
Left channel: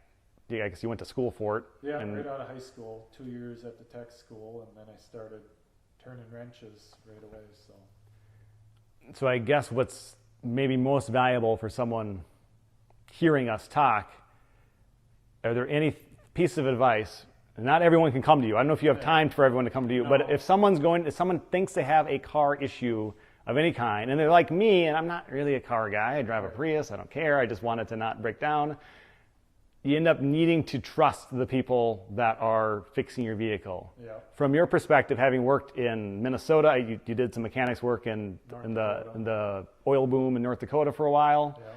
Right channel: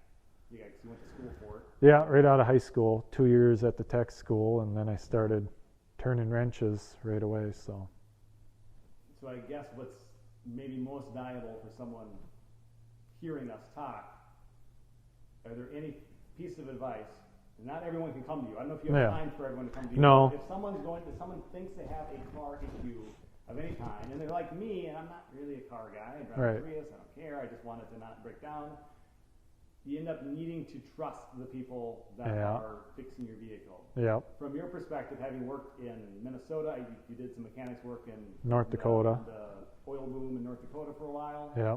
Yeah, I guess you went to school for it. Yeah, right out of high school, 2 years at the tech school, and then I started turning wrenches right away. So I guess what's maybe most valuable for someone hearing us talk, are there any piece of advice? Not everyone can come to you. I don't know if you have time for everyone to come to you, No. but if someone thinks they have a car issue of any kind, and they're like me, and I'm not really a car guy. I drive a Prius. I don't care. I just want it to not break down. You end up needing to trust the people that are fixing your vehicle. Yeah. From your perspective, having worked in Minnesota, you did some mechanics work in the oil boom in North Dakota for a while. Yeah.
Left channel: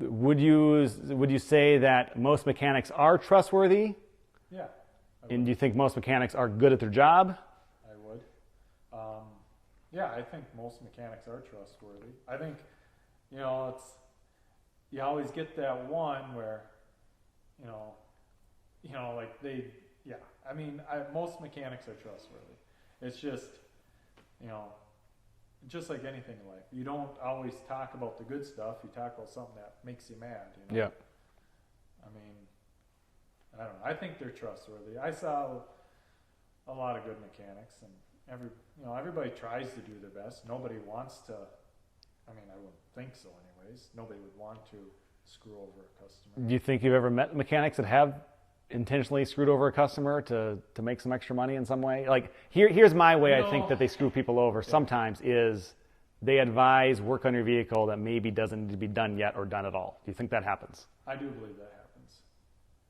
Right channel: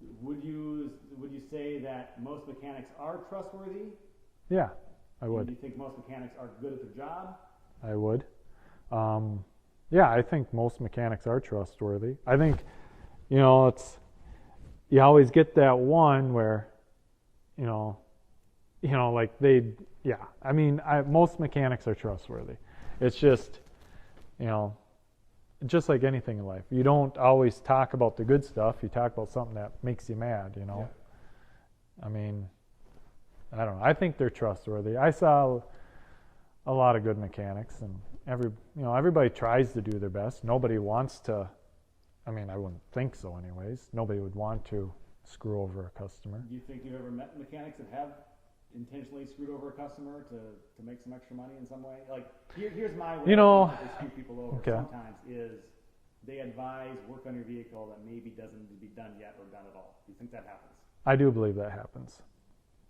Would you say that most mechanics are trustworthy? Yeah, I would. And do you think most mechanics are good at their job? I would. Yeah, I think most mechanics are trustworthy. I think, you always get that one where, like most mechanics are trustworthy. It's just, just like anything in life. You don't always talk about the good stuff. You talk about something that makes you mad, Yeah. I mean, I don't know. I think they're trustworthy. I saw a lot of good mechanics, and everybody tries to do their best. Nobody wants to. I mean, I wouldn't think so, anyways. Nobody would want to screw over a customer. Do you think you've ever met mechanics that have intentionally screwed over a customer to make some extra money in some way? Like, here's my way I think that they screw people over sometimes is they advise work on your vehicle that maybe doesn't need to be done yet or done at all. Do you think that happens? I do believe that happens.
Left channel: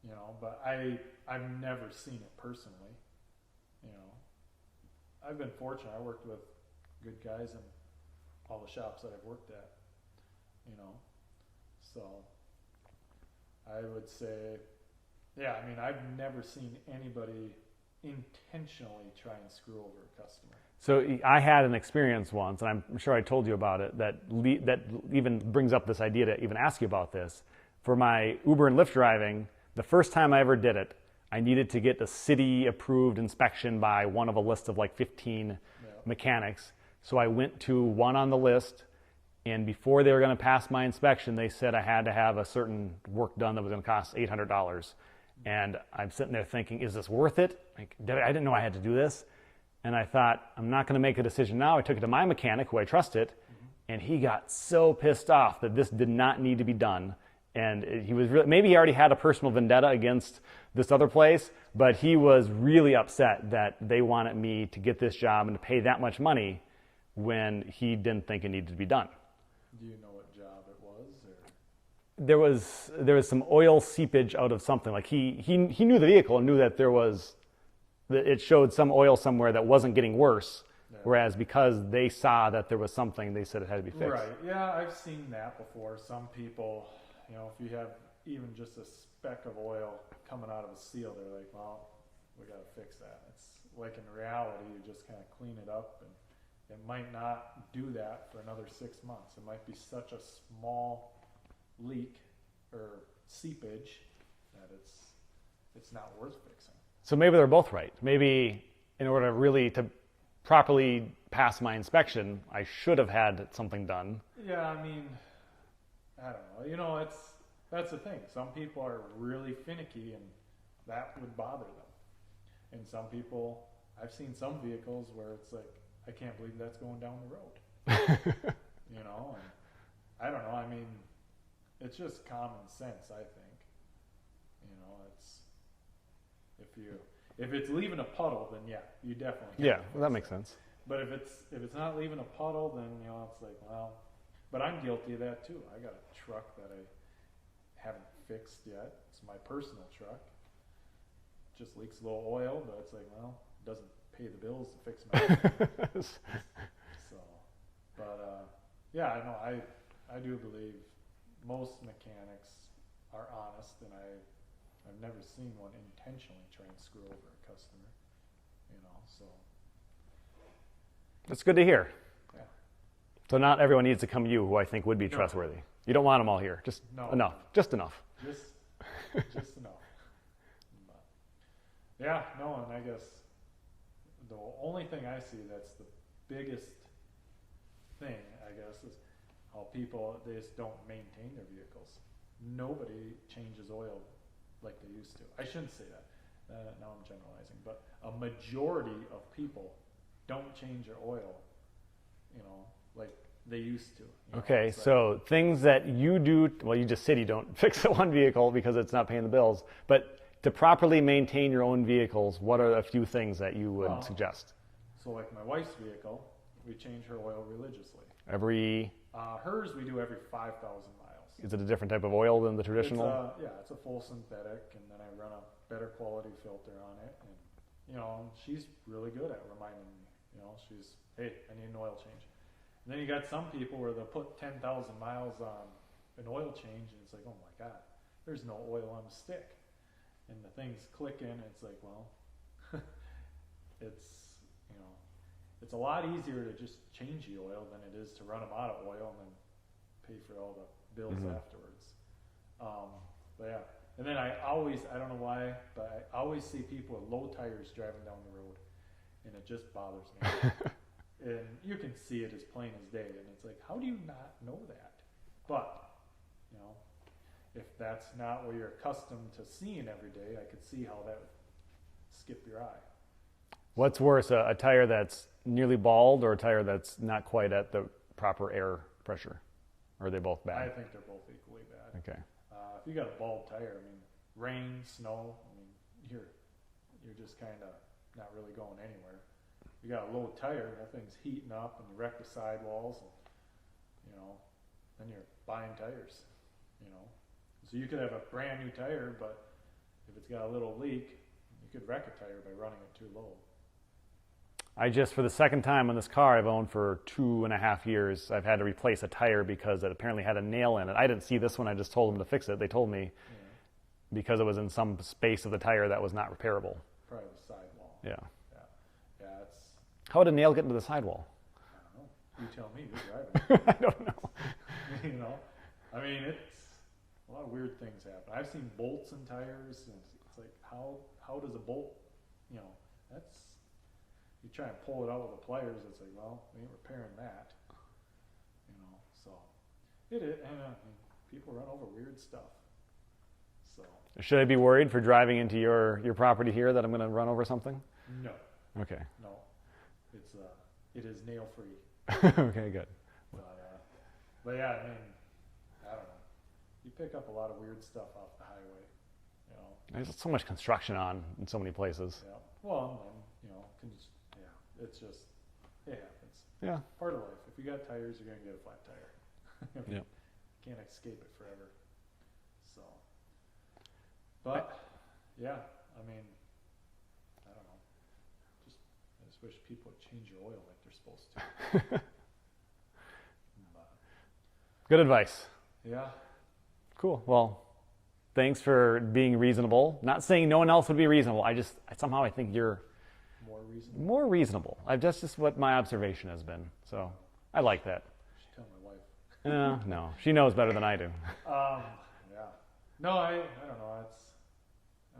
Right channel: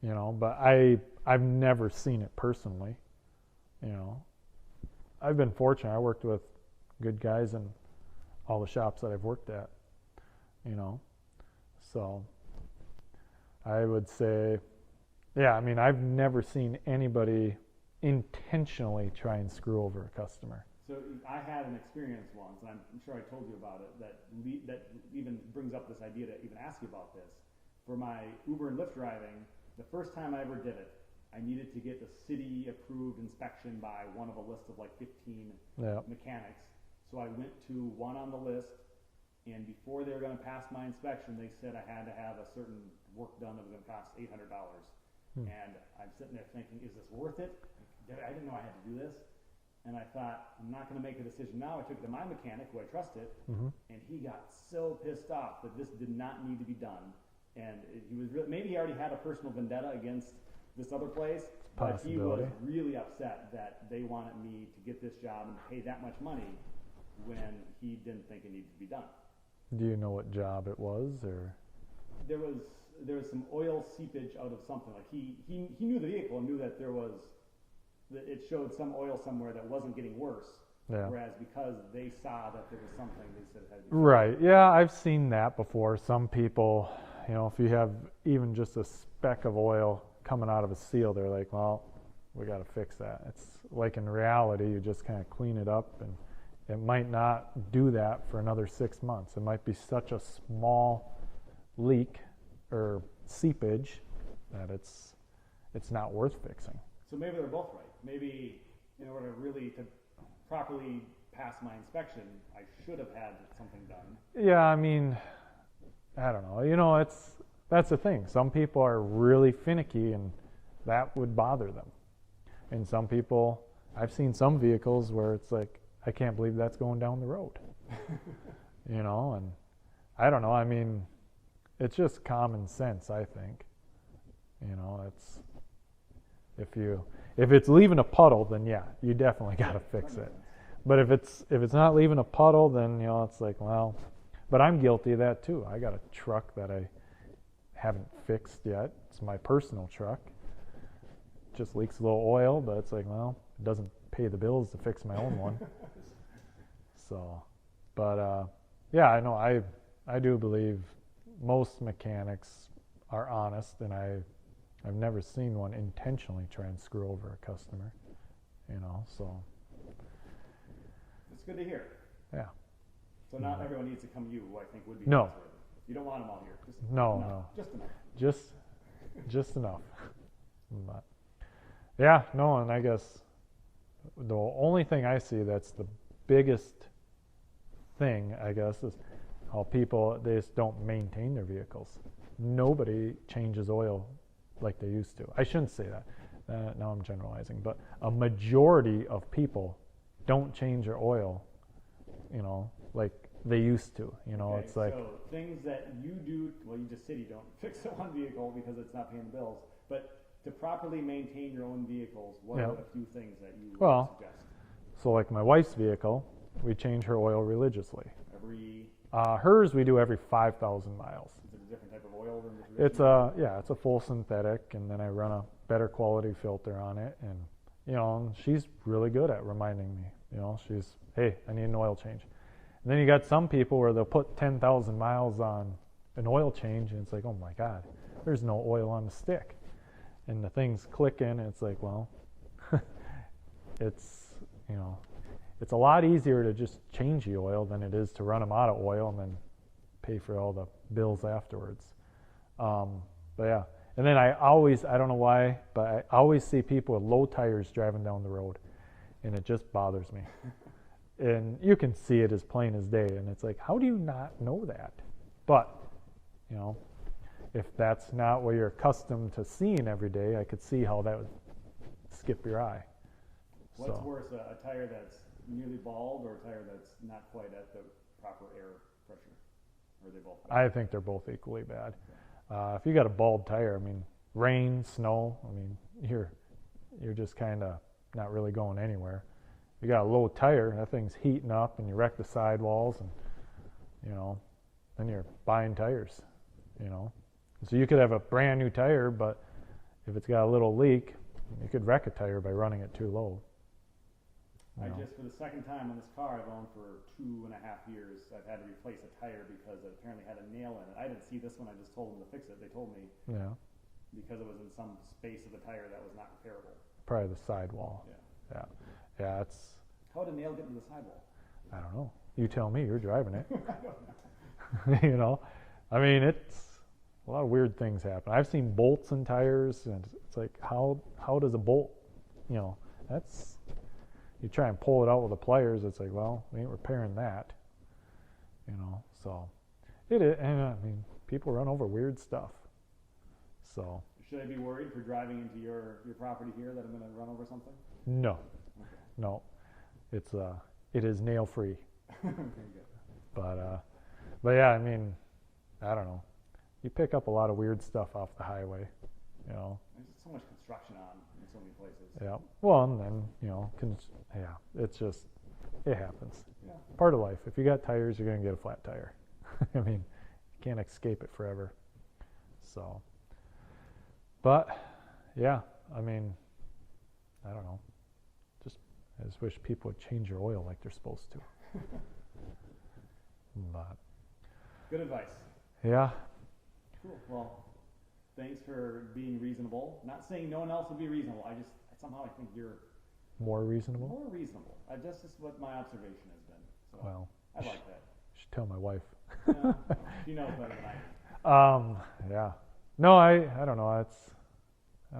But I've never seen it personally. I've been fortunate. I worked with good guys in all the shops that I've worked at, so I would say, I've never seen anybody intentionally try and screw over a customer. So I had an experience once, and I'm sure I told you about it, that even brings up this idea to even ask you about this. For my Uber and Lyft driving, the first time I ever did it, I needed to get a city-approved inspection by one of a list of like 15 mechanics. So I went to one on the list, and before they were going to pass my inspection, they said I had to have a certain work done that was going to cost $800. And I'm sitting there thinking, is this worth it? Like, I didn't know I had to do this. And I thought, I'm not going to make a decision now. I took it to my mechanic, who I trusted, and he got so pissed off that this did not need to be done. And he was maybe he already had a personal vendetta against this other place, but he was really upset that they wanted me to get this job and to pay that much money when he didn't think it needed to be done. Do you know what job it was, or? There was some oil seepage out of something. Like he knew the vehicle and knew that it showed some oil somewhere that wasn't getting worse. Yeah. Whereas because they saw that there was something, they said it had to be fixed. Right. Yeah, I've seen that before. Some people, if you have even just a speck of oil coming out of a seal, they're like, well, we got to fix that. It's like in reality, you just kind of clean it up, and it might not do that for another 6 months. It might be such a small leak or seepage that it's not worth fixing. So maybe they're both right. Maybe in order really to properly pass my inspection, I should have had something done. Yeah, I mean, I don't know. That's the thing. Some people are really finicky, and that would bother them. And some people, I've seen some vehicles where it's like, I can't believe that's going down the road. And I don't know. I mean, it's just common sense, I think. If it's leaving a puddle, then yeah, you definitely got to fix it. Yeah, that makes sense. But if it's not leaving a puddle, then it's like, well, but I'm guilty of that too. I got a truck that I haven't fixed yet. It's my personal truck. It just leaks a little oil, but it's like, well, it doesn't pay the bills to fix my own one. So, but yeah, I know. I do believe most mechanics are honest, and I've never seen one intentionally try and screw over a customer. So that's good to hear. Yeah. So not everyone needs to come to you, who I think would be trustworthy. You don't want them all here. Just enough. No. Just enough. Just enough. But yeah, no, and I guess the only thing I see that's the biggest thing, I guess, is how people, they just don't maintain their vehicles. Nobody changes oil like they used to. I shouldn't say that. Now I'm generalizing, but a majority of people don't change their oil, like they used to. Okay, so things that you do, well, you just said you don't fix the one vehicle because it's not paying the bills, but to properly maintain your own vehicles, what are a few things that you would suggest? So like my wife's vehicle, we change her oil religiously. Every... hers we do every 5,000 miles. Is it a different type of oil than the traditional? It's a full synthetic, and then I run a better quality filter on it, and she's really good at reminding me. She's, hey, I need an oil change. And then you got some people where they'll put 10,000 miles on an oil change, and it's like, oh my God, there's no oil on the stick, and the thing's clicking, and it's like, well, it's a lot easier to just change the oil than it is to run them out of oil and then pay for all the bills afterwards. But yeah, and then I don't know why, but I always see people with low tires driving down the road, and it just bothers me. And you can see it as plain as day, and it's like, how do you not know that? But, if that's not what you're accustomed to seeing every day, I could see how that would skip your eye. What's worse, a tire that's nearly bald or a tire that's not quite at the proper air pressure? Or are they both bad? I think they're both equally bad. Okay. If you got a bald tire, rain, snow, you're just kind of not really going anywhere. You got a low tire, that thing's heating up, and you wreck the sidewalls, and then you're buying tires. So you could have a brand new tire, but if it's got a little leak, you could wreck a tire by running it too low. I just, for the second time on this car I've owned for 2.5 years, I've had to replace a tire because it apparently had a nail in it. I didn't see this one, I just told them to fix it. They told me because it was in some space of the tire that was not repairable. Probably the sidewall. Yeah, it's... How would a nail get into the sidewall? I don't know. You tell me, you're driving it. I don't know. It's a lot of weird things happen. I've seen bolts in tires, and it's like, how does a bolt, that's... You try and pull it out with the pliers, it's like, well, we ain't repairing that. So it is, and people run over weird stuff. So should I be worried for driving into your property here that I'm going to run over something? No. Okay. No. It is nail free. Okay, good. But yeah, I don't know. You pick up a lot of weird stuff off the highway. There's so much construction on in so many places. Yeah. Well, and then it's just, it happens. Yeah. Part of life. If you got tires, you're gonna get a flat tire. You can't escape it forever. So, but yeah, I don't know. I just wish people would change your oil like they're supposed to. But good advice. Yeah. Cool. Well, thanks for being reasonable. Not saying no one else would be reasonable. I think you're more reasonable. More reasonable. That's just what my observation has been. So well, I like that. I should tell my wife. No, she knows better than I do. Yeah. No, I don't know.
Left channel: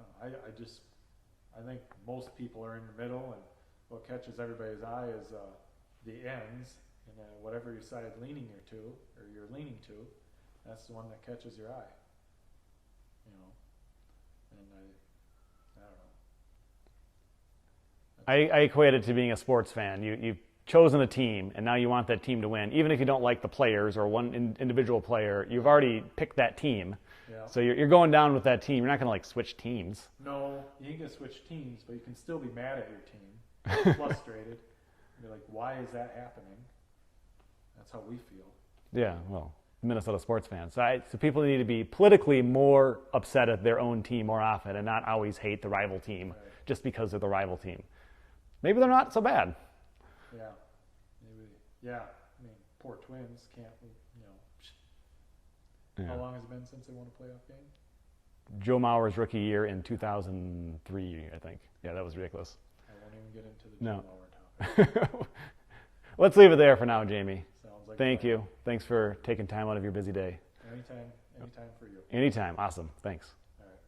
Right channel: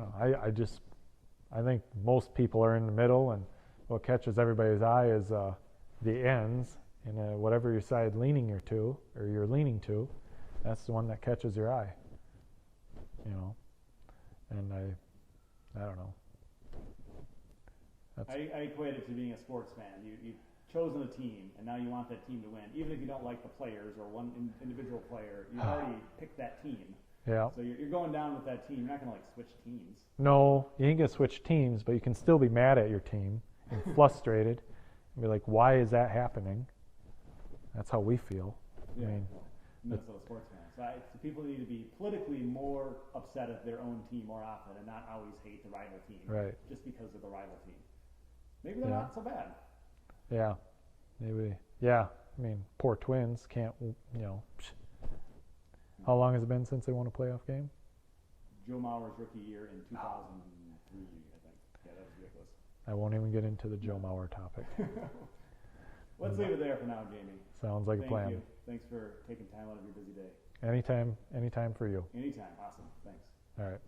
I think most people are in the middle, and what catches everybody's eye is the ends, and whatever your side you're leaning to, that's the one that catches your eye. And I don't know. I equate it to being a sports fan. You've chosen a team, and now you want that team to win. Even if you don't like the players or one individual player, you've already picked that team. Yeah. So you're going down with that team. You're not going to switch teams. No, you ain't going to switch teams, but you can still be mad at your team, frustrated, and be like, why is that happening? That's how we feel. Yeah, well, Minnesota sports fans. So people need to be politically more upset at their own team more often and not always hate the rival team just because they're the rival team. Maybe they're not so bad. Yeah, maybe. Yeah, poor Twins can't, How long has it been since they won a playoff game? Joe Mauer's rookie year in 2003, I think. Yeah, that was ridiculous. I won't even get into the Joe Mauer topic. Let's leave it there for now, Jamie. Sounds like Thank you. Thanks for taking time out of your busy day. Anytime for you. Anytime. Awesome. Thanks. All right.